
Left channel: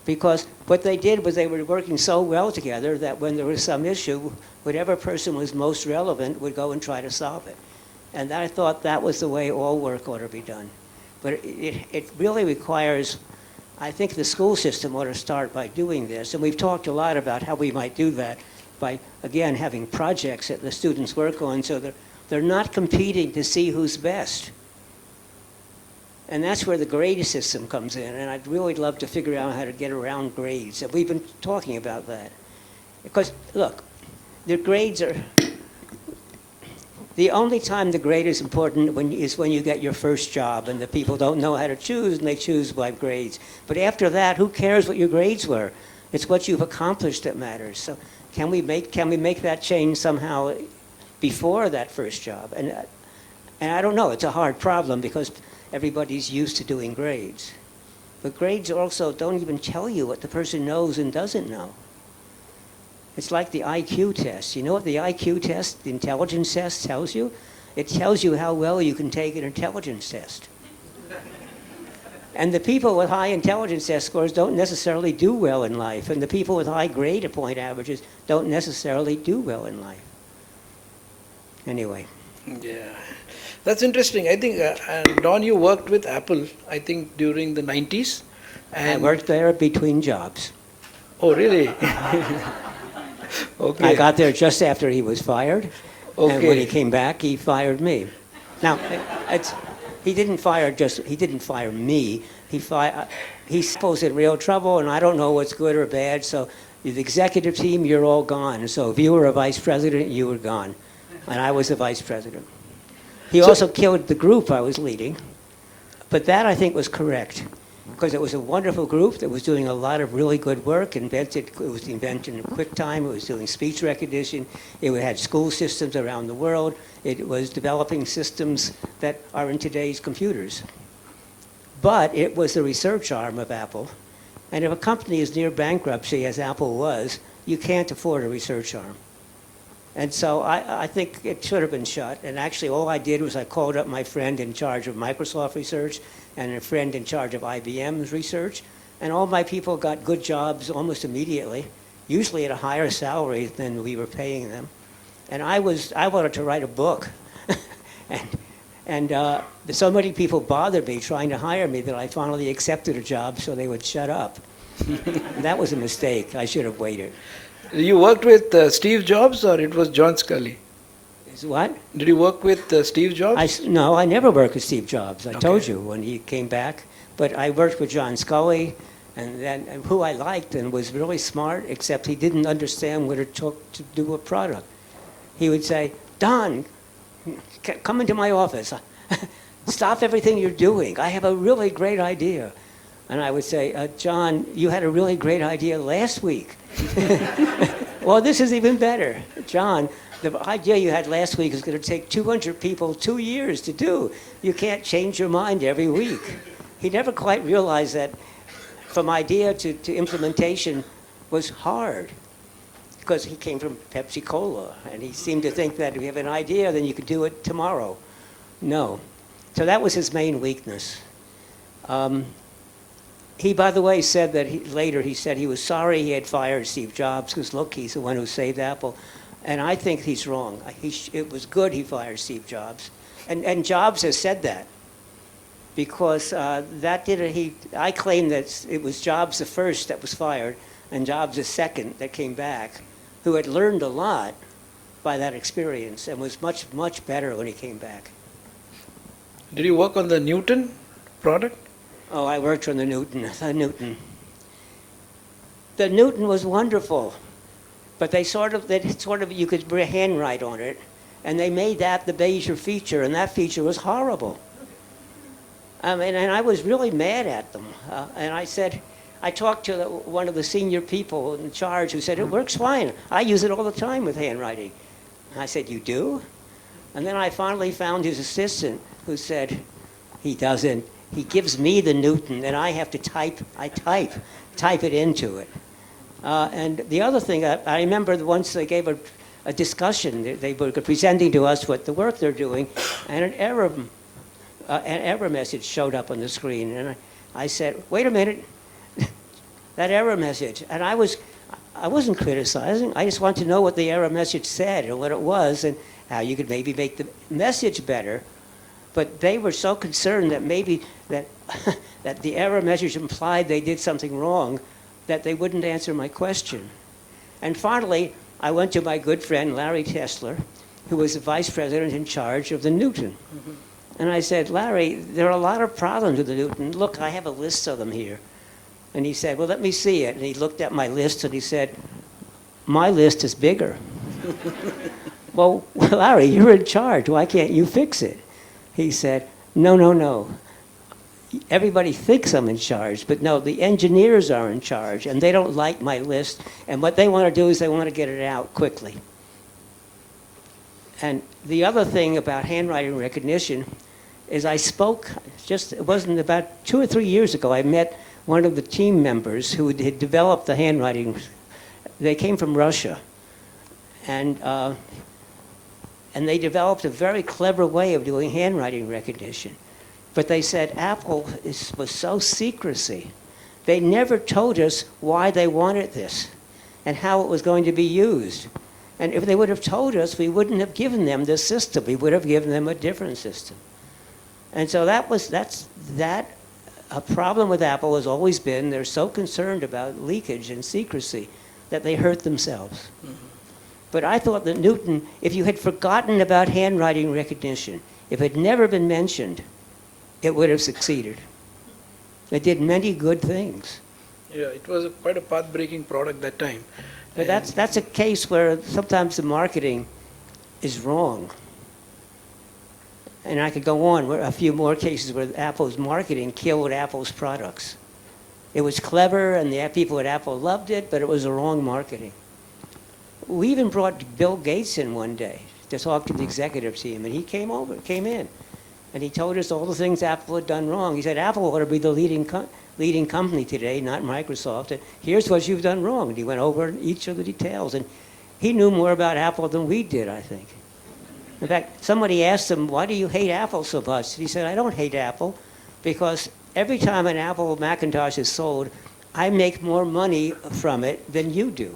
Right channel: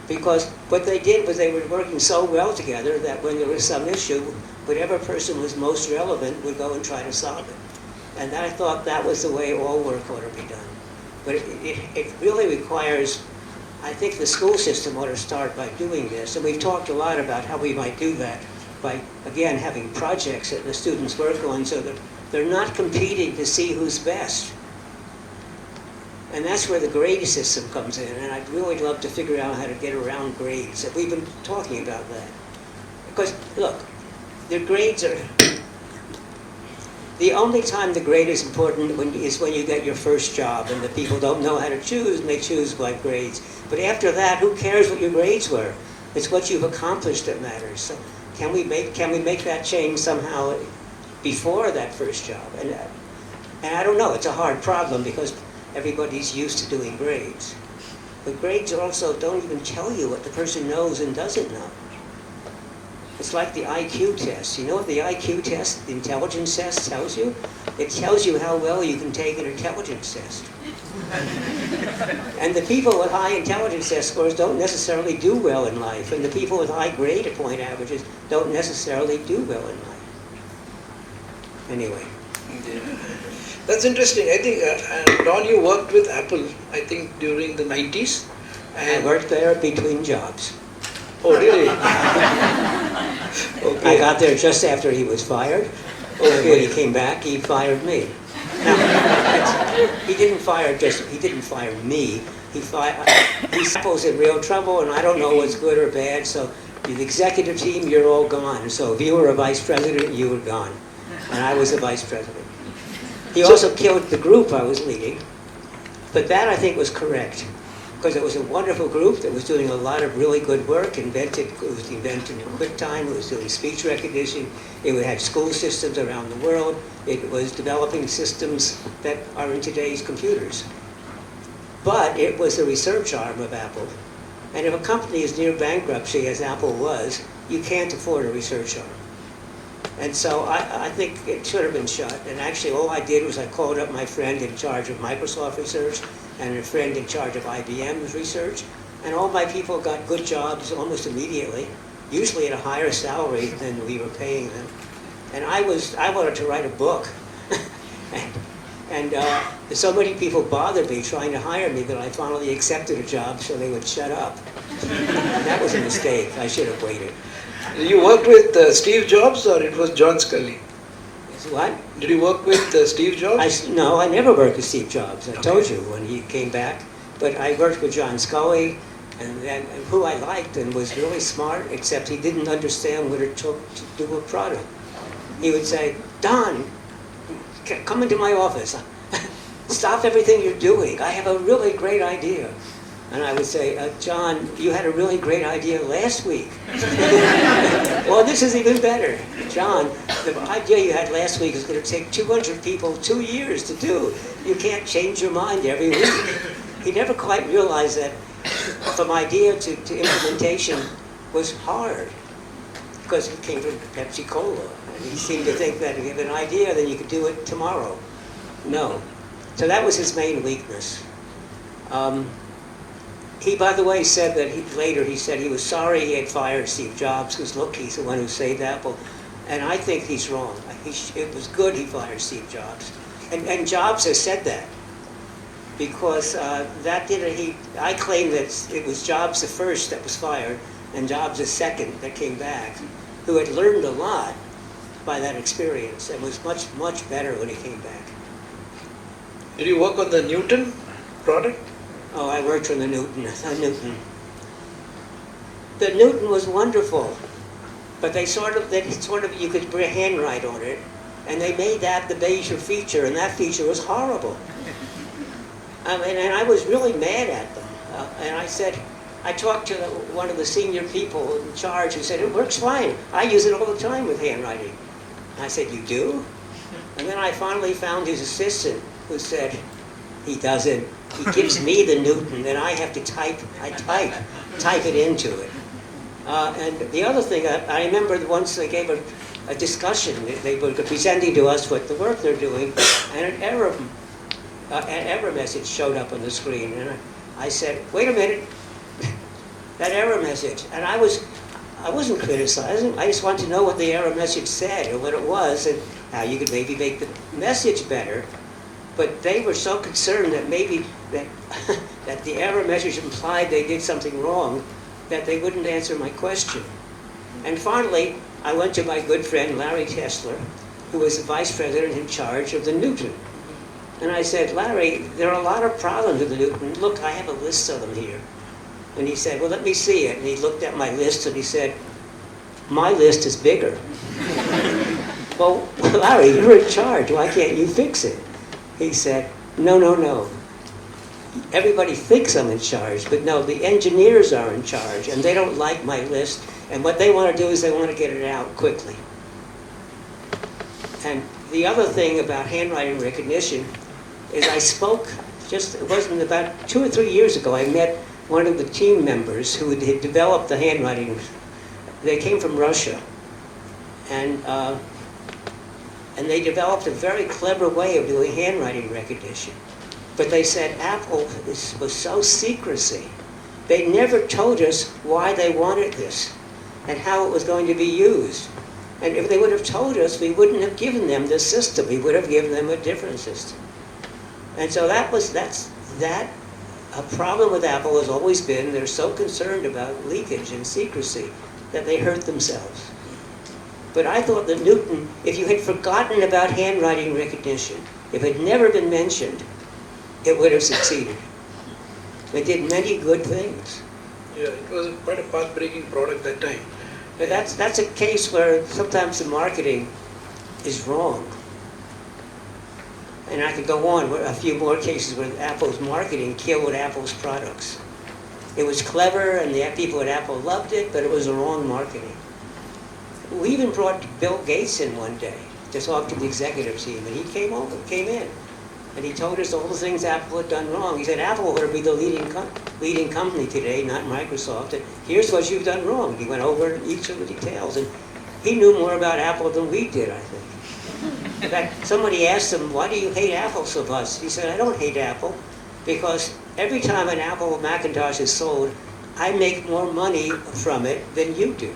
because what they did was they were working so well together that when there was some issue, whatever person was most relevant would go and try to solve it. And I thought that was the way all work ought to be done. But it really requires, I think the school system ought to start by doing this, and we've talked a lot about how we might do that by, again, having projects that the students work on so that they're not competing to see who's best. And that's where the grade system comes in, and I'd really love to figure out how to get around grades. And we've been talking about that. Because, look, the grades are... The only time the grade is important is when you get your first job and the people don't know how to choose and they choose by grades. But after that, who cares what your grades were? It's what you've accomplished that matters. So can we make that change somehow before that first job? And I don't know, it's a hard problem because everybody's used to doing grades. But grades also don't even tell you what the person knows and doesn't know. It's like the IQ test. You know what the IQ test, the intelligence test, tells you? It tells you how well you can take an intelligence test. And the people with high intelligence test scores don't necessarily do well in life, and the people with high grade point averages don't necessarily do well in life. Anyway. Yeah. That's interesting. I think, Don, you worked with Apple, I think, during the 90s. I worked there between jobs. Oh, really? I got there just after he was fired. Okay. When he came back, he fired me. Now, he didn't fire me. He's Apple's in real trouble, and I don't know what's good or bad. So the executive team, you're all gone. So if you were a vice president, you were gone, and I was a vice president. He also killed the group I was leading, but that I think was correct, because it was a wonderful group that was doing a lot of really good work. It was invented in QuickTime. It was doing speech recognition. It had school systems around the world. It was developing systems that are in today's computers. But it was the research arm of Apple. And if a company is near bankruptcy, as Apple was, you can't afford a research arm. And so I think it should have been shut. And actually all I did was I called up my friend in charge of Microsoft research and a friend in charge of IBM's research. And all my people got good jobs almost immediately, usually at a higher salary than we were paying them. And I wanted to write a book. and so many people bothered me trying to hire me that I finally accepted a job so they would shut up. That was a mistake. I should have waited. You worked with Steve Jobs, or it was John Scully? What? Did you work with Steve Jobs? No, I never worked with Steve Jobs. I told you when he came back. But I worked with John Scully, and who I liked and was really smart, except he didn't understand what it took to do a product. He would say, Don, come into my office. Stop everything you're doing. I have a really great idea. And I would say, John, you had a really great idea last week. Well, this is even better. John, the idea you had last week is going to take 200 people 2 years to do. You can't change your mind every week. He never quite realized that from idea to implementation was hard, because he came from Pepsi-Cola. And he seemed to think that if you have an idea, then you could do it tomorrow. No. So that was his main weakness. He, by the way, said that later he said he was sorry he had fired Steve Jobs, because look, he's the one who saved Apple. And I think he's wrong. It was good he fired Steve Jobs. And Jobs has said that. Because I claim that it was Jobs the first that was fired, and Jobs the second that came back, who had learned a lot by that experience and was much, much better when he came back. Did you work on the Newton product? Oh, I worked on the Newton. The Newton was wonderful, but you could handwrite on it, and they made that the major feature, and that feature was horrible. And I was really mad at them. And I talked to one of the senior people in charge who said, it works fine. I use it all the time with handwriting. And I said, you do? And then I finally found his assistant who said, he doesn't. He gives me the Newton, and I have to type it into it. And the other thing, I remember once they gave a discussion. They were presenting to us what the work they're doing, and an error message showed up on the screen. And I said, wait a minute, that error message. And I wasn't criticizing. I just wanted to know what the error message said, or what it was, and how you could maybe make the message better. But they were so concerned that maybe that the error message implied they did something wrong, that they wouldn't answer my question. And finally, I went to my good friend Larry Kessler, who was the vice president in charge of the Newton. And I said, Larry, there are a lot of problems with the Newton. Look, I have a list of them here. And he said, well, let me see it. And he looked at my list and he said, my list is bigger. Well, Larry, you're in charge. Why can't you fix it? He said, no. Everybody thinks I'm in charge, but no, the engineers are in charge, and they don't like my list, and what they want to do is they want to get it out quickly. And the other thing about handwriting recognition is it wasn't about 2 or 3 years ago, I met one of the team members who had developed the handwriting. They came from Russia, and they developed a very clever way of doing handwriting recognition. But they said Apple was so secrecy. They never told us why they wanted this and how it was going to be used. And if they would have told us, we wouldn't have given them this system. We would have given them a different system. And so a problem with Apple has always been they're so concerned about leakage and secrecy that they hurt themselves. But I thought that Newton, if you had forgotten about handwriting recognition, if it had never been mentioned, it would have succeeded. It did many good things. Yeah, it was quite a path-breaking product that time. But that's a case where sometimes the marketing is wrong. And I could go on with a few more cases where Apple's marketing killed Apple's products. It was clever and the people at Apple loved it, but it was the wrong marketing. We even brought Bill Gates in one day to talk to the executive team, and he came in, and he told us all the things Apple had done wrong. He said, Apple ought to be the leading company today, not Microsoft, and here's what you've done wrong. He went over each of the details, and he knew more about Apple than we did, I think. In fact, somebody asked him, why do you hate Apple so much? He said, I don't hate Apple, because every time an Apple Macintosh is sold, I make more money from it than you do.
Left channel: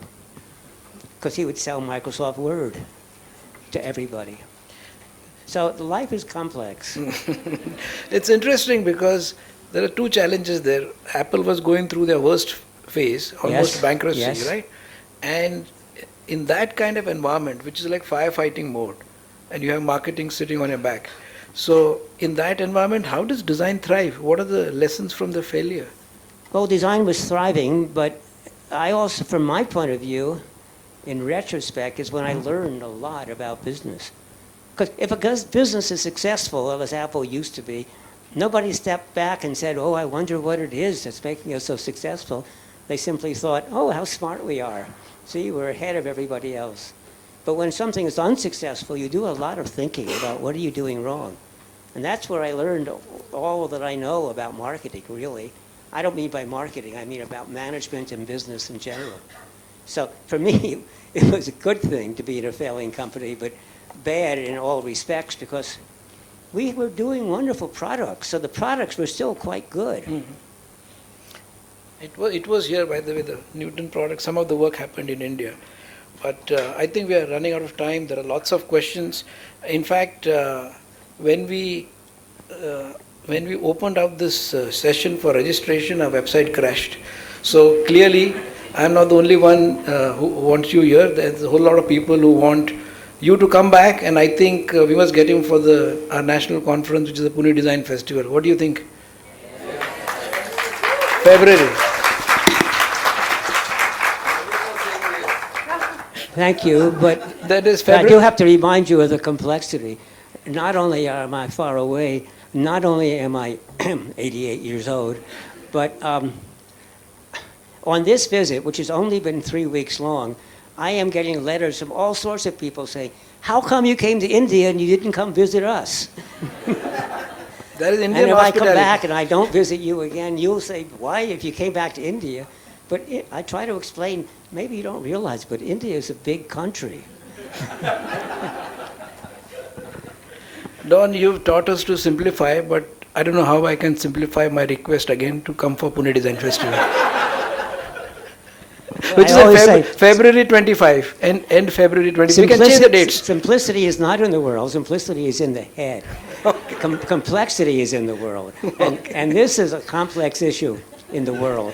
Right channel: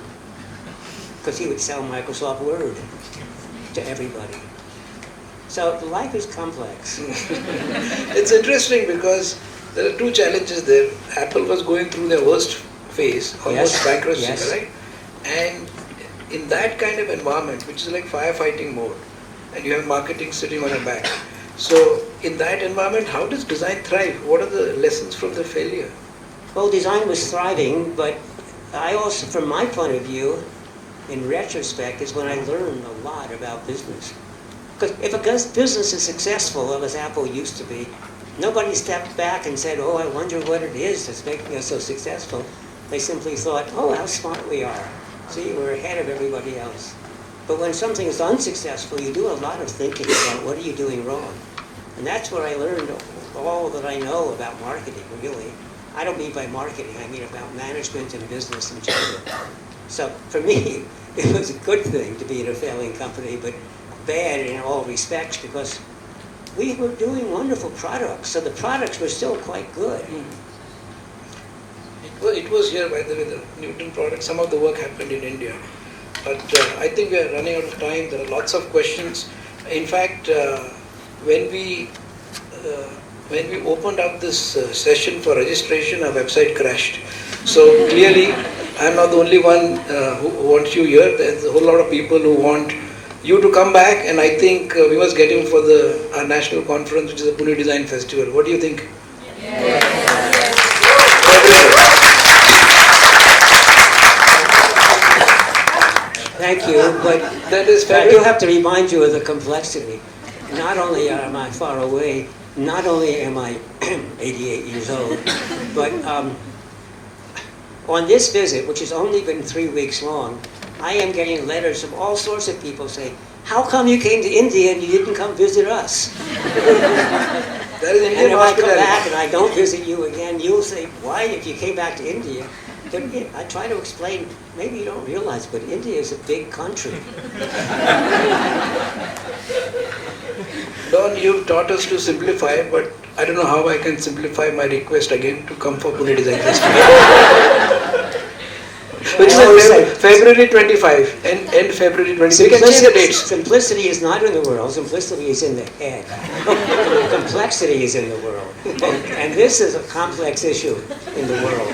Because he would sell Microsoft Word to everybody. So life is complex. It's interesting because there are two challenges there. Apple was going through their worst phase, almost bankruptcy, yes. right? And in that kind of environment, which is like firefighting mode, and you have marketing sitting on your back. So in that environment, how does design thrive? What are the lessons from the failure? Well, design was thriving, but I also, from my point of view, in retrospect, is when I learned a lot about business. Because if a business is successful, as Apple used to be, nobody stepped back and said, oh, I wonder what it is that's making us so successful. They simply thought, oh, how smart we are. See, we're ahead of everybody else. But when something is unsuccessful, you do a lot of thinking about what are you doing wrong. And that's where I learned all that I know about marketing, really. I don't mean by marketing, I mean about management and business in general. So for me, it was a good thing to be in a failing company, but bad in all respects because we were doing wonderful products, so the products were still quite good. It was here, by the way, the Newton product. Some of the work happened in India. But I think we are running out of time. There are lots of questions. In fact, when we opened up this session for registration, our website crashed. So clearly, I'm not the only one who wants you here. There's a whole lot of people who want you to come back, and I think we must get him for our national conference, which is the Pune Design Festival. What do you think? Thank you, but That is I do fabulous. have to remind you of the complexity. Not only am I far away, not only am I 88 years old, but on this visit, which has only been 3 weeks long, I am getting letters from all sorts of people saying, how come you came to India and you didn't come visit us? That is And Indian if I come hospitality. back and I don't visit you again, you'll say, why if you came back to India? But I try to explain, maybe you don't realize, but India is a big country. Don, you've taught us to simplify, but I don't know how I can simplify my request again to come for Pune Design Festival. Which is I always on say- February 25, end February 25. You can change the dates. Simplicity is not in the world, simplicity is in the head. Complexity is in the world. And this is a complex issue in the world.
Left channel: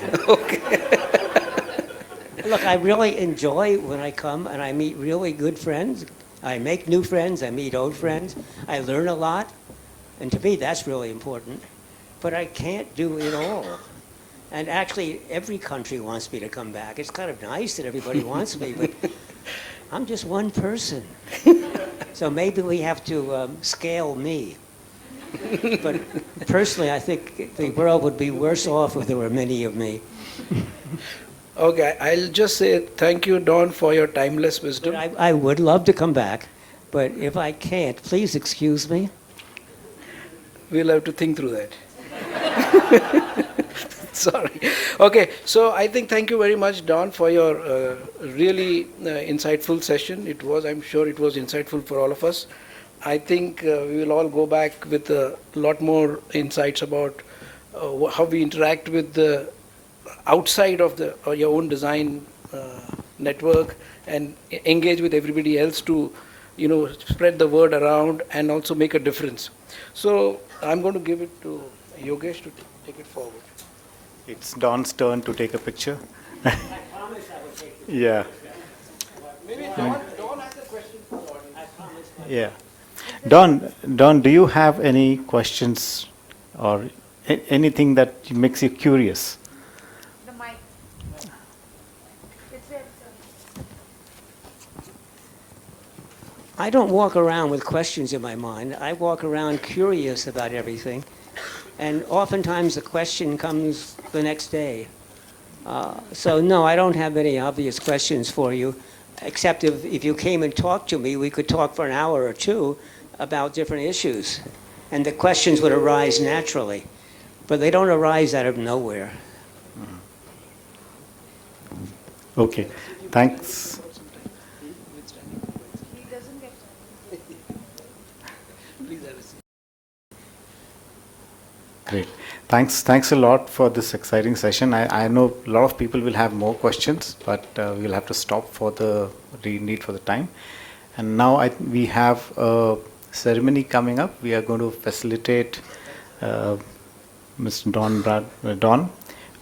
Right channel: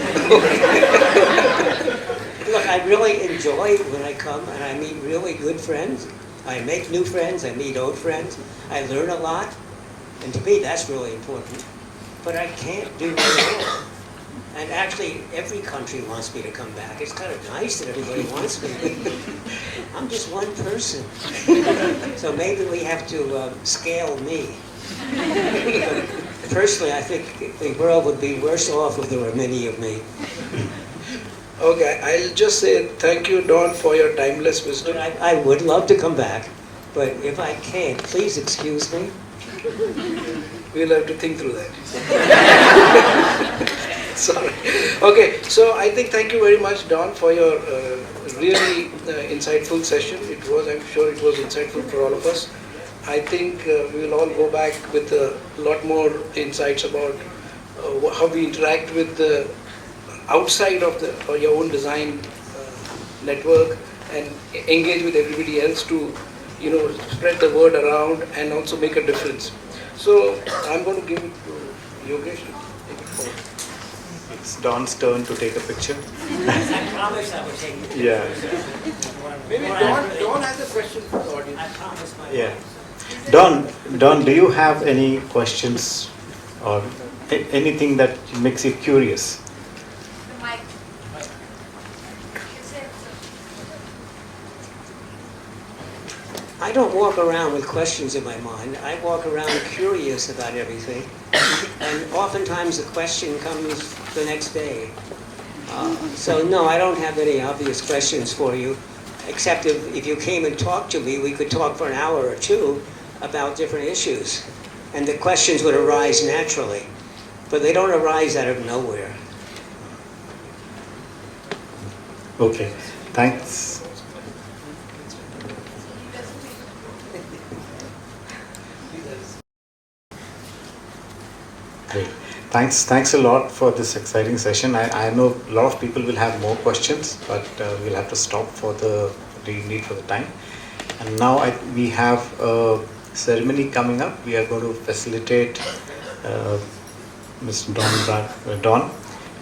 Look, I really enjoy when I come and I meet really good friends. I make new friends, I meet old friends. I learn a lot. And to me, that's really important. But I can't do it all. And actually, every country wants me to come back. It's kind of nice that everybody wants me, but I'm just one person. So maybe we have to scale me. But personally, I think the world would be worse off if there were many of me. Okay, I'll just say thank you, Don, for your timeless wisdom. But I would love to come back, but if I can't, please excuse me. We'll have to think through that. Sorry. Okay, so I think thank you very much, Don, for your really insightful session. I'm sure it was insightful for all of us. I think we will all go back with a lot more insights about how we interact with the outside of your own design network and engage with everybody else to, spread the word around and also make a difference. So I'm going to give it to Yogesh to take it forward. it's Don's turn to take a picture. I promise I will take it. Yeah. Maybe Don has a question for the audience. I promise my Yeah. Don, do you have any questions or anything that makes you curious? I don't walk around with questions in my mind. I walk around curious about everything. And oftentimes the question comes the next day. So no, I don't have any obvious questions for you, except if you came and talked to me, we could talk for an hour or two about different issues. And the questions would arise naturally. But they don't arise out of nowhere. Okay, thanks. Great. Thanks a lot for this exciting session. I know a lot of people will have more questions, but we'll have to stop for the need for the time. And now we have a ceremony coming up. We are going to facilitate Mr. Don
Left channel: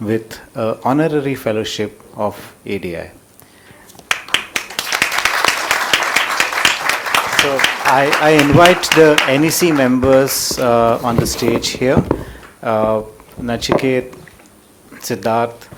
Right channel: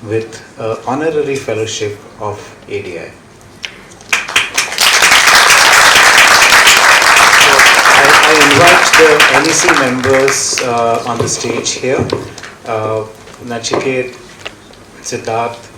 with Honorary Fellowship of ADI. I invite the NEC members on the stage here. Nachiket, Siddharth,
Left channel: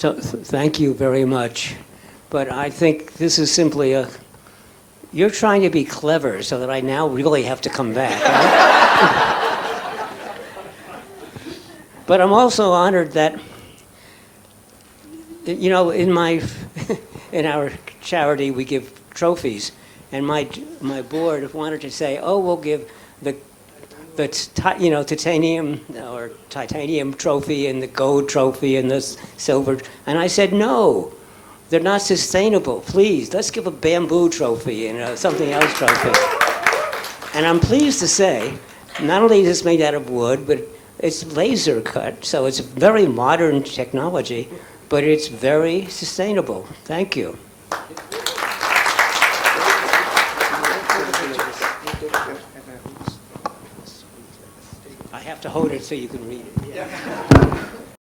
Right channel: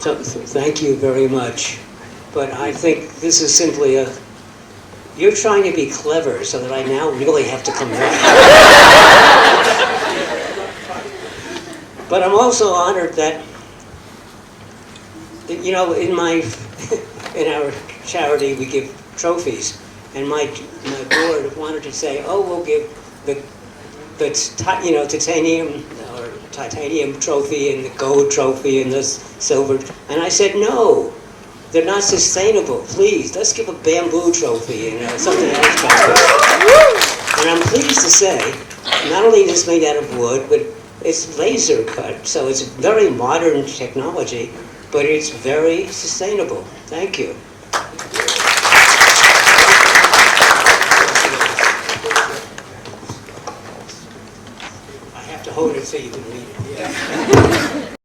So, thank you very much. But I think this is simply you're trying to be clever so that I now really have to come back. But I'm also honored that, you know, in our charity we give trophies, and my board wanted to say, oh, we'll give the titanium trophy and the gold trophy and the silver. And I said, no, they're not sustainable. Please, let's give a bamboo trophy and something else. And I'm pleased to say, not only is this made out of wood, but it's laser cut, so it's very modern technology, but it's very sustainable. Thank you. I have to hold it so you can read it. Yeah.